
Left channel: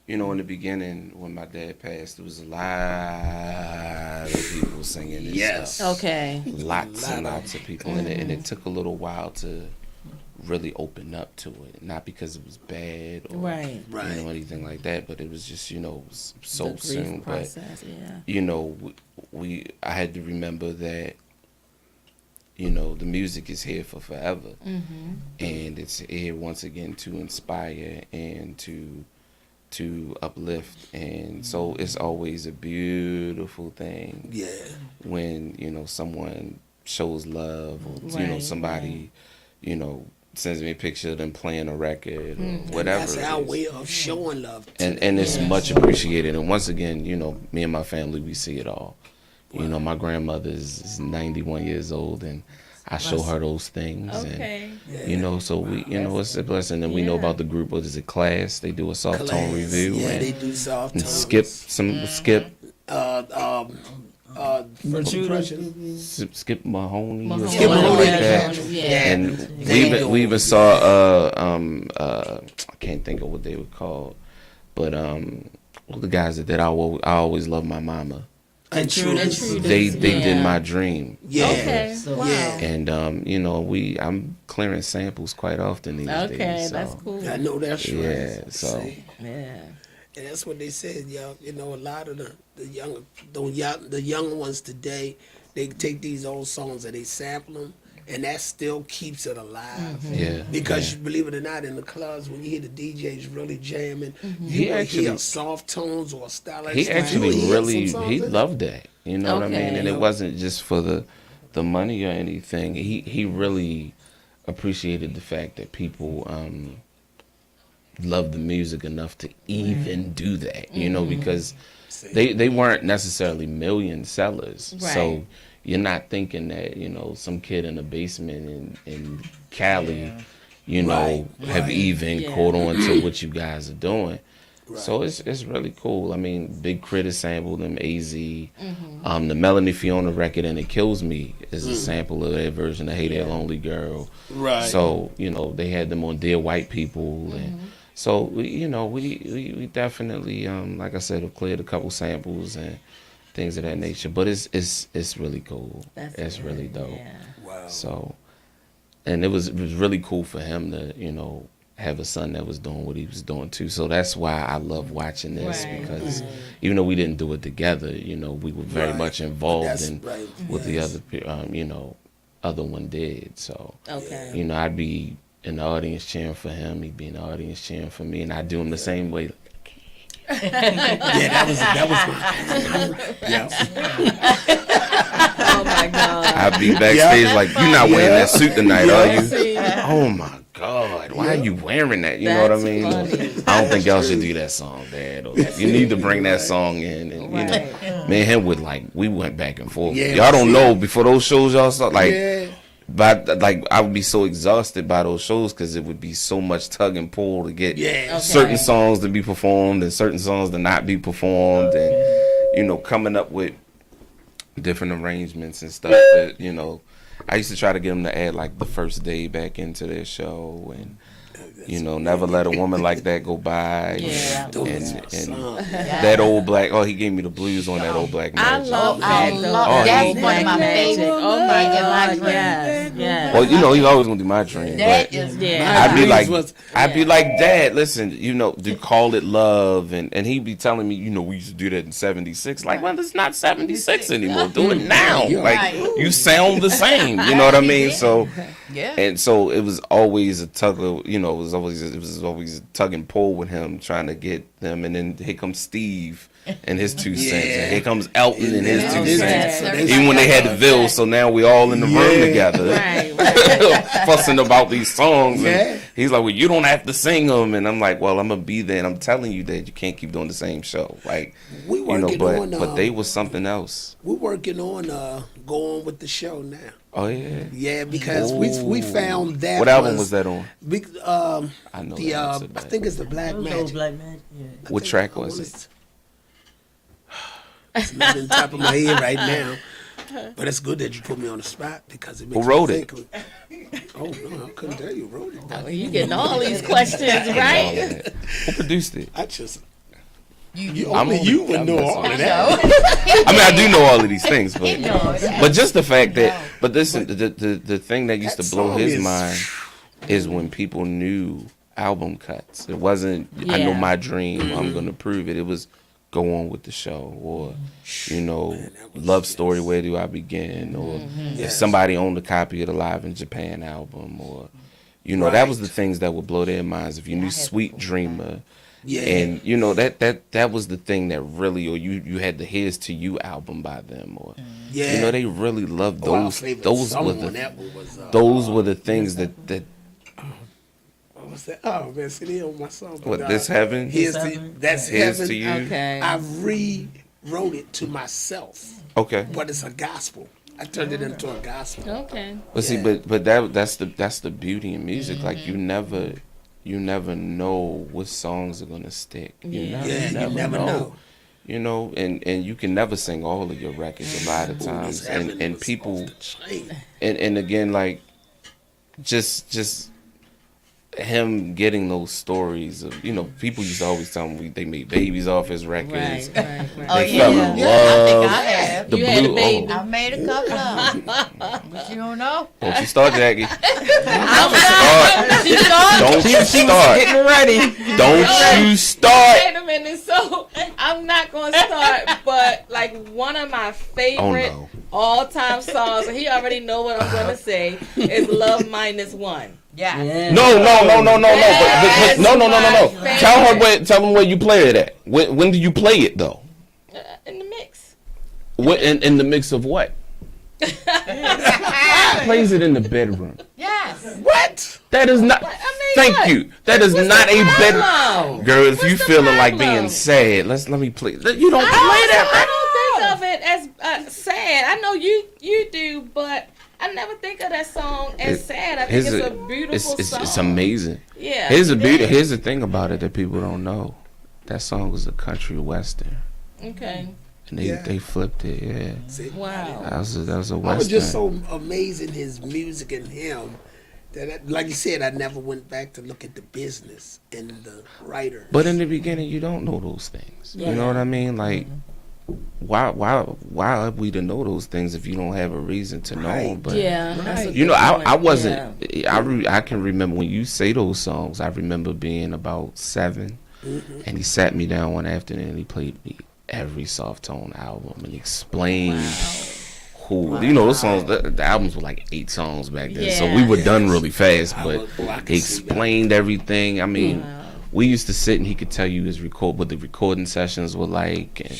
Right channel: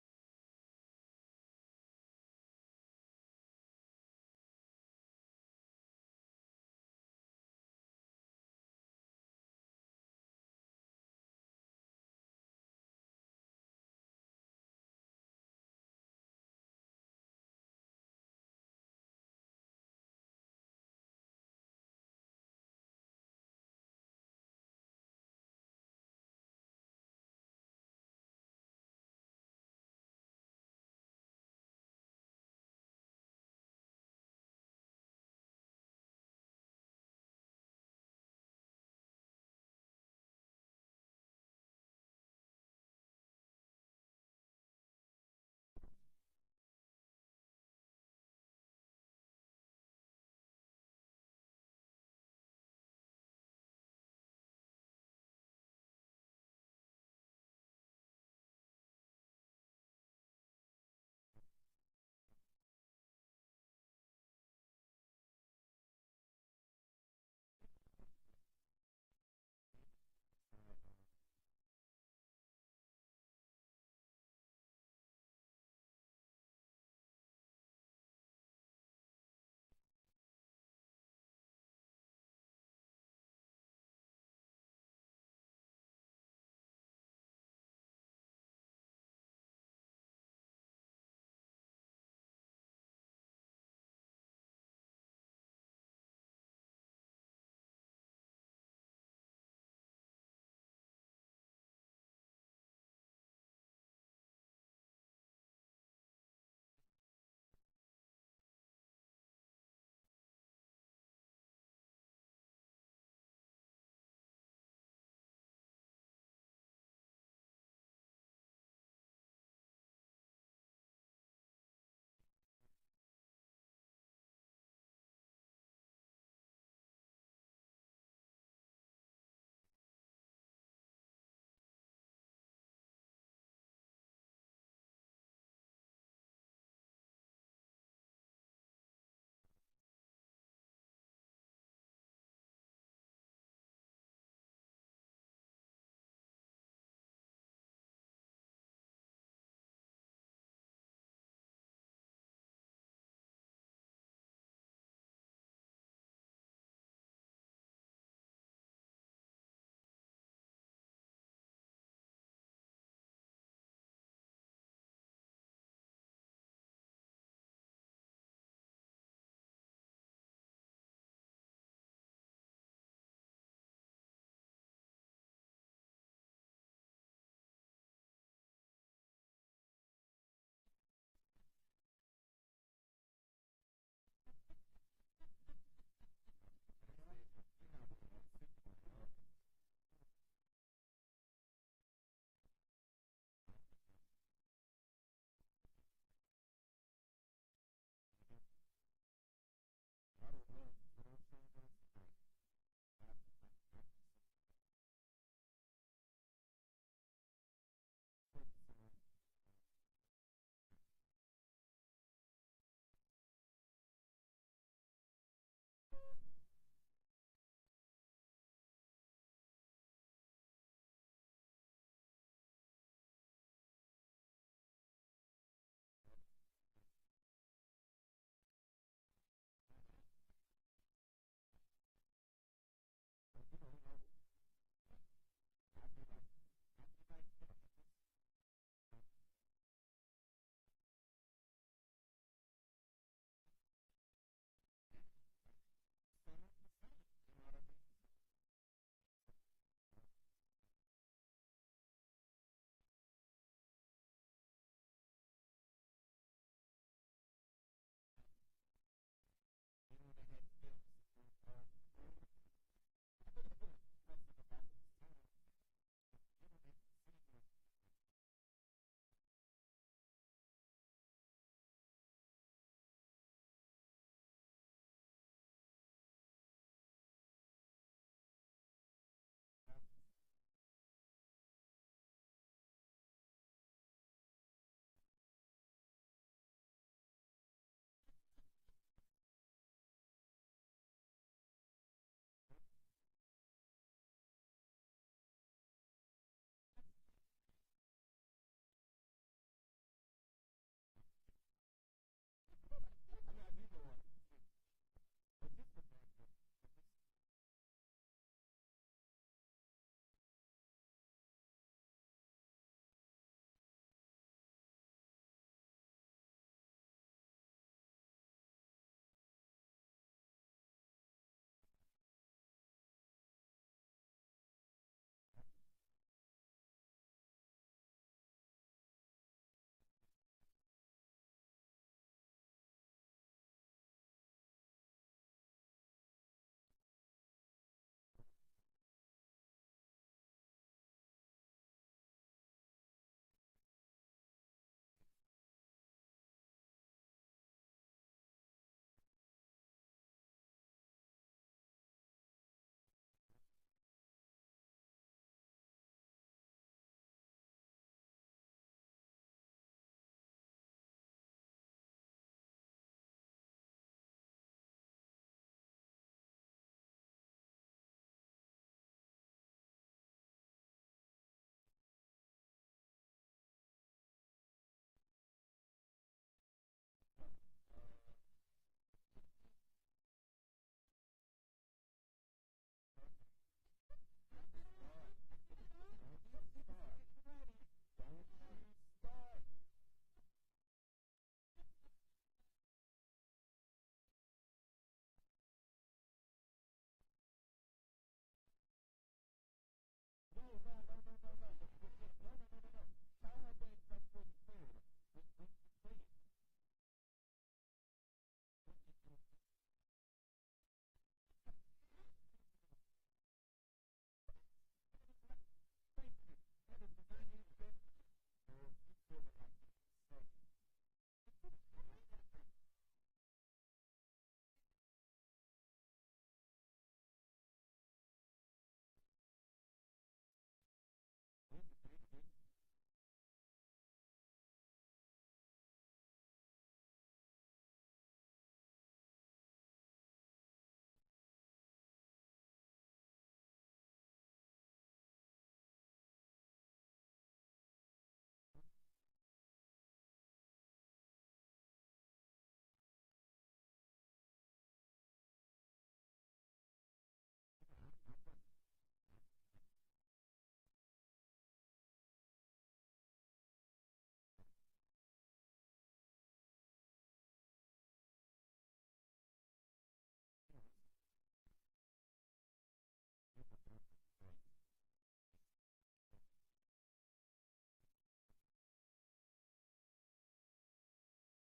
in the beginning when my dad passed, there was a lot of people singing this Yes. stuff. Okay. Lots and lots of people, and it took a little while to really open up to it. Not because it was bad or Right. anything like that, but it was just it was so The grief soon. process, yeah. But I had to remember that the music is here for forever, and it's here once again to inspire and to uplift, and so it's always a beautiful thing. Yeah. When someone shows love, or Right, somebody sends me a picture of them playing a record or whatever. That's it our is. way of showing love. And it's much appreciated. And once again, me and my family, we see it all. My grandmother is 91 years old, and I show her those things. Okay. And, so we, it's a blessing. And we know about the group, what is it, Class? They do a soft tone review. Yeah, and, they do soft and tone. Skip. Skip Mahoney or Skip something Mahoney, like that. Yeah. And we even saw I can't think of what they were called, but all the guys that did I always love my mama. Intruders. They did My Dream. Yeah. Okay. Wow. Yeah. And I'm clearing samples quite often these days. Okay, So. that's cool. I know that's right. Yeah, so Yeah. And that's what they said, y'all. A lot of the young ones today, they take these old songs and they sample them, and that still keeps it alive. yeah. Because you believe it or not, in the clubs, when you hear the DJs really jamming, He you will actually- hear soft tones or style like He that. actually You hear really some songs he in it. loved that. You know what I mean? Okay. And it wasn't just for the money or anything. He really appreciated the fact that people loved the music enough to even do that. Because they weren't necessarily million sellers. So Right. you're not thinking that, some kid in a basement in Cali, have even caught on to what you guys are doing. So it's really cool. I mean, Big Crit sampled them, AZ. The Melanie Fiona record, And It Kills Me, is a sample of their version of Hey There Lonely Girl. Right. So, they had them on Dear White People. And So we definitely like I said, have cleared a couple samples and things of that nature. But it's really cool. It's really dope. Yeah. Wow. So, and it was really cool for him to have a son that was doing what he was doing too. So that's why I love watching this, Right. because even though we didn't do it together, we were very Right. much involved That's in right. what the Yes. other one did. So Okay. I'd be in the audience cheering for him, he'd be in the audience cheering for me, and I do him the same way. Yeah, that was yeah. Oh my God. I'd be backstage like, you're not wearing that suit tonight, are you? See? Oh my God, why are you wearing that? You know what I That's mean? funny. I don't think y'all should do that song, Dad. Or you need to bring that song in. And Right. me and him would we went back and forth. Yeah, Y'all don't see? know, before those shows y'all saw, Yeah. but I would be so exhausted by those shows because it would be so much tug and pull to get Yeah. certain songs to be performed and certain songs to not be performed, and coming up with different arrangements and stuff. But I used to try to get them to add the first day back into their show, and never let a woman like that go by. Yeah. And that old black. Oh, he gave me the blues on that old black I magic. love I that. love that's he- one of my Magic. favorite. Oh my things in my God. dream. Yes. Yes. Well, he's always gonna do my dream. That But is Yeah. I'd be dreams like, was- Dad, listen, to call it love, and he'd be telling me, we used to do that in '76. Well, it's not '76 anymore. Do it now. You're right. You sound the same. You know what I mean? So, Yeah. and so it was always a tug of, it was always a tug and pull with him trying to get them, and then here comes Steve and his 2 cents, and here comes Elton and his 2 cents. Yeah. Even when they had the Ville, so now we all in the room together. Right. Fussing about these songs, Yeah. and he's like, well, you don't have to sing them, and I'm like, well, I'm gonna be there, and I'm telling you that you can't keep doing the same show, We working on. but they was something else. We're working on going with the show now. Oh yeah. Yeah, because we found that. What album was that on? I know the that. I think it's the Black Magic. Black Magic. Yeah. What track was it? It's not on top of my head right now. But it's good that you put me on the spot because it makes Who wrote me it? think. Oh no, I couldn't tell you who wrote it. Oh, you getting all these questions, right? Who produced it? I just You only you would know all of that. I mean, I do know all of these things, but knows. just the fact that, but listen, the thing that used That to blow song his is- mind is when people knew album cuts. It wasn't, I know Yeah. my dream, I'm gonna prove it. It was go on with the show, or love story, where do I begin, or if somebody owned a copy of the Live in Japan album, or that was the things that would blow their minds. If you knew Sweet Dreamer. Yeah. And that was the thing that really, or you had the Here's to You album by them, or Yeah. they really loved Our those. favorite Those song were on the that one was, those were the things that what was that? Oh man, see, they on my song. what but, this heaven. That's Here's heaven. to you. Okay. I rewrote it to myself, Okay. but it's a gospel. I turned it into a gospel. Okay. But see, but that's the beauty in music. Like you never know what songs are gonna stick. You never know. And you can never sing all of your records a lot of times. And people and again, like just him getting those stories of people used to always tell him they made babies off his records. Right. They fell in I love. think I have. The You had a blue. baby. I made a couple of them. But you don't know? Don't you start, Jackie. She started. Don't you start. Getting ready. Don't you start. Wait a minute. So I'm not gonna start, but one of my favorite Oh, no. all-time songs, and he already know what I'm gonna say, is "Love Minus One." Yeah. Yeah. No. But no. my Tell him where you play it at. When do you play it though? In the mix. What in the mix of what? Plays it in the bedroom. Yes. What? That is not. Thank what? you. That is What's not the a bedroom. problem? Girl, if you What's the feeling like problem? being sad, let me play. You don't play I that. don't think of it as sad. I know you do, but I never think of that song as sad. I think it's a beautiful song. It's amazing. Yeah. Here's the thing about it that people don't know. That song was a country western, Okay. and they flipped it. Yeah, Wow. that was a western. I was just so amazing his music and him Like you said, I never went back to look at the business and the writer. But in the beginning, you don't know those things. You know what I mean? Like, why are we to know those things if you don't have a reason to know them? But you know, I wasn't. I can remember when you say those songs. I remember being about 7, and he sat me down one afternoon and he played me every Soft Tone album and explained. Who, you know, those songs, the albums were like 8 songs back then, so we were done really fast, but he explained everything. I mean, we used to sit and he could tell you what the recording sessions were like, and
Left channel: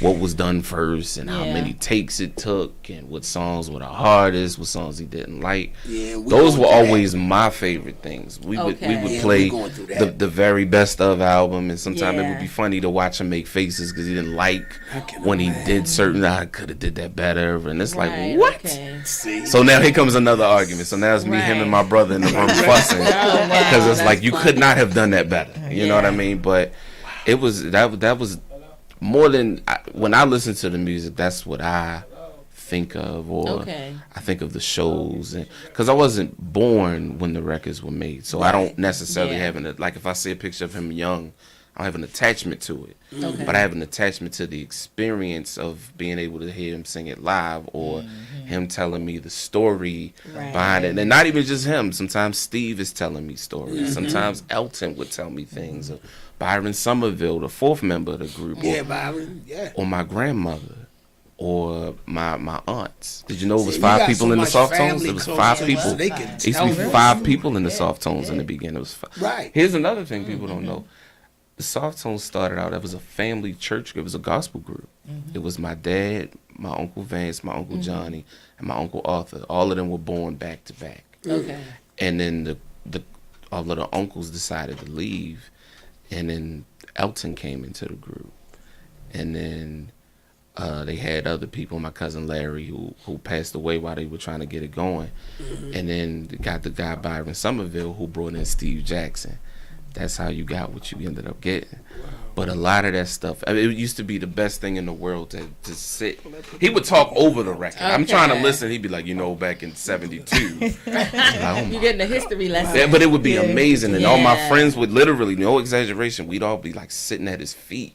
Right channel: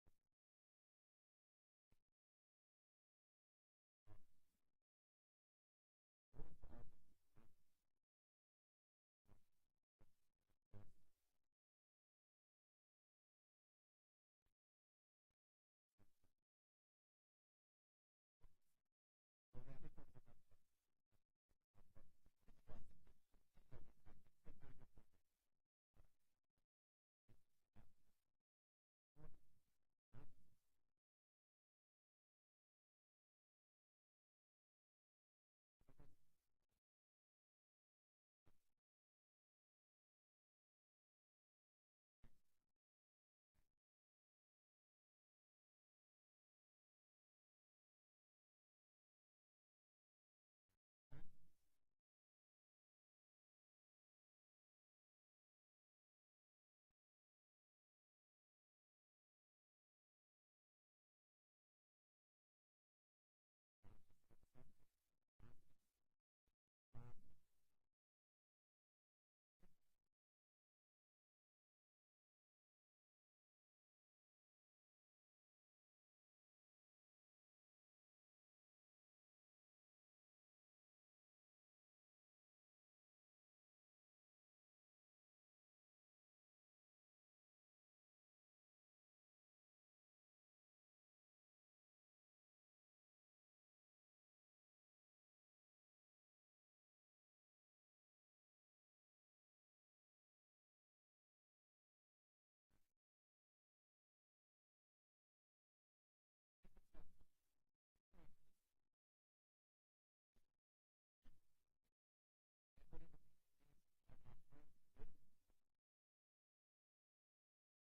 what was done first, and how many takes it took, and what songs were the hardest, what songs he didn't like. Those were always my favorite things. We would play the very best of album, and sometimes it would be funny to watch him make faces because he didn't like when he did certain. I could have did that better, and it's like what? So now here comes another argument. So now it's me, him, and my brother in the room fussing because it's like you could not have done that better. You know what I mean? But it was that was. More than when I listen to the music, that's what I think of, or I think of the shows, and because I wasn't born when the records were made, so I don't necessarily have like if I see a picture of him young, I don't have an attachment to it, but I have an attachment to the experience of being able to hear him sing it live, or him telling me the story behind it, and not even just him. Sometimes Steve is telling me stories. Sometimes Elton would tell me things. Byron Somerville, the 4th member of the group, or my grandmother, or my aunts. Did you know it was 5 people in the Soft Tones? It was 5 people. It used to be 5 people in the Soft Tones in the beginning. It was 5. Here's another thing people don't know. The Soft Tones started out, it was a family church group. It was a gospel group. It was my dad, my Uncle Vance, my Uncle Johnny, and my Uncle Arthur. All of them were born back to back. And then all of the uncles decided to leave. And then Elton came into the group, and then they had other people. My cousin Larry, who passed away while they were trying to get it going, and then got the guy Byron Somerville, who brought in Steve Jackson. That's how you got what you ended up getting. But a lot of that stuff, I mean, it used to be the best thing in the world to sit. He would talk over the record. I'm trying to listen. He'd be like, you know, back in '72. You're getting a history lesson. Yeah, but it would be amazing. And all my friends would literally, no exaggeration, we'd all be like sitting at his feet.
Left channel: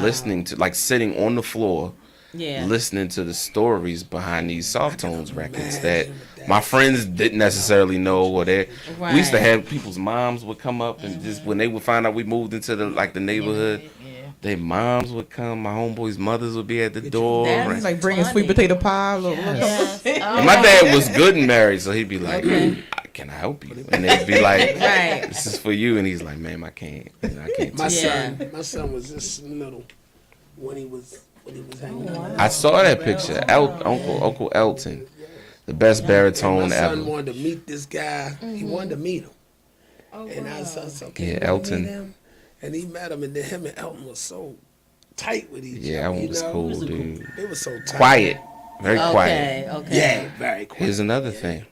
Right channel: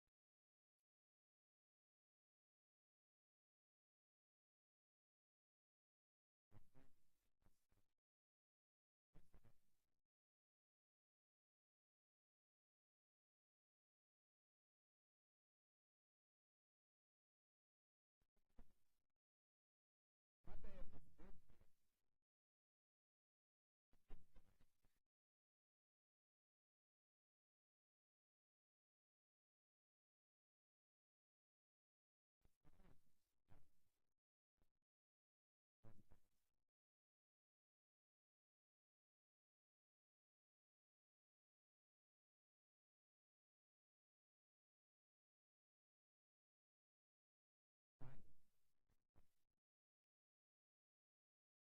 Listening to, like sitting on the floor, listening to the stories behind these Soft Tones records that my friends didn't necessarily know, or we used to have people's moms would come up and just when they would find out we moved into the neighborhood, their moms would come, my homeboys' mothers would be at the door. That's like bringing sweet potato pie. And my dad was good and married, so he'd be like, can I help you? And they'd be like, this is for you. And he's like, man, I can't. My son was just little when he was hanging out. I saw that picture. Uncle Elton. The best baritone ever. My son wanted to meet this guy. He wanted to meet him. And I said, okay, Elton. Meet him? And he met him, and then him and Elton was so tight with each other. Yeah, Elton was cool, dude. They were so tight. Quiet. Very quiet. Yeah, very quiet. Here's another thing.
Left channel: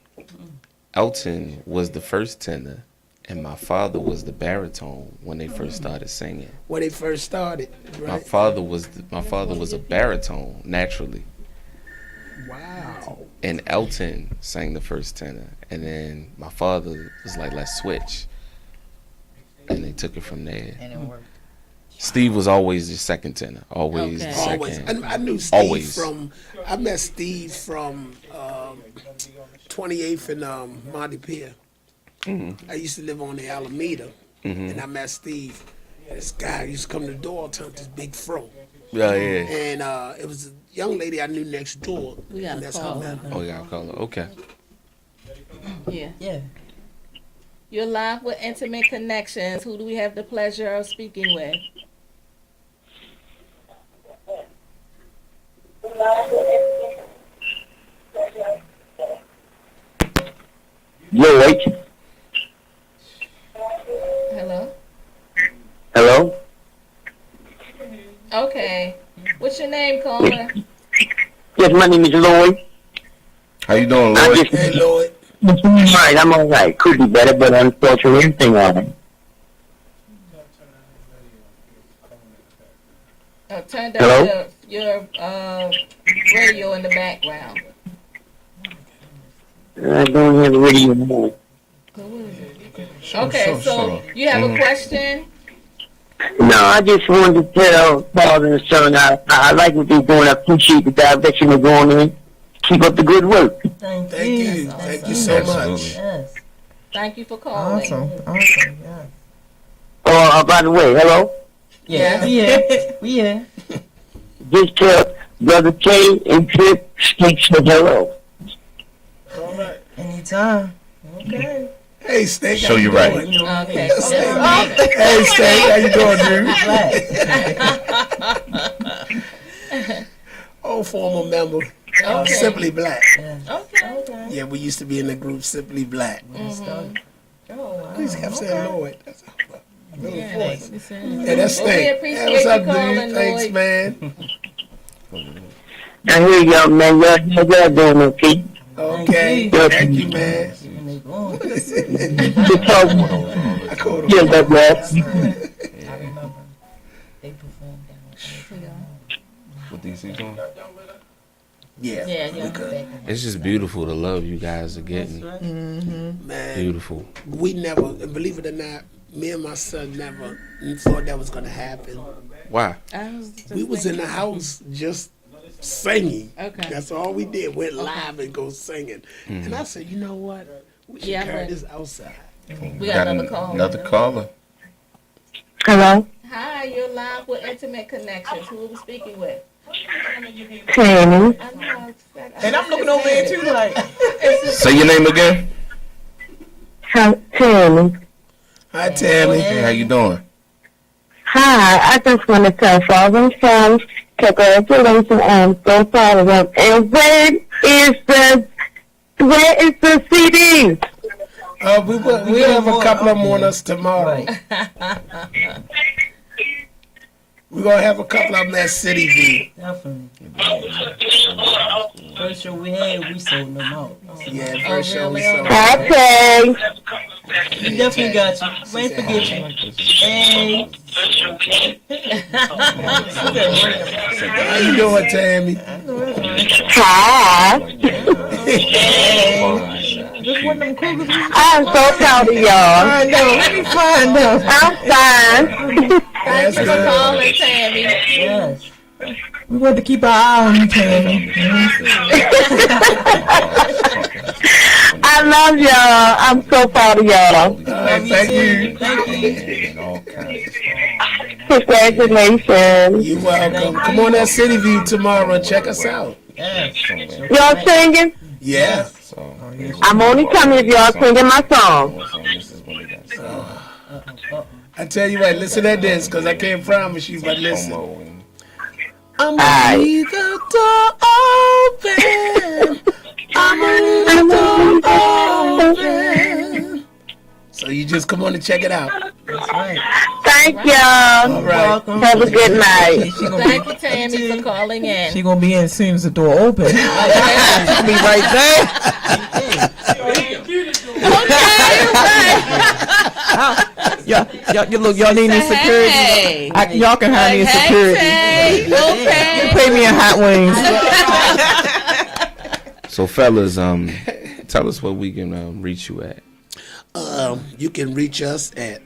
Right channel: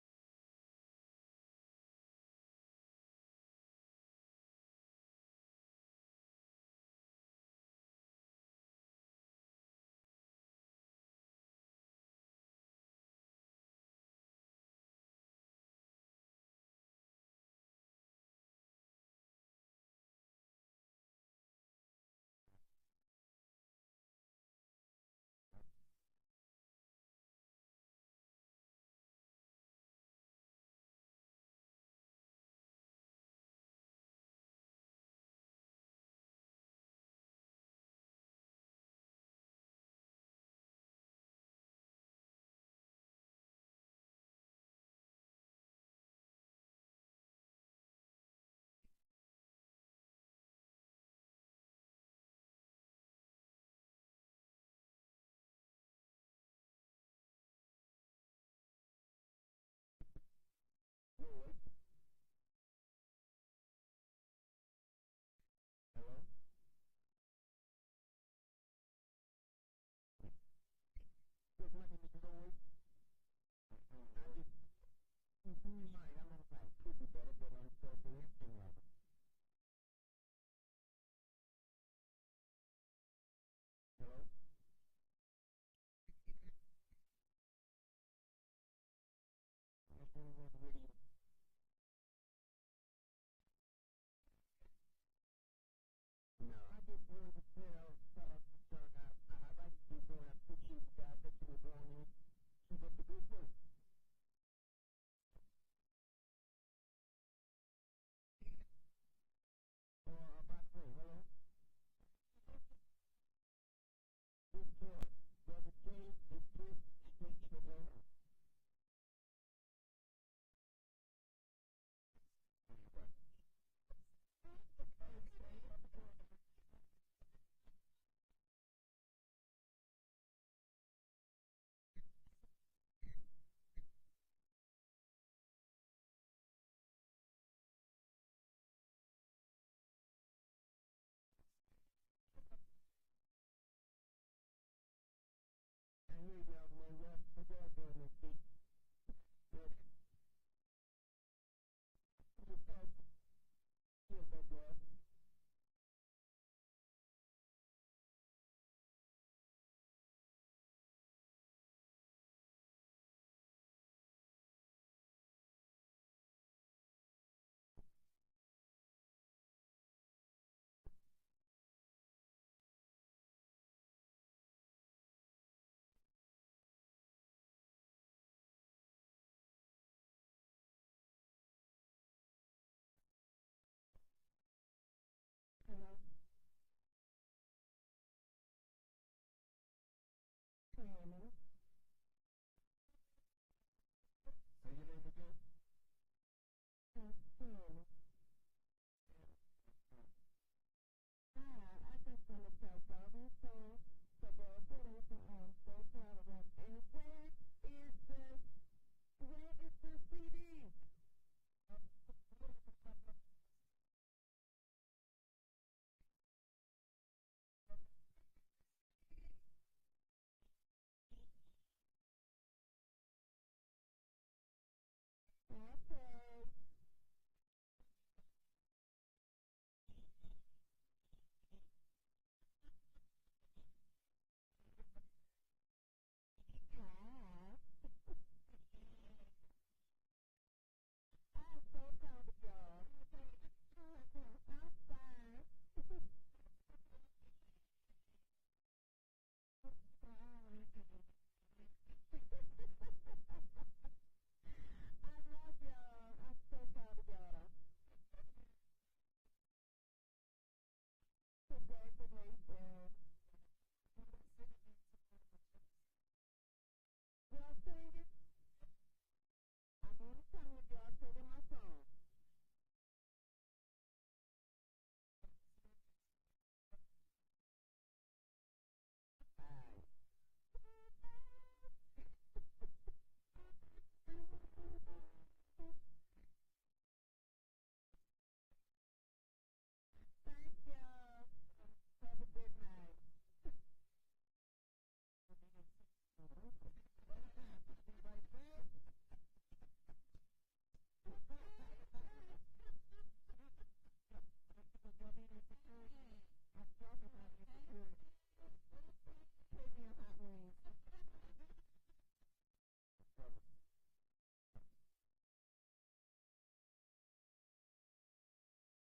Elton was the first tenor, and my father was the baritone when they first started singing. When they first started, right? My father was a baritone naturally. Wow. And Elton sang the first tenor, and then my father was like, let's switch. And they took it from there. And it worked. Steve was always the second tenor. Always the second. Always. I knew Steve I met Steve from 28th and Montpelier. I used to live on the Alameda, and I met Steve. This guy used to come to the door all the time with this big fro. Yeah. And it was a young lady I knew next door. We got to call her. Oh, you got to call her. Okay. Yeah. You're live with Intimate Connections. Who do we have the pleasure of speaking with? Lloyd. Hello? Hello? Okay. What's your name, caller? Yes, my name is Lloyd. How you doing, Lloyd? Hey, Lloyd. Alright, I'm alright. Could be better, but unfortunately, everything alright. Turn down your radio in the background. I don't have a radio on. Okay, so you have a question? No, I just wanted to tell father and son I like what they're doing. I appreciate the direction they're going in. Keep up the good work. Thank you. Thank you so much. Yes. Thank you for calling. Awesome. Yeah. Oh, by the way, hello. Yeah. Yeah. Just tell Brother K and Trip Sticks the hello. All right. Anytime. Okay. Hey, Steak. Show you right. Okay. Hey, Steak. How you doing, Drew? Oh, former member. Okay. Simply Black. Okay. Yeah, we used to be in the group Simply Black. Please kept saying Lloyd. That's a little voice. Yeah, that's Well, we Steak. appreciate Hey, what's you up, calling, dude? Thanks, Lloyd. man. I hear y'all, man. Y'all doing okay? Okay. Thank you, man. Just talk. I called him. Yeah, that's right. I remember they performed down What DC doing? Yeah. Yeah. It's just beautiful the love you guys are getting. Man, Beautiful. we never, believe it or not, me and my son never thought that was going to happen. Why? We was in the house just singing. Okay. That's all we did. Went live and go singing. And I said, you know what? We should Yeah, carry but- this outside. We got another call. Another caller. Hello, Hi, you're live with Intimate Connections. Who are we speaking with? Tammy. I know. And I'm looking over there too, like. Say your name again. Tammy. Hi, Tammy. Hey, how you doing? Hi, I just want to tell father and son, congratulations, I'm so proud of them. And where is the CD? We have a couple of them on us tomorrow. We're going to have a couple of them at City View. Definitely. First show we had, we sold them out. Yeah, first show we really? saw. Okay. We definitely got you. We ain't forget you. Hey. How you doing, Tammy? Hi. Just one of them cougars. I'm so proud of y'all. I know. Let me find out. I'm fine. That's Thank you for good. calling, Tammy. Yes. We want to keep our eye on you, Tammy. I love y'all. I'm so proud of y'all. All right, thank you. Thank you. Congratulations. You're welcome. Come on at City View tomorrow and check us out. Yes. Y'all singing? Yeah. I'm only coming if y'all singing my song. I tell you what, listen to this, because I can't promise you, but listen. I'm Aye. gonna leave the door open. I'm gonna leave the door open. So you just come on and check it out. That's right. Thank y'all. All right. Have a good night. She gonna Thank you, Tammy, for calling in. She gonna be in as soon as the door open. She'll be right there. Y'all need any security? Hey. Y'all can hire me in security. Hey, okay. Pay me in hot wings. So, fellas, tell us where we can reach you at. You can reach us at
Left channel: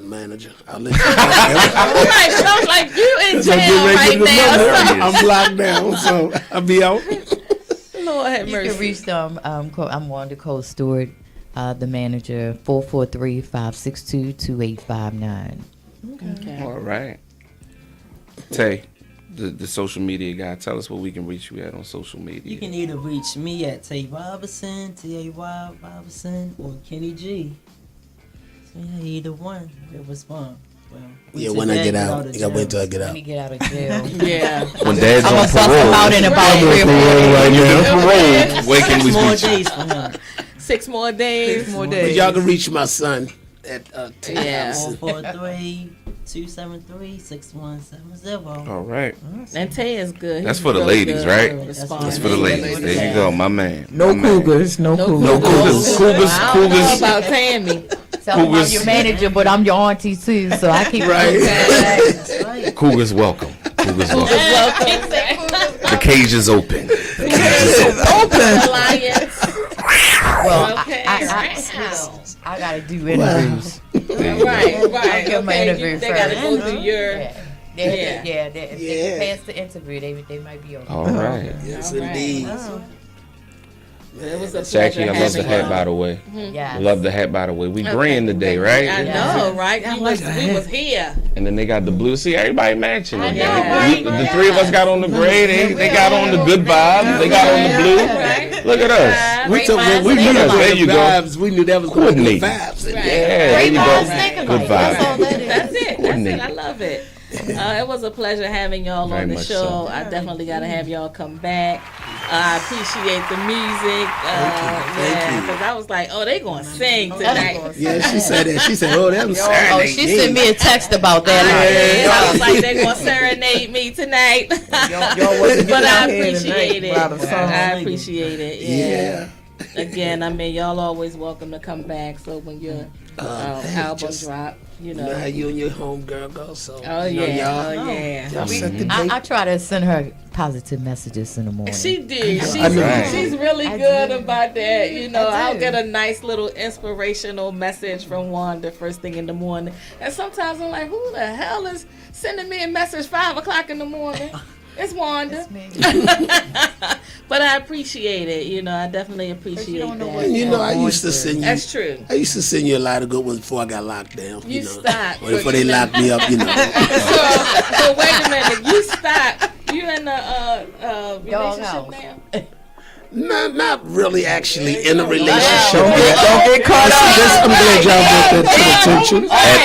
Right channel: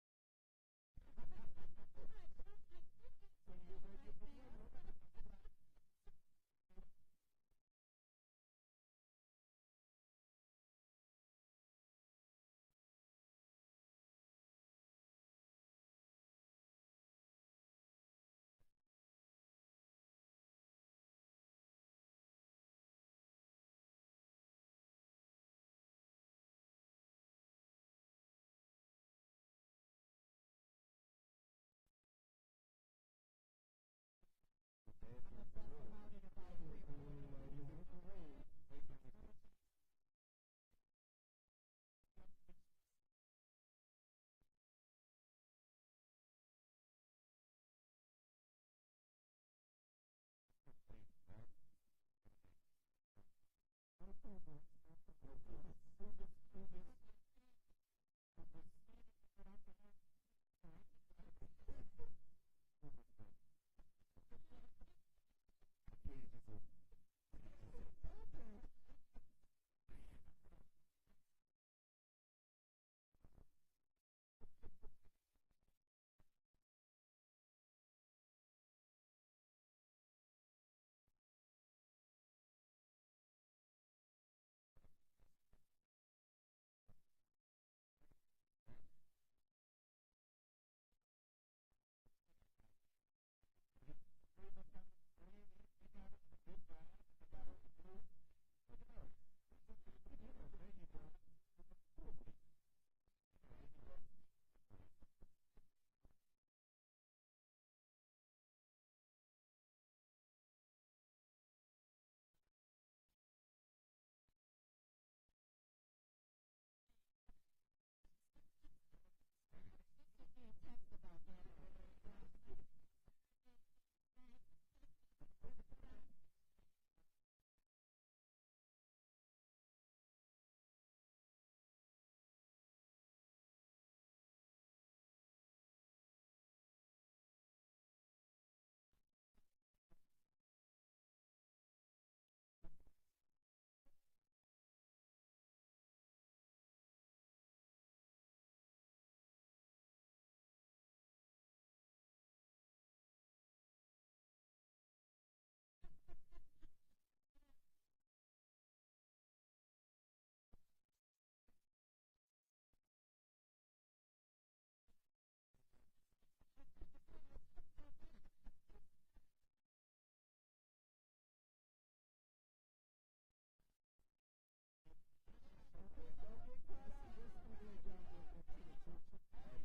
manager. I'll let you know. Right, sounds like you in jail right now. I'm locked down, so I'll be out. Lord have You can mercy. reach them. I'm Wanda Cole Stewart, the manager, 443-562-2859. Okay. All right. Tay, the social media guy, tell us where we can reach you at on social media. You can either reach me at Tay Robinson, T-A-Y Robinson, or Kenny G. So yeah, either one, they'll respond. Well, Yeah, when I get out, you gotta wait till I get Let out. me get out of jail. Yeah. When Dad's on Bust them out parole, in about 3 or 4 days. where can we more reach you? days for him. 6 more days. But y'all can reach my son at Yeah. 443-273-6170. All right. And Tay is good. That's He's for the real ladies, good right? at responding. That's for the ladies. There you go, my man. No My man. cougars. No No cougars. No cougars. Cougars. I don't know Cougars. about Tammy. So I'm Cougars. your manager, but I'm your auntie too, so I keep Right. Cougars welcome. Cougars welcome. Welcome. The cage is open. The cage is open. Alliance. Well, Okay. I I gotta do interviews. Right. Get my interview They first. gotta go through your. If they pass the interview, they might be okay. All right. Yes, All right. indeed. It was a Jackie, pleasure I love the having hat, y'all. by the way. Yeah. Love the hat, by the way. We green today, right? I know, right? We was here. And then they got the blue. See, everybody matching. I it. know, right? The three of us got on the gray. They got on the good vibes. They got on the blue. Right. Look at us. We took we knew that was There good you go. vibes. We knew that was good Coordinate. vibes. Right. Yeah, there you Vibes, go. think Good alike. That's all vibes. that is. That's it. Coordinate. I love it. It was a pleasure having y'all Very on the much show. so. I definitely got to have y'all come back. I appreciate the music. Thank you. Because I was like, oh, they going to sing tonight. Yeah, she said that. She said, "Oh, that was Oh, Saturday." she sent me a text about that. I was like, they going to serenade me tonight. But I appreciate it. I appreciate it. Yeah. Again, I mean, y'all always welcome to come back. So when your album drop, you know. How you and your homegirl go? So. Oh you know, yeah, y'all- oh yeah. y'all set the date. I try to send her positive messages in the morning. She did. I know. She's really I good do. about that. You know, I I'll do. get a nice little inspirational message from Wanda first thing in the morning. And sometimes I'm like, who the hell is sending me a message 5 o'clock in the morning? It's Wanda. But I appreciate it. You know, I definitely appreciate don't know that. what You know, I used to send you. That's true. I used to send you a lot of good ones before I got locked down. You know. stopped. Or before they locked me up, you know. So wait a minute. You stop. You in a relationship Doghouse. now? Not really actually in a relationship. Don't get caught up. I'm glad y'all brought that to attention. At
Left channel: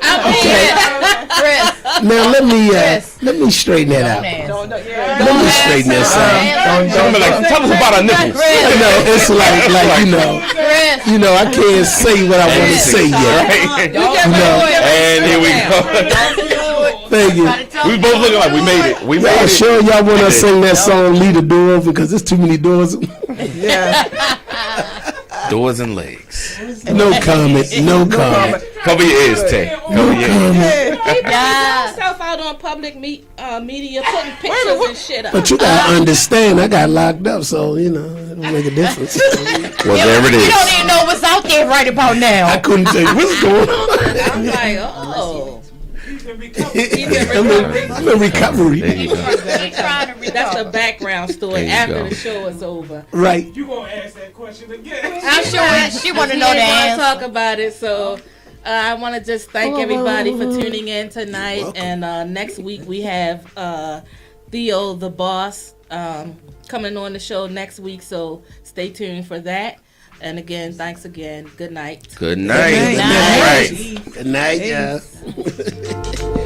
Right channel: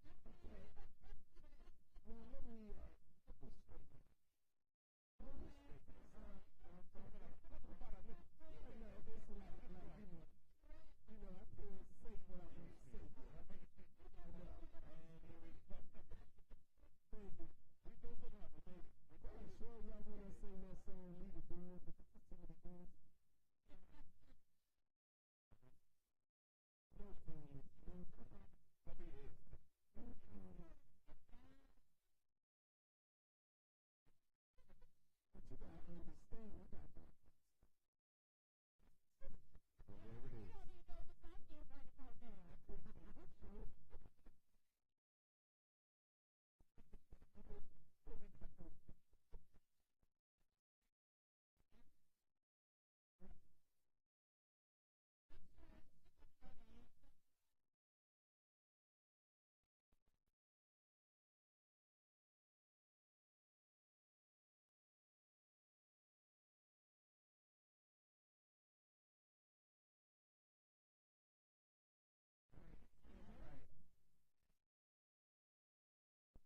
8:34. Chris, Now let me straighten that out. Let me straighten this out. Don't be like, tell us about our nipples. No, it's like you know, I can't say what I want to say yet. Right? No. And here we go. Thank you. We both looking like we made it. We made Y'all it. sure y'all want to sing that song "Leave the Door Open" because there's too many doors. Doors and legs. No comment. No comment. Cover your ears, Tay. Cover your ears. Yourself out on public media putting pictures and shit up. But you gotta understand, I got locked up, so you know it don't make a difference. Well, there it you don't is. even know what's out there right about now. I couldn't tell you what's going on. I'm like, oh. I'm in recovery. There you go. That's the background story There you after go. the show is over. Right. You gonna ask that question again? I'm sure she want to know the We ain't answer. gonna talk about it, so I want to just thank everybody for tuning in tonight. Welcome. And next week we have Theo the Boss coming on the show next week, so stay tuned for that. And again, thanks again. Good night. Good night. Good night. All right. Good night, y'all.